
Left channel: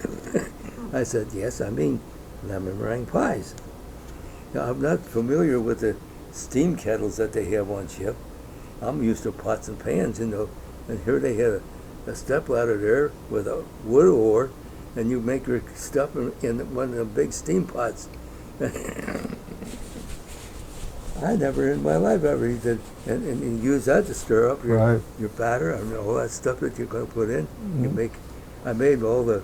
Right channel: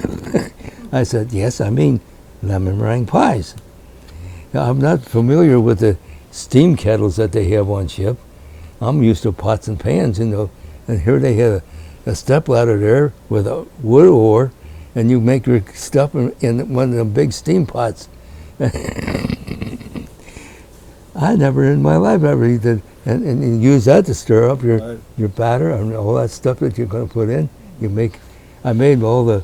I said, "Yes, I mean lemon meringue pies." Now, I'm not familiar with the steam kettles that they have on ship. I'm used to pots and pans, you know. And here they had a stepladder there with a wood oar, and you make your stuff in one of the big steam pots. I never in my life ever did, and you use that to stir up your batter and all that stuff that you're going to put in. I made all the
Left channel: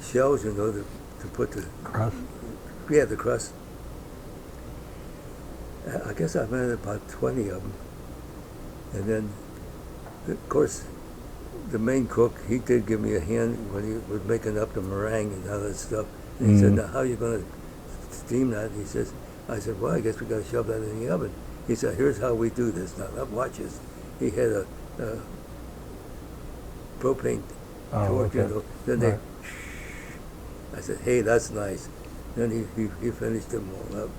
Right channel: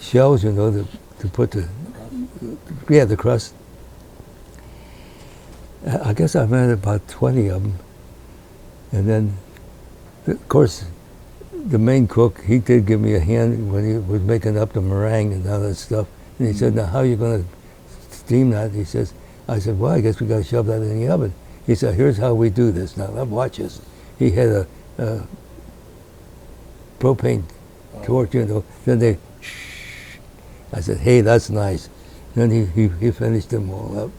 shells, you know, to put the Crust. Yeah, the crust. I guess I made about 20 of them, and then, of course, the main cook, he did give me a hand when he was making up the meringue and all that stuff. And he said, "Now, how are you going to steam that?" He says. I said, "Well, I guess we got to shove that in the oven." He said, "Here's how we do this. Now, watch this." He had a propane torch, you know. Then they, I said, "Hey, that's nice." Then he finished them all up.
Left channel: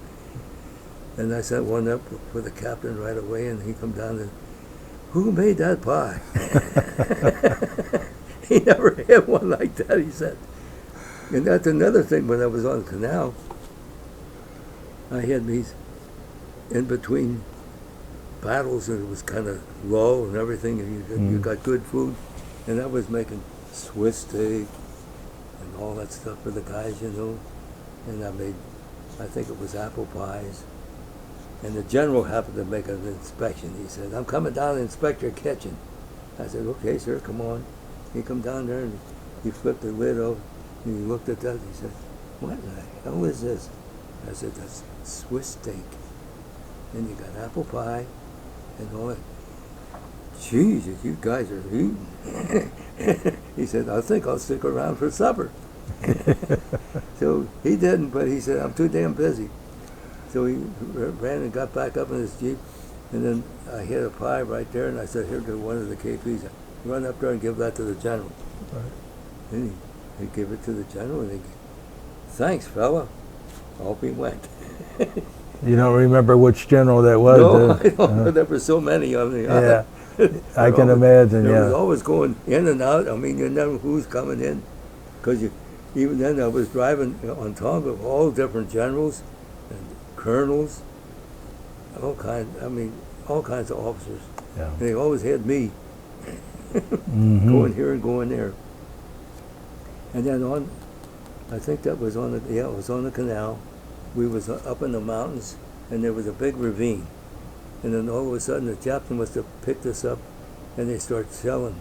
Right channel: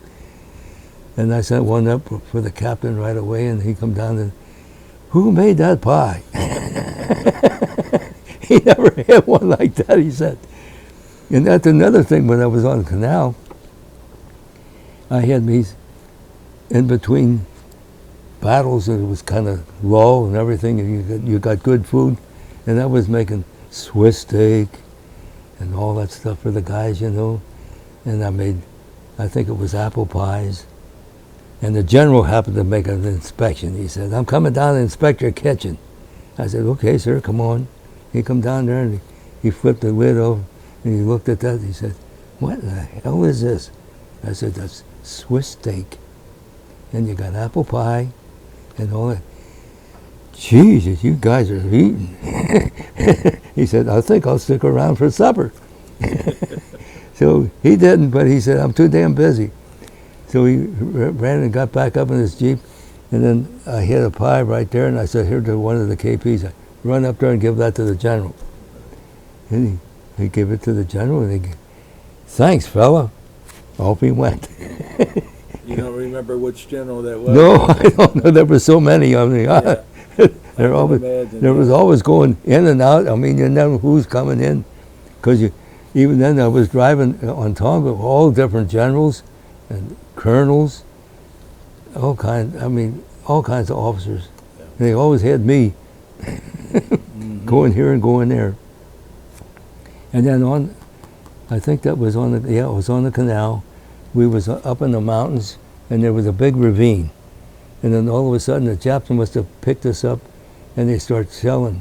And I sent one up for the captain right away, and he come down and, "Who made that pie?" He never had one like that, he said. And that's another thing when I was on the canal. I had these in between battles, and it was kind of low and everything, and you got good food. And I was making Swiss steak and all that stuff for the guys, you know. And I made, I think it was apple pies. And the general happened to make an inspection. He said, "I'm coming down to inspect your kitchen." I said, "Okay, sir, come on." He come down there and he flipped the lid over and he looked at that. He said, "What the hell is this?" I said, "That's Swiss steak. And you got apple pie and all that." "Jesus, you guys are eating." He said, "I think I'll stick around for supper." So he didn't, but he said, "I'm too damn busy." So he ran and got back up in his Jeep, and then I had a pie right there, and I said, "Here to one of the KPs. Run up there and give that to the general." And he gave it to the general, and "Thanks, fella." Off he went. You don't remember which general that was? No, I don't know. There were so many of them. Yeah, I can imagine. There was always going in and out. I mean, you never who's coming in, because even then I was driving on Tonga, all different generals and colonels, all kinds of officers. Yeah. They always had me going here and going there. And then I think that was it was on the canal. We was up in the mountains, and there was a big ravine. And then all of a sudden, the Japs must have picked us up, and they start selling.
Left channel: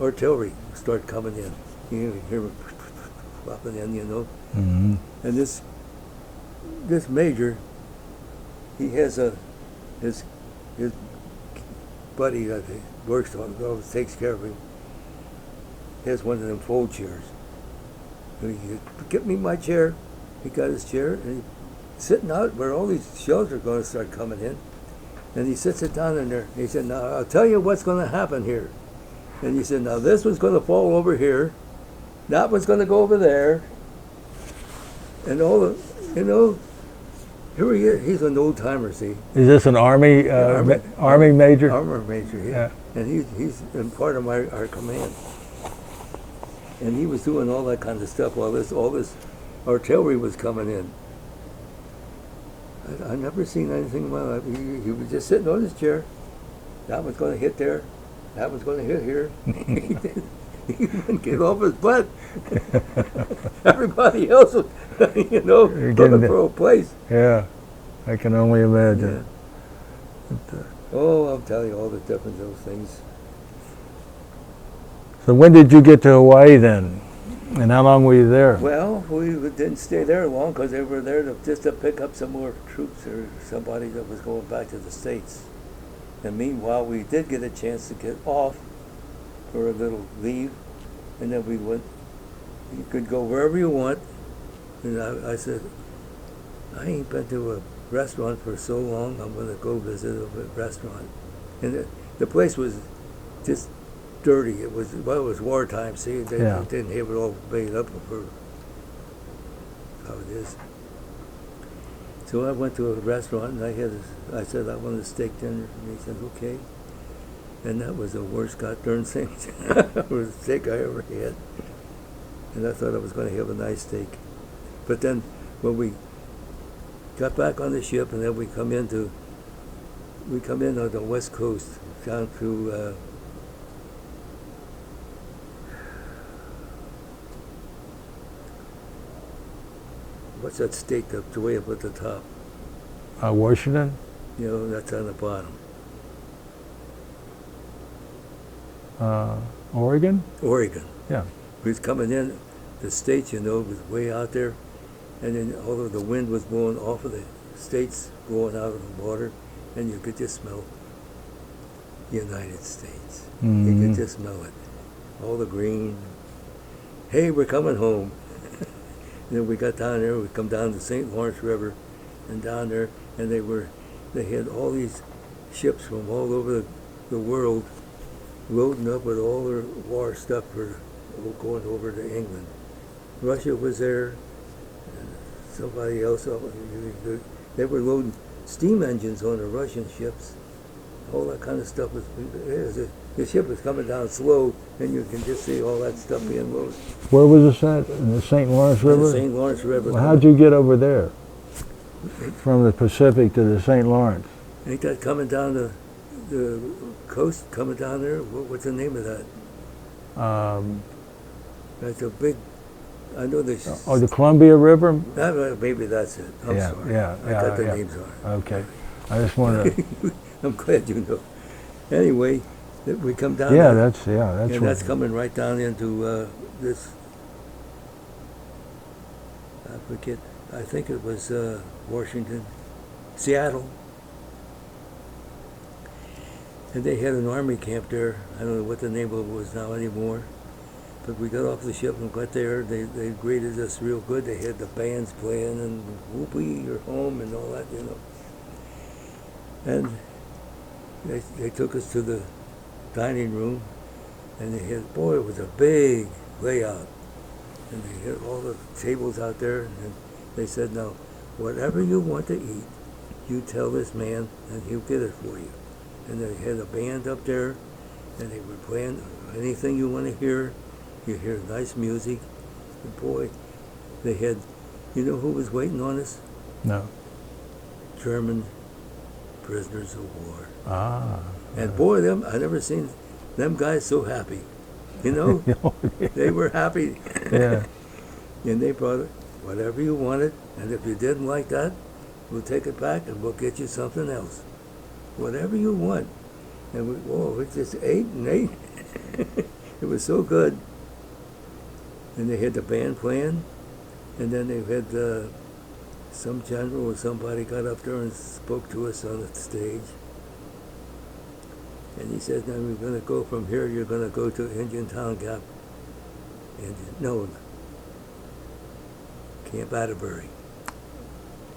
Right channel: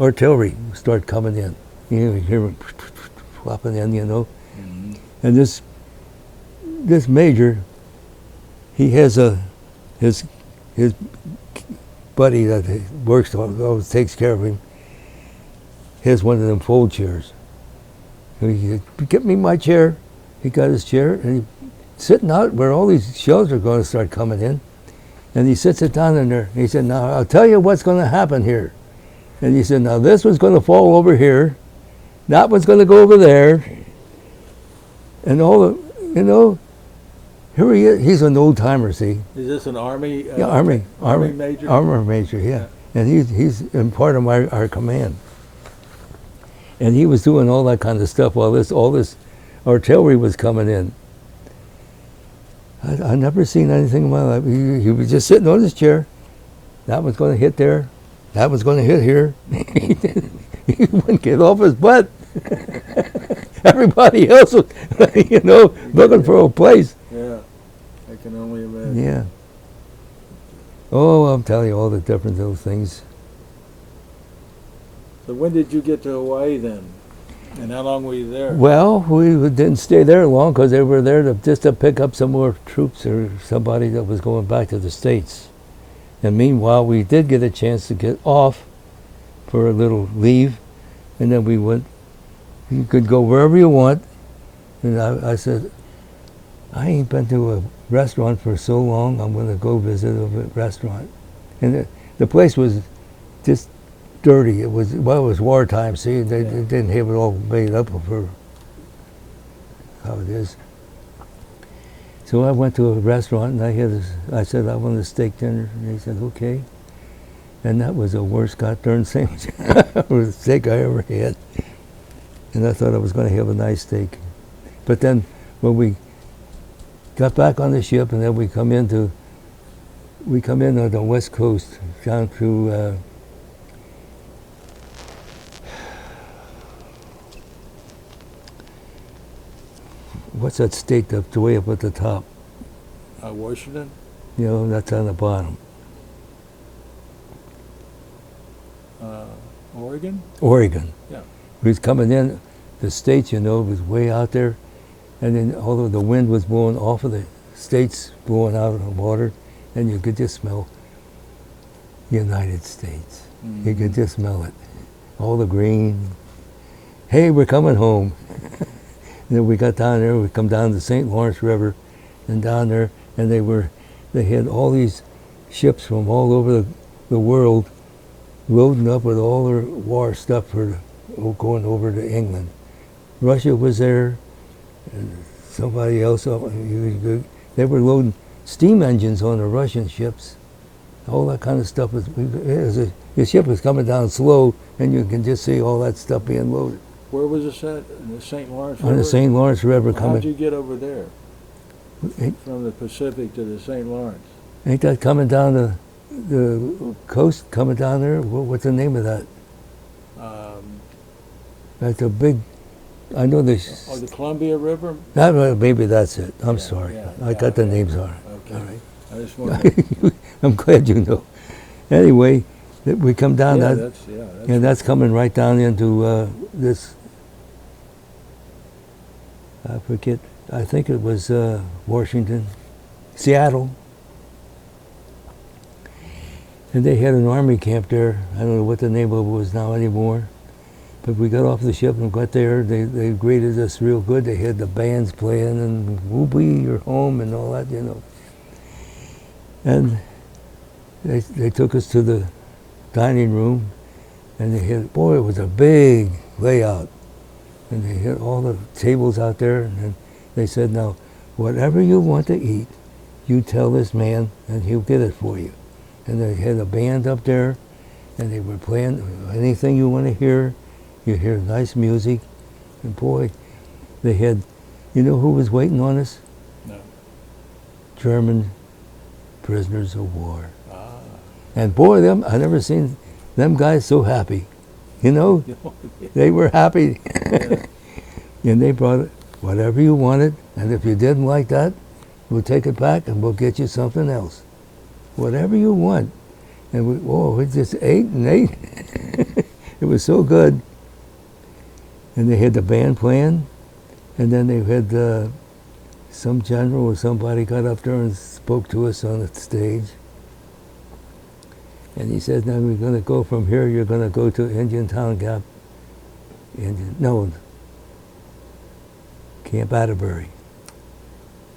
Artillery start coming in. You hear it flopping in, you know. Mm-hmm. And this major, he has his buddy that he works on, always takes care of him, has one of them fold chairs. So he said, "Get me my chair." He got his chair, and he's sitting out where all these shells are going to start coming in. And he sits it down in there. He said, "Now, I'll tell you what's going to happen here." And he said, "Now, this one's going to fall over here. That one's going to go over there." And all the, you know, here he is. He's an old timer, see. Is this an Army Army major? Armor major, yeah. And he's in part of our command. And he was doing all that kind of stuff while all this artillery was coming in. I never seen anything in my life. He was just sitting on his chair. That was going to hit there. That was going to hit here. He wouldn't get off his butt. Everybody else was, you know, looking for a place. Yeah, I can only imagine. Yeah. Oh, I'll tell you all the different little things. So when did you get to Hawaii then? And how long were you there? Well, we didn't stay there long because they were there just to pick up some more troops or somebody that was going back to the States. And meanwhile, we did get a chance to get off for a little leave, and then we went. You could go wherever you want. And I said, I ain't been to a restaurant for so long. I'm going to go visit a restaurant. And the place was just dirty. It was wartime. See, they didn't have it all made up for how it is. So I went to a restaurant and I said I want a steak dinner, and they said okay. And that was the worst goddamn sandwich or steak I ever had. And I thought I was going to have a nice steak, but then when we got back on the ship, and then we come in on the west coast down through. What's that state that's way up at the top? Washington? You know, that's on the bottom. Oregon? Oregon. Yeah. We was coming in, the states, you know, was way out there, and then although the wind was blowing off of the states, blowing out of the water, and you could just smell the United States. Mm-hmm. You could just smell it. All the green. Hey, we're coming home. And then we got down there, we come down the St. Lawrence River, and down there, and they had all these ships from all over the world loading up with all their war stuff for going over to England. Russia was there, and somebody else, they were loading steam engines on the Russian ships. All that kind of stuff the ship was coming down slow, and you can just see all that stuff being loaded. Where was this at? In the St. Lawrence River? On the St. Lawrence River. Well, how'd you get over there? From the Pacific to the St. Lawrence? Ain't that coming down the coast, coming down there? What's the name of that? That's a big, I know this. Oh, the Columbia River? Maybe that's it. I'm Yeah, sorry. yeah, I yeah, got the yeah. names wrong. Okay. I just wanted to... I'm glad you know. Anyway, we come down Yeah, there. that's And right. that's coming right down into this, I forget, I think it was Washington, Seattle. And they had an army camp there. I don't know what the name of it was now anymore. But we got off the ship and got there. They greeted us real good. They had the bands playing and whoopee, you're home and all that, you know. And they took us to the dining room, and they had, boy, it was a big layout. And they had all the tables out there, and then they said, now, whatever you want to eat, you tell this man, and he'll get it for you. And they had a band up there, and they were playing anything you want to hear. You hear nice music, and boy, they had, you know who was waiting on us? No. German prisoners of war. Ah. And boy, I never seen them guys so happy. You know, they were happy. Yeah. And they brought it, whatever you wanted, and if you didn't like that, we'll take it back and we'll get you something else. Whatever you want. And we just ate and ate. It was so good. And they had the band playing, and then they had some general or somebody got up there and spoke to us on the stage. And he said, now we're going to go from here, you're going to go to Indian Town Gap. Camp Atterbury.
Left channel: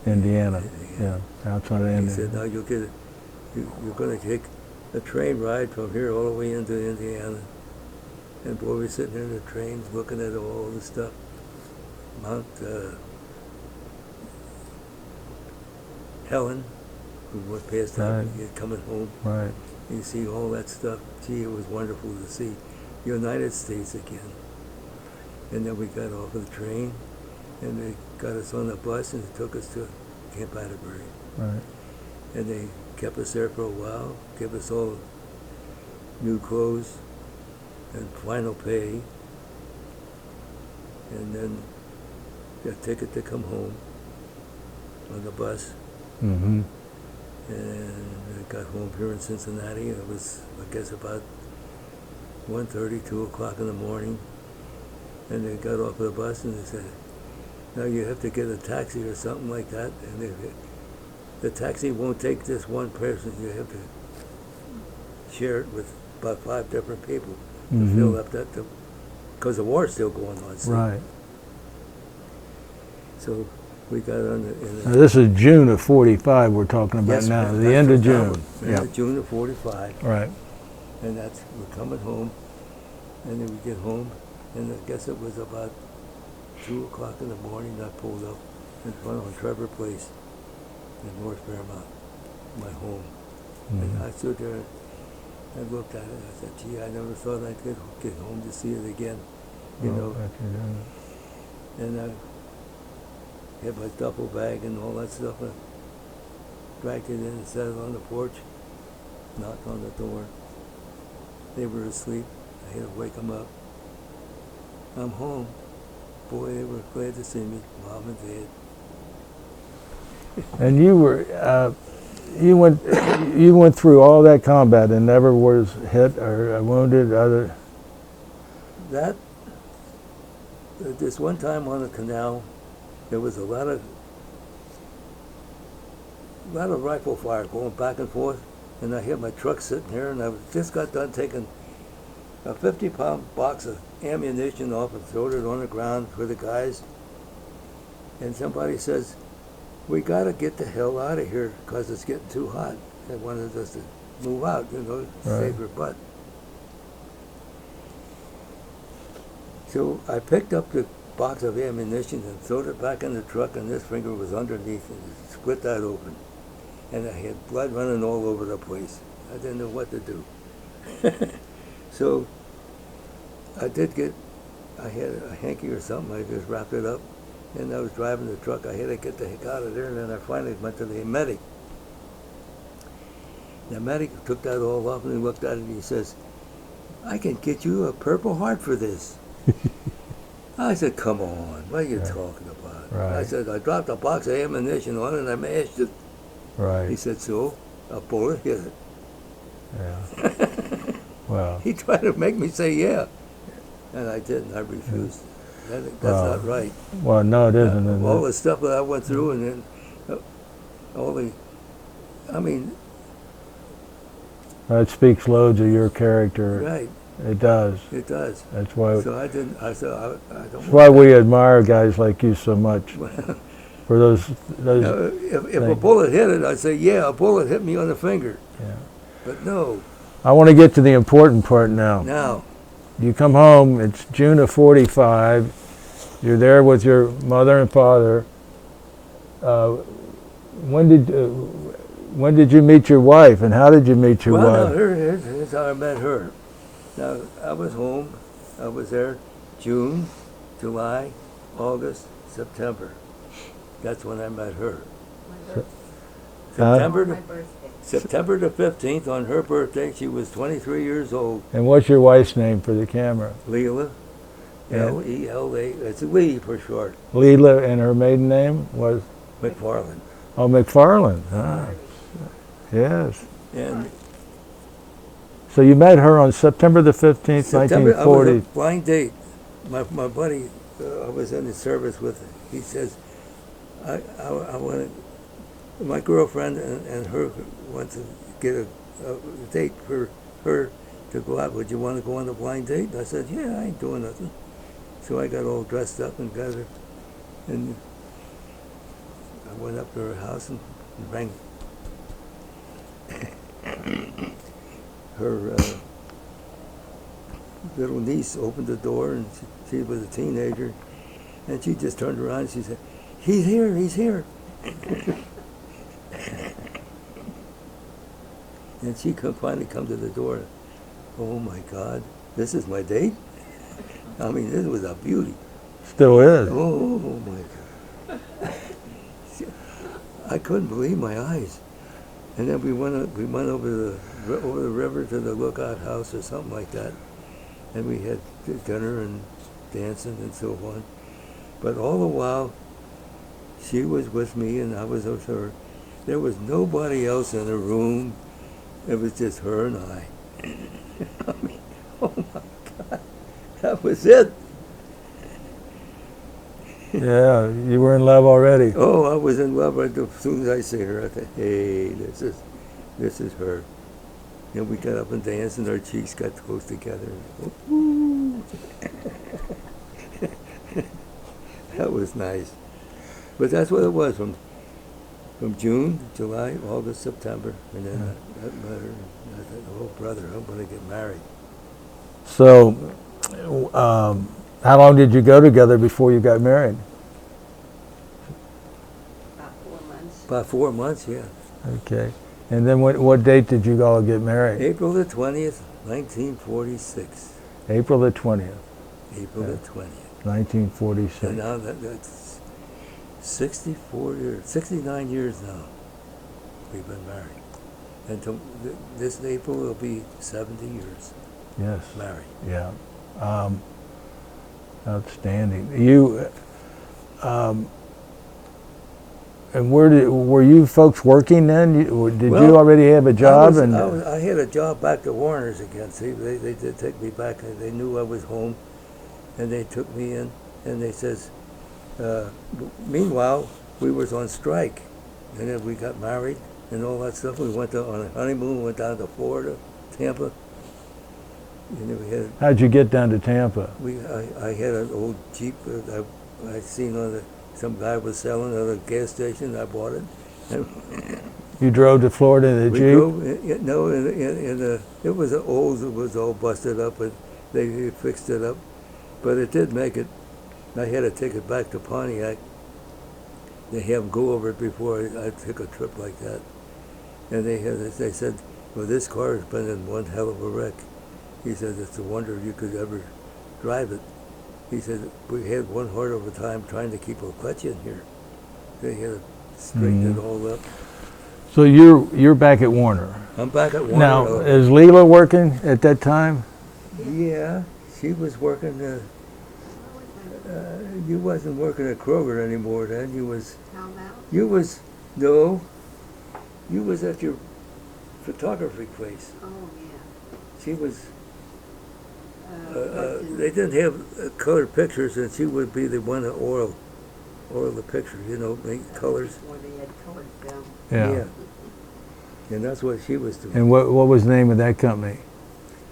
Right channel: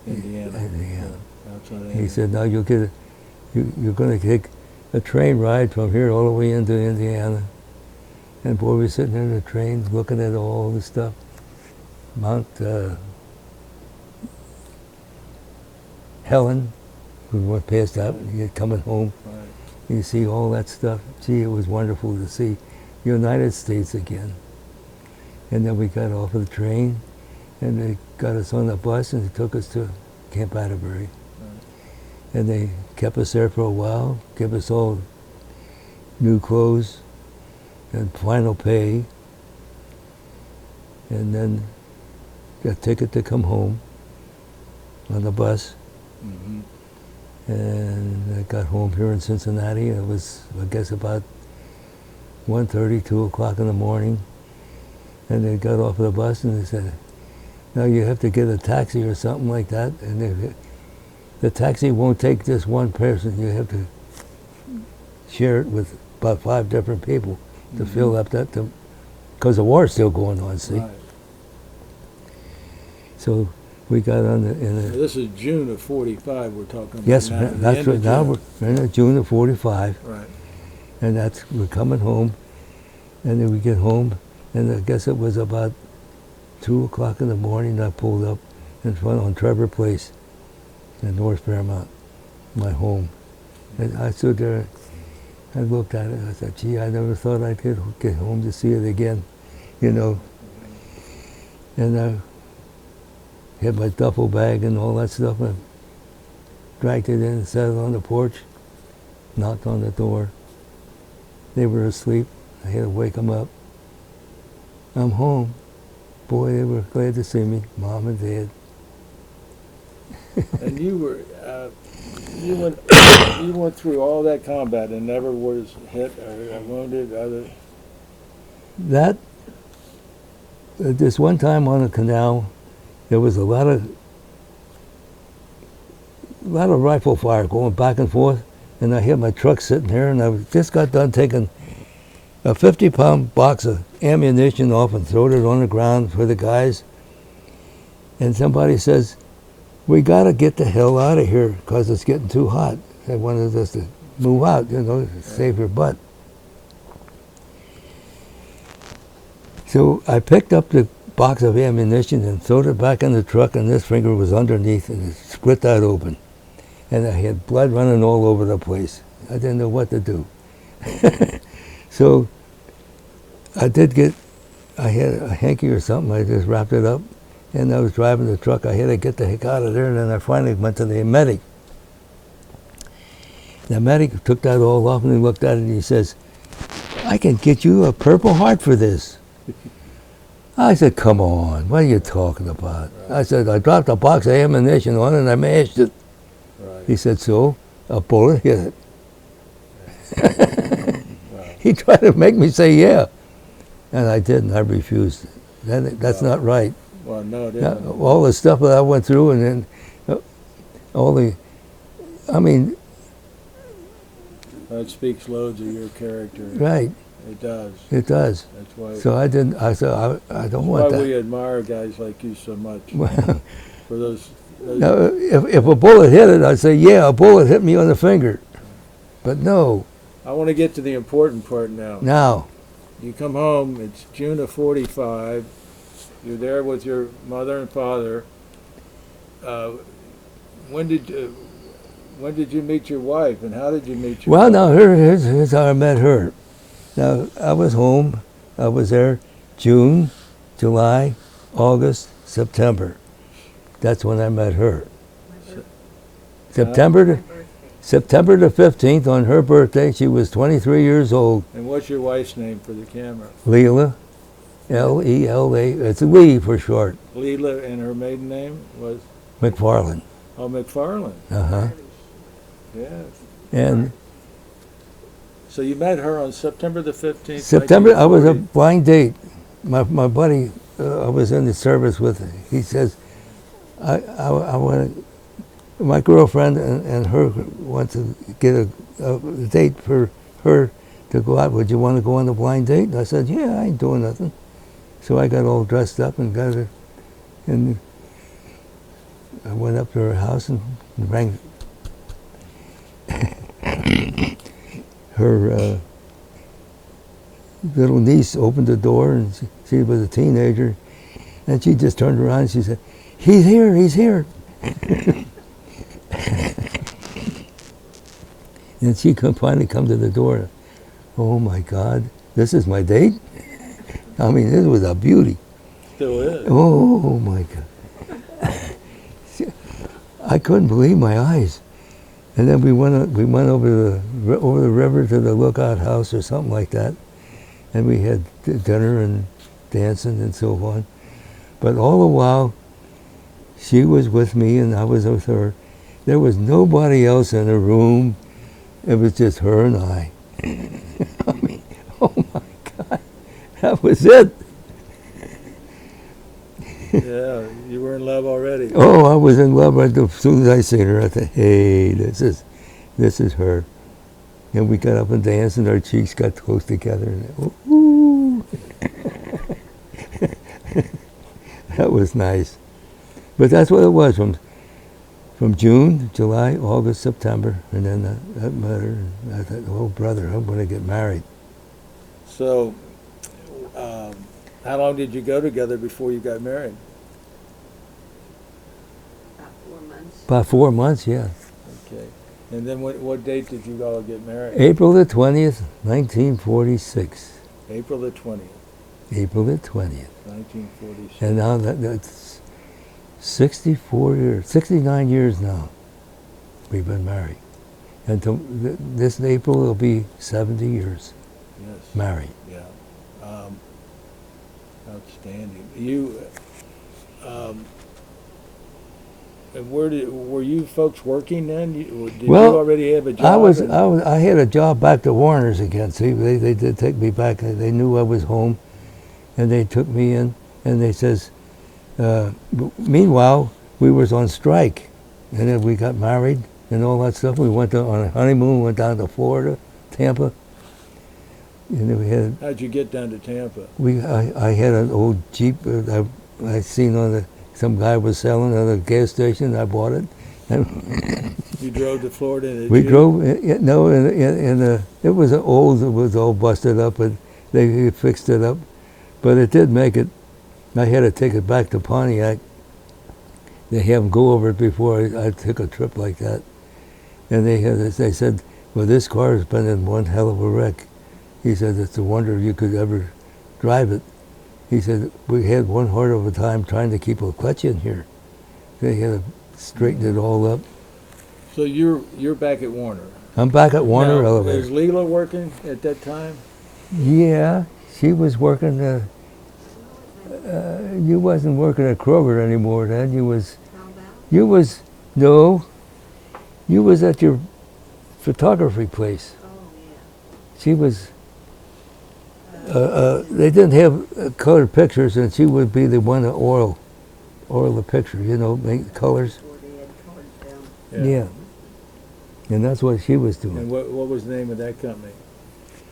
Indiana. Indiana. Yeah, outside of Indiana. He said, now you're going to take a train ride from here all the way into Indiana. And boy, we're sitting in the train looking at all the stuff. Mount Helen, we went past that, Right. you're coming home. Right. You see all that stuff. Gee, it was wonderful to see the United States again. And then we got off of the train, and they got us on the bus and they took us to Camp Atterbury. Right. And they kept us there for a while, gave us all new clothes and final pay, and then got a ticket to come home on the bus. Mm-hmm. And I got home here in Cincinnati. It was, I guess, about 1:30, 2 o'clock in the morning. And they got off the bus and they said, now you have to get a taxi or something like that. And the taxi won't take just one person. You have to share it with about 5 different people to fill up that, because the war's still going on, see? Right. So we got on Now, this is June of 45 we're talking about yes, now, the that's end right of now, June. we're in June of 45. Right. And we're coming home, and then we get home, and I guess it was about 2 o'clock in the morning. I pulled up in front on Trevor Place in North Fairmount, my home. And I stood there, I looked at it, I said, gee, I never thought I'd get home to see it again, you know. And I had my duffel bag and all that stuff, and dragged it in and set it on the porch, knocked on the door. They were asleep. I had to wake them up. I'm home. Boy, they were glad to see me, Mom and Dad. And you were, you went through all that combat and never was hit or wounded other. That, this one time on the canal, there was a lot of rifle fire going back and forth, and I had my truck sitting here, and I just got done taking a 50-pound box of ammunition off and throwed it on the ground for the guys. And somebody says, we got to get the hell out of here because it's getting too hot. They wanted us to move out, you know, save your butt. So I picked up the box of ammunition and throwed it back in the truck, and this finger was underneath, and it split that open. And I had blood running all over the place. I didn't know what to do. So I had a hanky or something, I just wrapped it up, and I was driving the truck. I had to get the heck out of there, and then I finally went to the medic. The medic took that all off, and he looked at it, and he says, I can get you a Purple Heart for this. I said, come on, what are you talking about? Right. I said, I dropped a box of ammunition on it, and I mashed it. Right. He said, so? A bullet hit it. Yeah. Wow. He tried to make me say yeah, and I didn't. I refused. That's not right. Well, no, it isn't. All the stuff that I went through, and then I mean, That speaks loads of your character. right, It does. it does. That's why. So I didn't, I said, I don't That's want why that. we admire guys like you so much. For those. Now, if a bullet hit it, I'd say, yeah, a bullet hit me on the finger. Yeah. But no, I want to get to the important part now. now, You come home. It's June of 45. You're there with your mother and father. When did you meet your wife, and how did you meet your well, wife? now here's how I met her. Now, I was home. I was there June, July, August, September. That's when I met her. September the 15th, on her birthday, she was 23 years old. And what's your wife's name for the camera? Leela, L-E-L-A, it's Lee for short. Leela, and her maiden name was? McFarland. Oh, McFarland. Uh-huh. Yes. And So you met her on September the 15th, September, I was a 1940. blind date. My buddy, I was in the service with, he says, I want my girlfriend and her want to get a date for her to go out. Would you want to go on a blind date? And I said, yeah, I ain't doing nothing. So I got all dressed up and got her, and I went up to her house and rang. Her little niece opened the door, and she was a teenager, and she just turned around and she said, he's here, he's here. And she finally come to the door. Oh my God, this is my date? I mean, this was a beauty. Still is. Oh my God. I couldn't believe my eyes. And then we went over the river to the Lookout House or something like that, and we had dinner and dancing and so on. But all the while, she was with me and I was with her, There was nobody else in the room. It was just her and I. I mean, oh my God, that was it. Yeah, you were in love already. Oh, I was in love right as soon as I seen her. I thought, hey, this is her. And we got up and danced, and our cheeks got close together. Ooh. That was nice. But that's what it was from June, July, August, September, and then that met her. And I thought, oh, brother, I'm going to get married. So, how long did you go together before you got married? About 4 months. About 4 months, yeah. Okay. And then what date did you all get married? April the 20th, 1946. April the 20th, April the 20th. 1946. And now that's 64 years, 69 years now we've been married. And this April it'll be 70 years Yes. married. Yeah. Outstanding. You, and were you folks working then? Did you already have a job? I had a job back to Warner's again. See, they did take me back. They knew I was home, and they took me in, and they says, meanwhile, we was on strike, and then we got married and all that stuff. We went on a honeymoon, went down to Florida, Tampa. And then we had. How'd you get down to Tampa? I had an old Jeep I seen on some guy was selling at a gas station. I bought it. You drove to Florida in the We Jeep? drove. No, it was old. It was all busted up, and they fixed it up. But it did make it. I had to take it back to Pontiac. They have them go over it before I took a trip like that. And they said, well, this car has been in one hell of a wreck. He said, it's a wonder you could ever drive it. He said, we had one hard of a time trying to keep a clutch in here. They had to straighten it all up. So you're back at Warner. I'm back at Warner. Now, is Leela working at that time? Yeah, she was working. You wasn't working at Kroger anymore then. You was. How about? You was no. You was at your photography place. Oh, yeah. She was. They didn't have colored pictures, and she would be the one to oil the picture. You know, make colors. Before they had colored film. Yeah. And that's what she was doing. And what was the name of that company?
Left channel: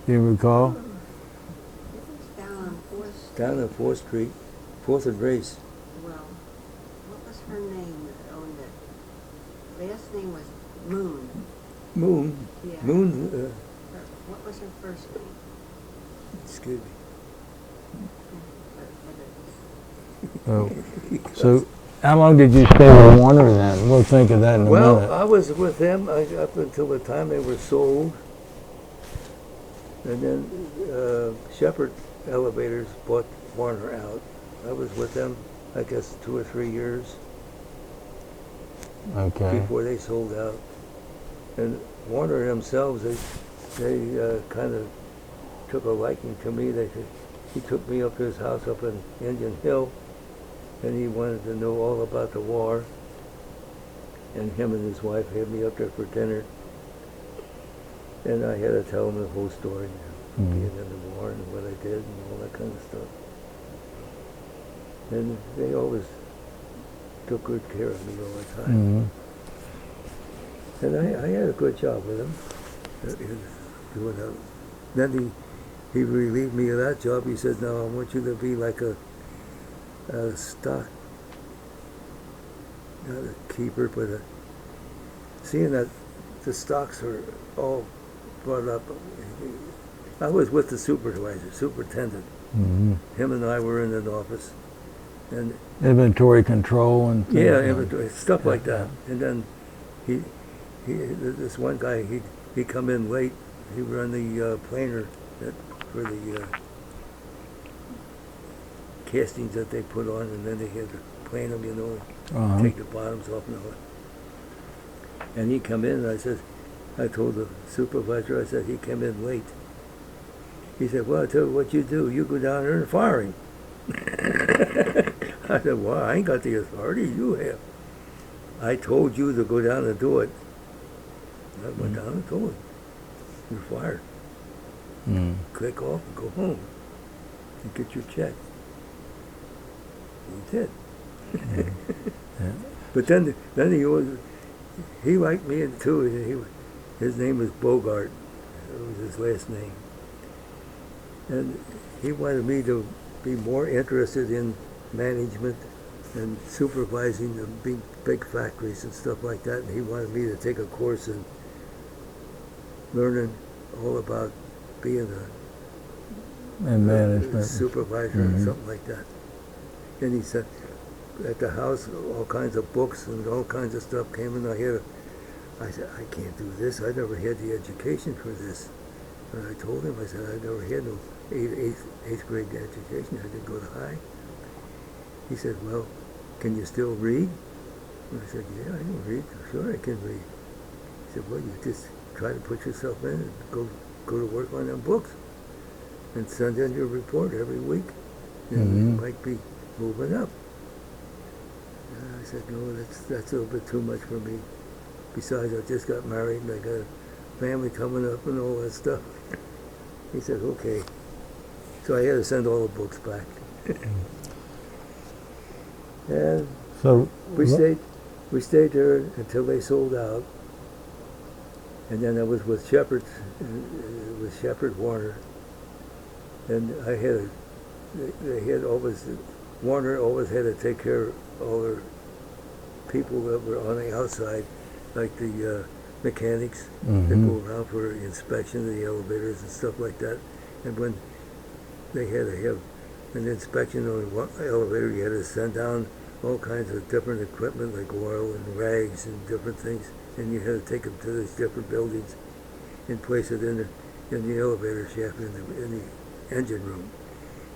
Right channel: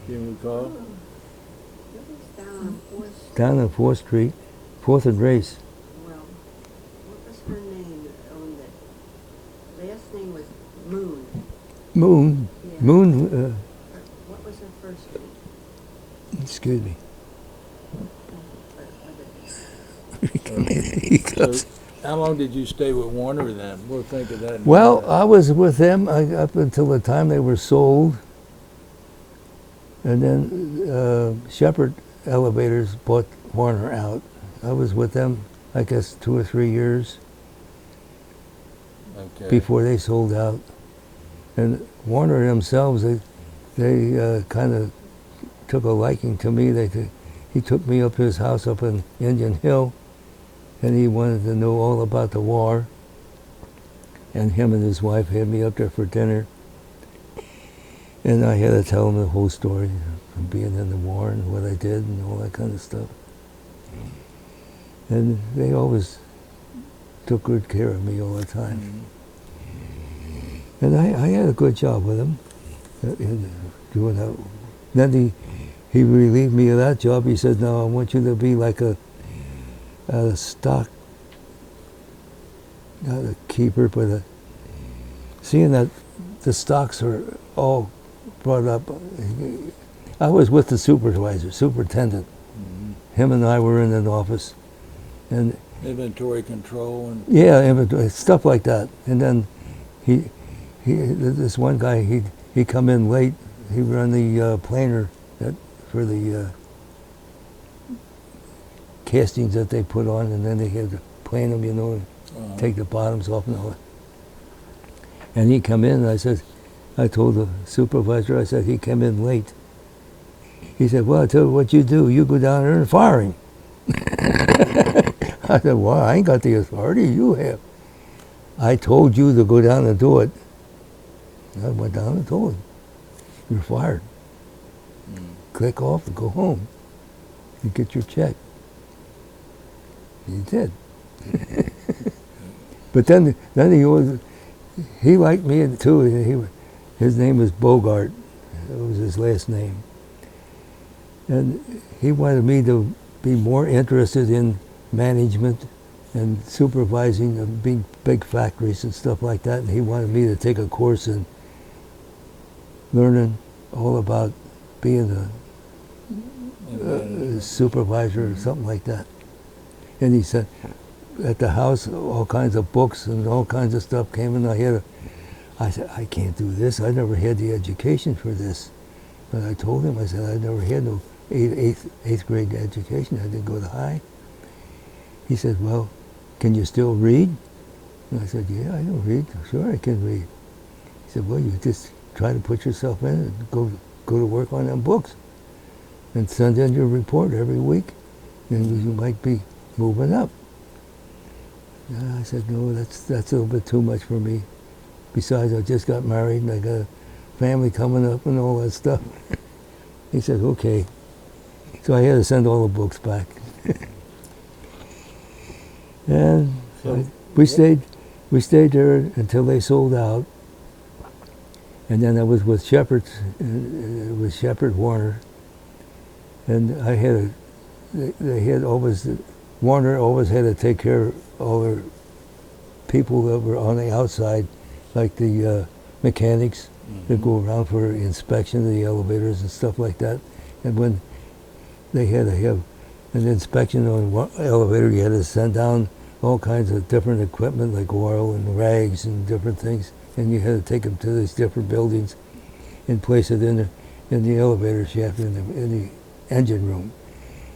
Do you recall? It was down on 4th. Down on 4th Street, 4th and Race. Well, what was her name that owned it? Last name was Moon. Moon. Yeah. Moon. What was her first name? Excuse me. So how long did you stay with Warner then? We'll think of that in a Well, minute. I was with them up until the time they were sold. And then Shepherd Elevators bought Warner out. I was with them, I guess, 2 or 3 years Okay. before they sold out. And Warner themselves, they kind of took a liking to me. He took me up to his house up in Indian Hill, and he wanted to know all about the war. And him and his wife had me up there for dinner. And I had to tell him the whole story, being in the war and what I did and all that kind of stuff. And they always took good care of me all the time. Mhm. And I had a good job with him, doing that. Then he relieved me of that job. He said, "No, I want you to be like a stock, not a keeper, but seeing that the stocks are all brought up." I was with the superintendent. Mhm. Him and I were in an office, and Inventory control and inventory, stuff like that. And then this one guy, he come in late. He ran the planer for the castings that they put on, and then they had to plane them, you know, Uh-huh. take the bottoms off and all that. And he come in, and I told the supervisor, I said, he came in late. He said, well, I tell you what you do, you go down there and fire him. I said, well, I ain't got the authority, you have. I told you to go down and do it. I went down and told him, you're fired. Click off and go home and get your check. He did. But then he liked me too. His name was Bogart. That was his last name. And he wanted me to be more interested in management and supervising of big factories and stuff like that. And he wanted me to take a course in learning all about being a supervisor or something like that. And he said, at the house, all kinds of books and all kinds of stuff came in. I said, I can't do this. I never had the education for this. And I told him, I said, I never had no eighth grade education. I didn't go to high. He said, well, can you still read? And I said, yeah, I can read. Sure, I can read. He said, well, you just try to put yourself in and go to work on them books and send in your report every week, and you might be moving up. And I said, no, that's a little bit too much for me. Besides, I just got married and I got a family coming up and all that stuff. He said, okay. So I had to send all the books back. And So we stayed there until they sold out. And then I was with Shepard Warner. And Warner always had to take care of all their people that were on the outside, like the mechanics that go around for inspection of the elevators and stuff like that. And when they had to have an inspection on one elevator, you had to send down all kinds of different equipment like oil and rags and different things, and you had to take them to these different buildings and place it in the elevator shaft in the engine room.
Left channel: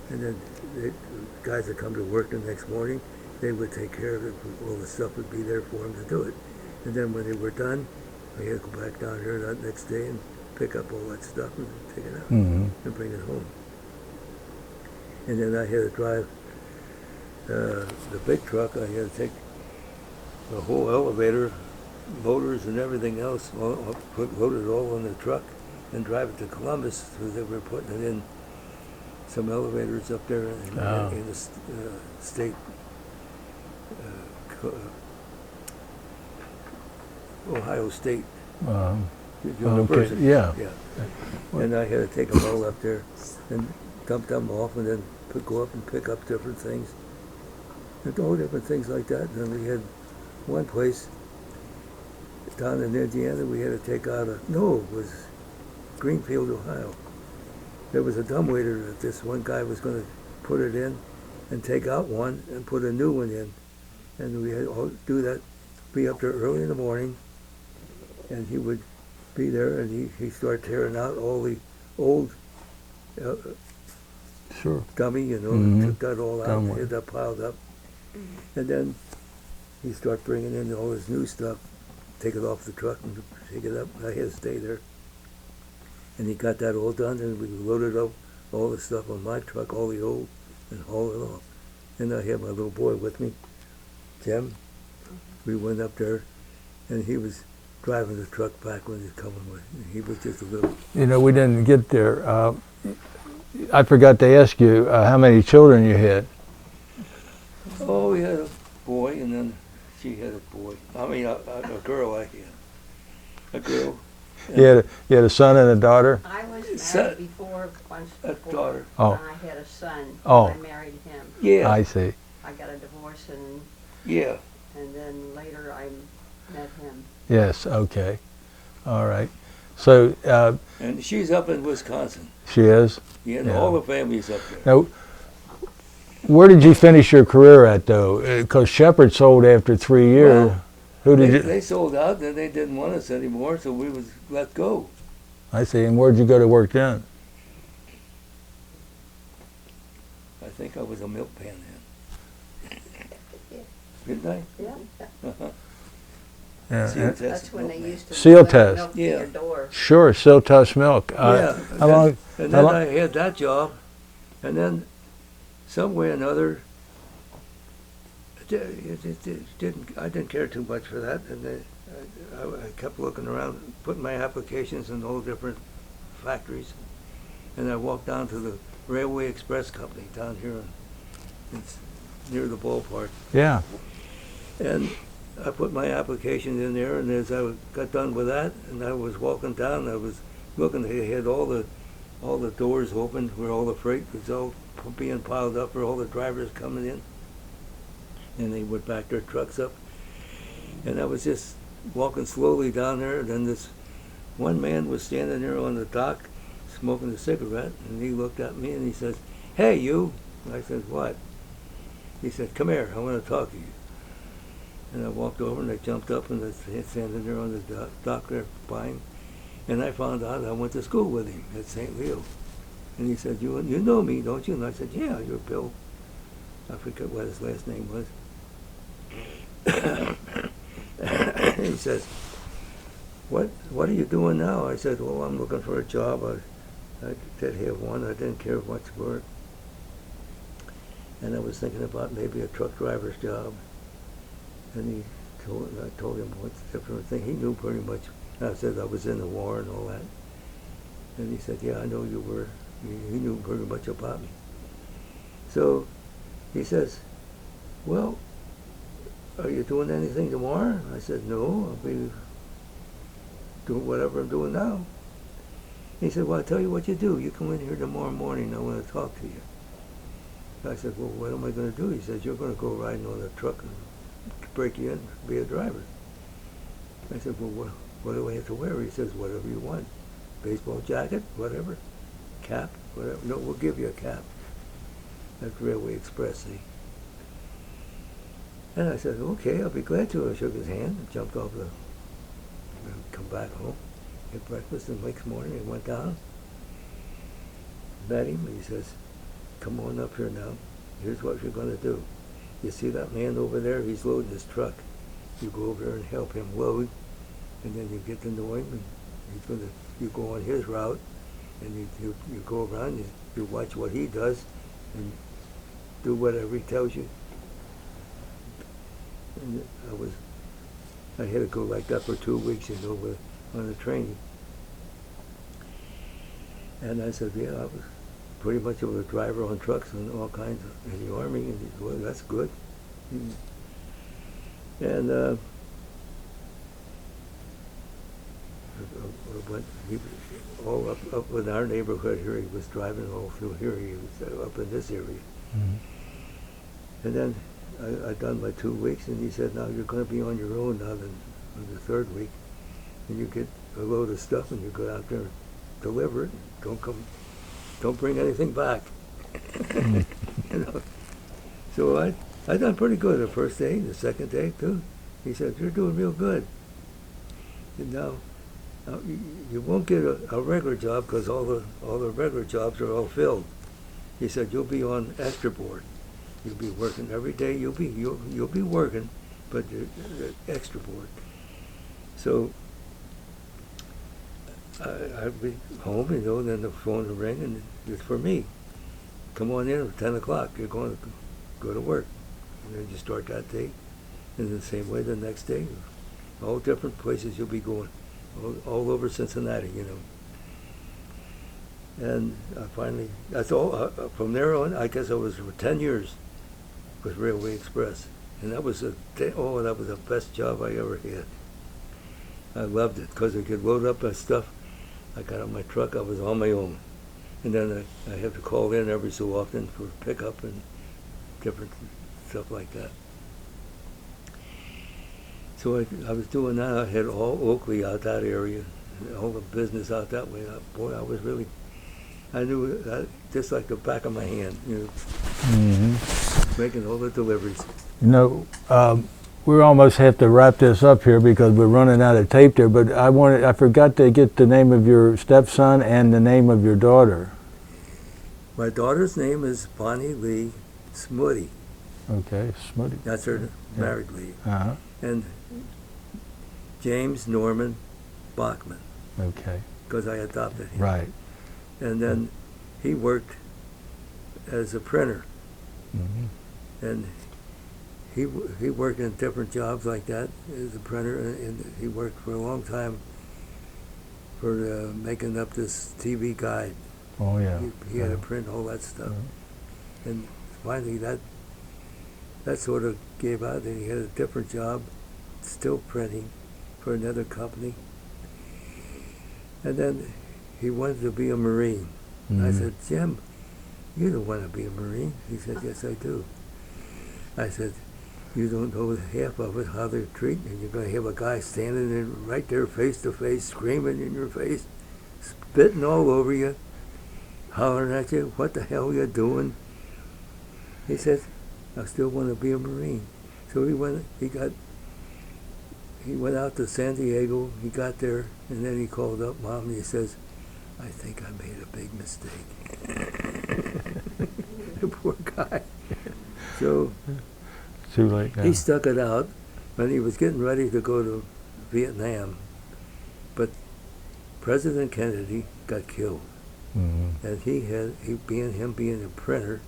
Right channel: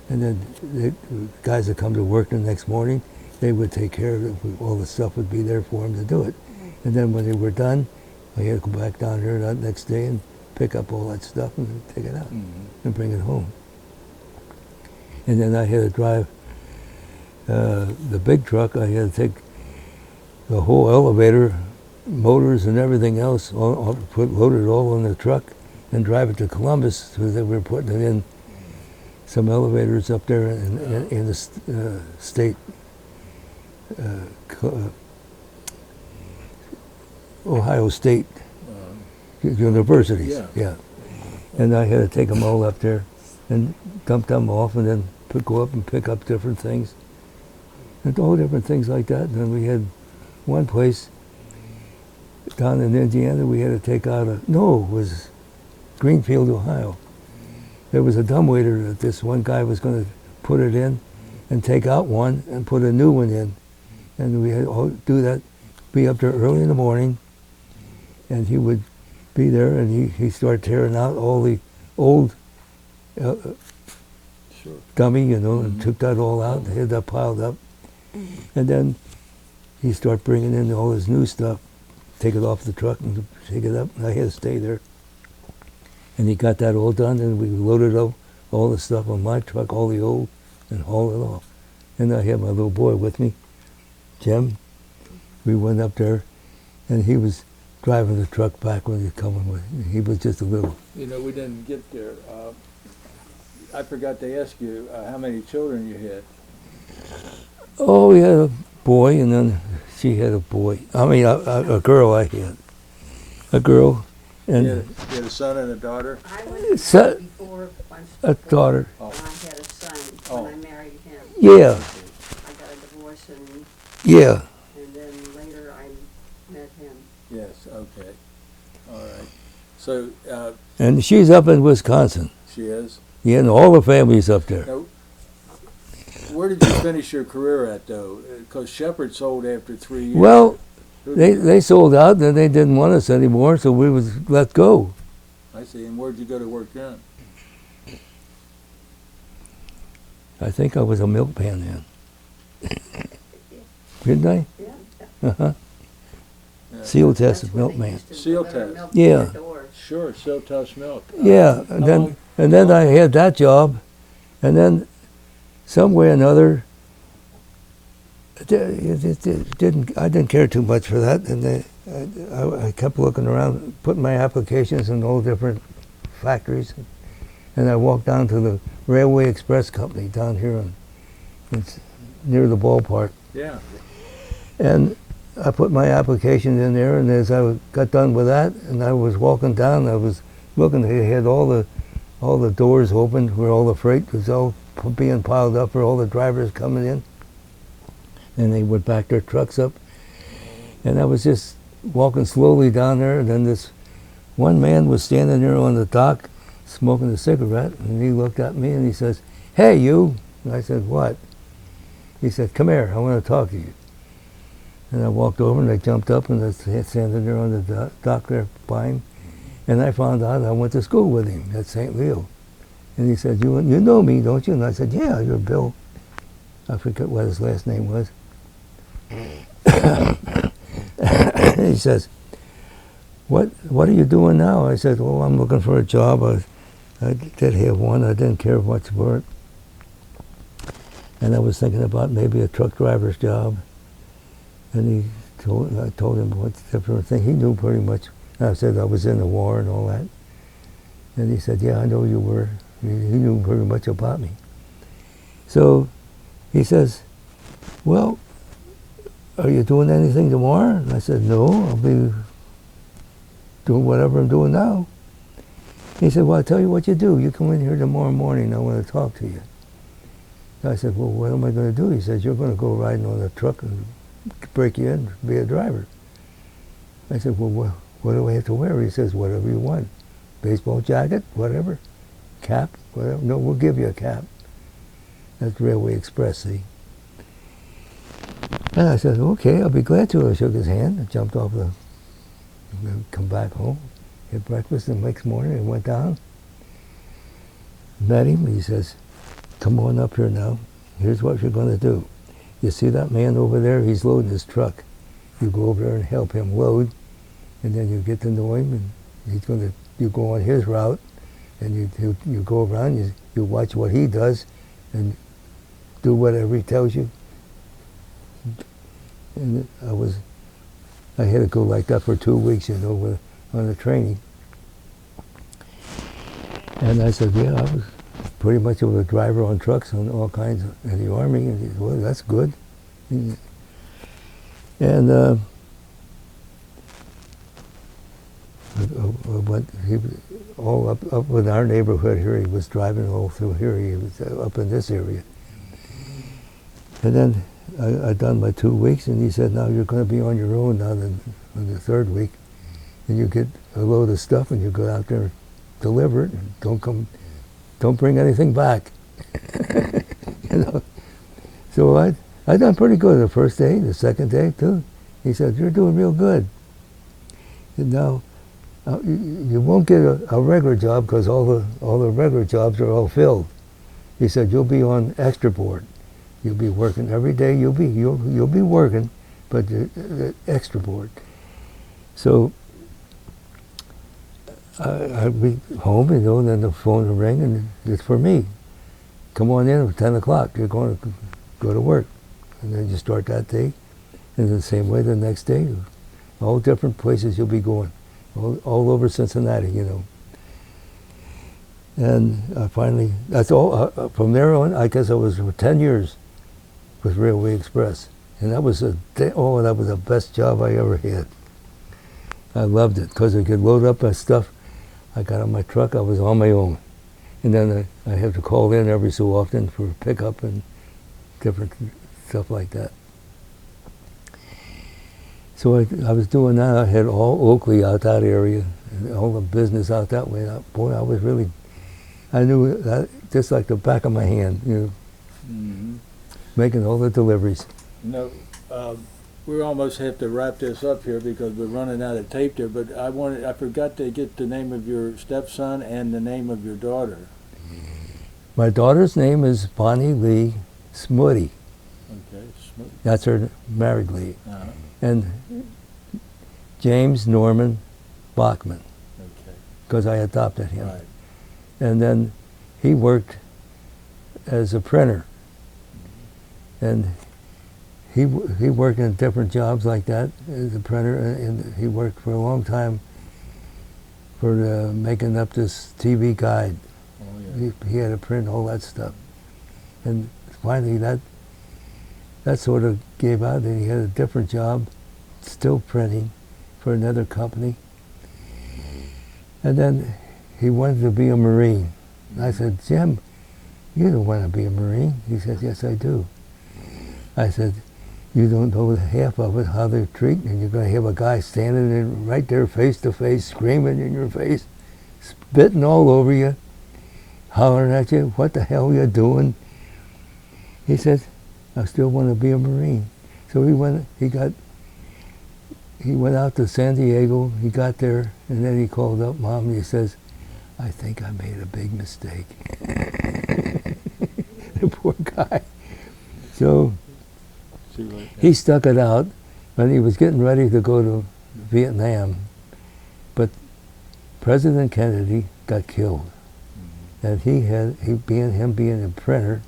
And then the guys that come to work the next morning, they would take care of it. All the stuff would be there for them to do it. And then when they were done, I had to go back down there that next day and pick up all that stuff and take it out and bring it home. And then I had to drive the big truck. I had to take the whole elevator, motors and everything else, load it all in the truck and drive it to Columbus, because they were putting it in some elevators up there in the state Ohio State University. Okay. Yeah. And I had to take them all up there and dump them off, and then go up and pick up different things, and all different things like that. And then we had one place down in Indiana we had to take out it was Greenfield, Ohio. There was a dumbwaiter that this one guy was going to put it in and take out one and put a new one in. And we had to do that, be up there early in the morning, and he would be there, and he'd start tearing out all the old dummy, and took that all out, and had that piled up. And then he'd start bringing in all his new stuff, take it off the truck and take it up. I had to stay there. And he got that all done, and we loaded up all the stuff on my truck, all the old, and hauled it off. And I had my little boy with me, Jim. We went up there, and he was driving the truck back when he was coming with. He was just a little. You know, we didn't get there. I forgot to ask you how many children you had. Oh, we had a boy, and then she had a boy. I mean, a girl I had. A girl. You had a son and a daughter? I was married before, once A before, daughter. Oh. and I had a son. Oh. I married him. Yeah. I see. I got a divorce, and Yeah. then later I met him. Yes, okay. All right. So And she's up in Wisconsin. she is? Yeah, and all the family's up there. Now, where did you finish your career at, though? Because Shepard sold after 3 years. Well, Who did you? they sold out, and they didn't want us anymore, so we was let go. I see. And where'd you go to work then? I think I was a milkman then. Didn't I? Yeah. Uh-huh. Yeah. Seal That's test when they milkman. used to Seal deliver test. milk to Yeah. your door. Sure, Siltos Milk. Yeah, How long? and then how long- I had that job, and then some way or another, It didn't. I didn't care too much for that, and I kept looking around, putting my applications in all different factories, and I walked down to the Railway Express Company down here, it's near the ballpark, Yeah. and I put my application in there. And as I got done with that, and I was walking down, I was looking. They had all the doors open where all the freight was all being piled up for all the drivers coming in. And they would back their trucks up. And I was just walking slowly down there, and then this one man was standing there on the dock smoking a cigarette, and he looked at me and he says, "Hey, you." And I said, "What?" He said, "Come here, I want to talk to you." And I walked over and I jumped up and I was standing there on the dock there by him. And I found out I went to school with him at St. Leo. And he said, you know me, don't you?" And I said, "Yeah, you're Bill." I forget what his last name was. He says, what are you doing now?" I said, "Well, I'm looking for a job. I did have one. I didn't care much for it. And I was thinking about maybe a truck driver's job." And I told him what different thing. He knew pretty much. I said I was in the war and all that. And he said, "Yeah, I know you were." He knew pretty much about me. So he says, "Well, are you doing anything tomorrow?" And I said, "No, I'll be doing whatever I'm doing now." He said, "Well, I'll tell you what you do. You come in here tomorrow morning. I want to talk to you." I said, "Well, what am I going to do?" He says, "You're going to go riding on a truck and break you in, be a driver." I said, "Well, what do I have to wear?" He says, "Whatever you want. Baseball jacket, whatever. Cap, whatever. No, we'll give you a cap." That's Railway Express, see? And I said, "Okay, I'll be glad to." I shook his hand and jumped off come back home, had breakfast the next morning, and went down. Met him. He says, "Come on up here now. Here's what you're going to do. You see that man over there? He's loading his truck. You go over there and help him load, and then you get to know him, and you go on his route, and you go around, you watch what he does, and do whatever he tells you." And I had to go like that for 2 weeks, on the training. And I said, "Yeah, I was pretty much of a driver on trucks and all kinds in the Army." And he said, "Well, that's good." And but he was all up in our neighborhood here. He was driving all through here. He was up in this area. And then I done my 2 weeks, and he said, "Now you're going to be on your own now in the third week. And you get a load of stuff, and you go out there and deliver it, and don't bring anything back." So I done pretty good the first day, the second day too. He said, "You're doing real good. And now you won't get a regular job because all the regular jobs are all filled." He said, "You'll be on extra board. You'll be working every day. You'll be working, but you're extra board." So I'd be home, and then the phone would ring, and it's for me. "Come on in at 10 o'clock. You're going to go to work." And then you start that day. And the same way the next day. All different places you'll be going. All over Cincinnati, And finally, that's all. From there on, I guess I was for 10 years with Railway Express. And that was that was the best job I ever had. I loved it because I could load up my stuff. I got on my truck. I was on my own. And then I had to call in every so often for pickup and different stuff like that. So I was doing that. I had all Oakley out that area, and all the business out that way. Boy, I knew that just like the back of my hand, making all the deliveries. We almost have to wrap this up here because we're running out of tape there, but I forgot to get the name of your stepson and the name of your daughter. My daughter's name is Bonnie Lee Smutty. Okay, Smutty. That's her married Lee. Uh-huh. And James Norman Bachman. Okay. Because I adopted him. Right. And then he worked as a printer. And he worked in different jobs like that as a printer, and he worked for a long time for making up this TV guide. Oh, yeah. He had to print all that stuff. And finally that sort of gave out, and he had a different job, still printing for another company. And then he wanted to be a Marine. Mhm. I said, Jim, you don't want to be a Marine. He said, yes, I do. I said, you don't know half of it, how they're treating, and you're going to have a guy standing there right there face to face, screaming in your face, spitting all over you, hollering at you, what the hell are you doing? He says, I still want to be a Marine. So he went out to San Diego, he got there, and then he called up Mom and he says, I think I made a big mistake. The poor guy. So Too late now. he stuck it out when he was getting ready to go to Vietnam. But President Kennedy got killed. Mhm. And him being a printer,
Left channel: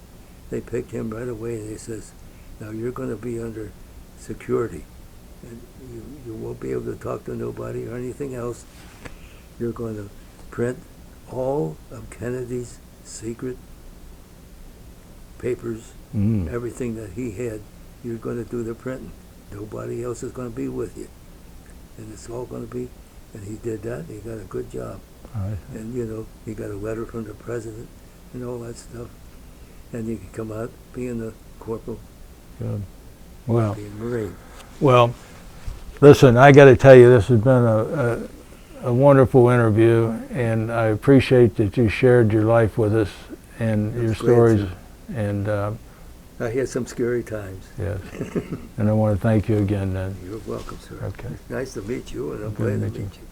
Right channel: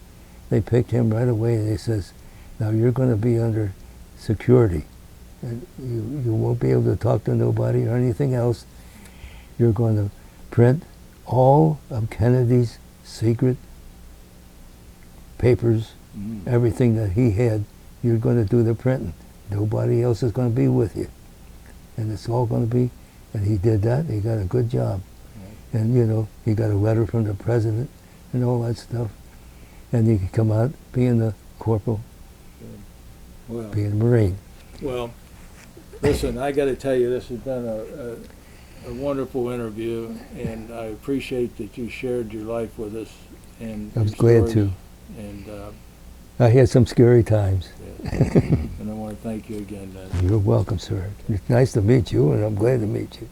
they picked him right away and they says, now you're going to be under security. And you won't be able to talk to nobody or anything else. You're going to print all of Kennedy's secret papers, Mm. everything that he had, you're going to do the printing. Nobody else is going to be with you. And it's all going to be, and he did that, and he got a good job. Right. And, he got a letter from the president and all that stuff. And he could come out being the corporal, Well, being a Marine. well, listen, I got to tell you, this has been a wonderful interview, and I appreciate that you shared your life with us and I was your glad stories. to. And I had some scary times. yes, and I want to thank you again. Then. You're welcome, sir. Okay. It's nice to meet you, and I'm glad to meet you.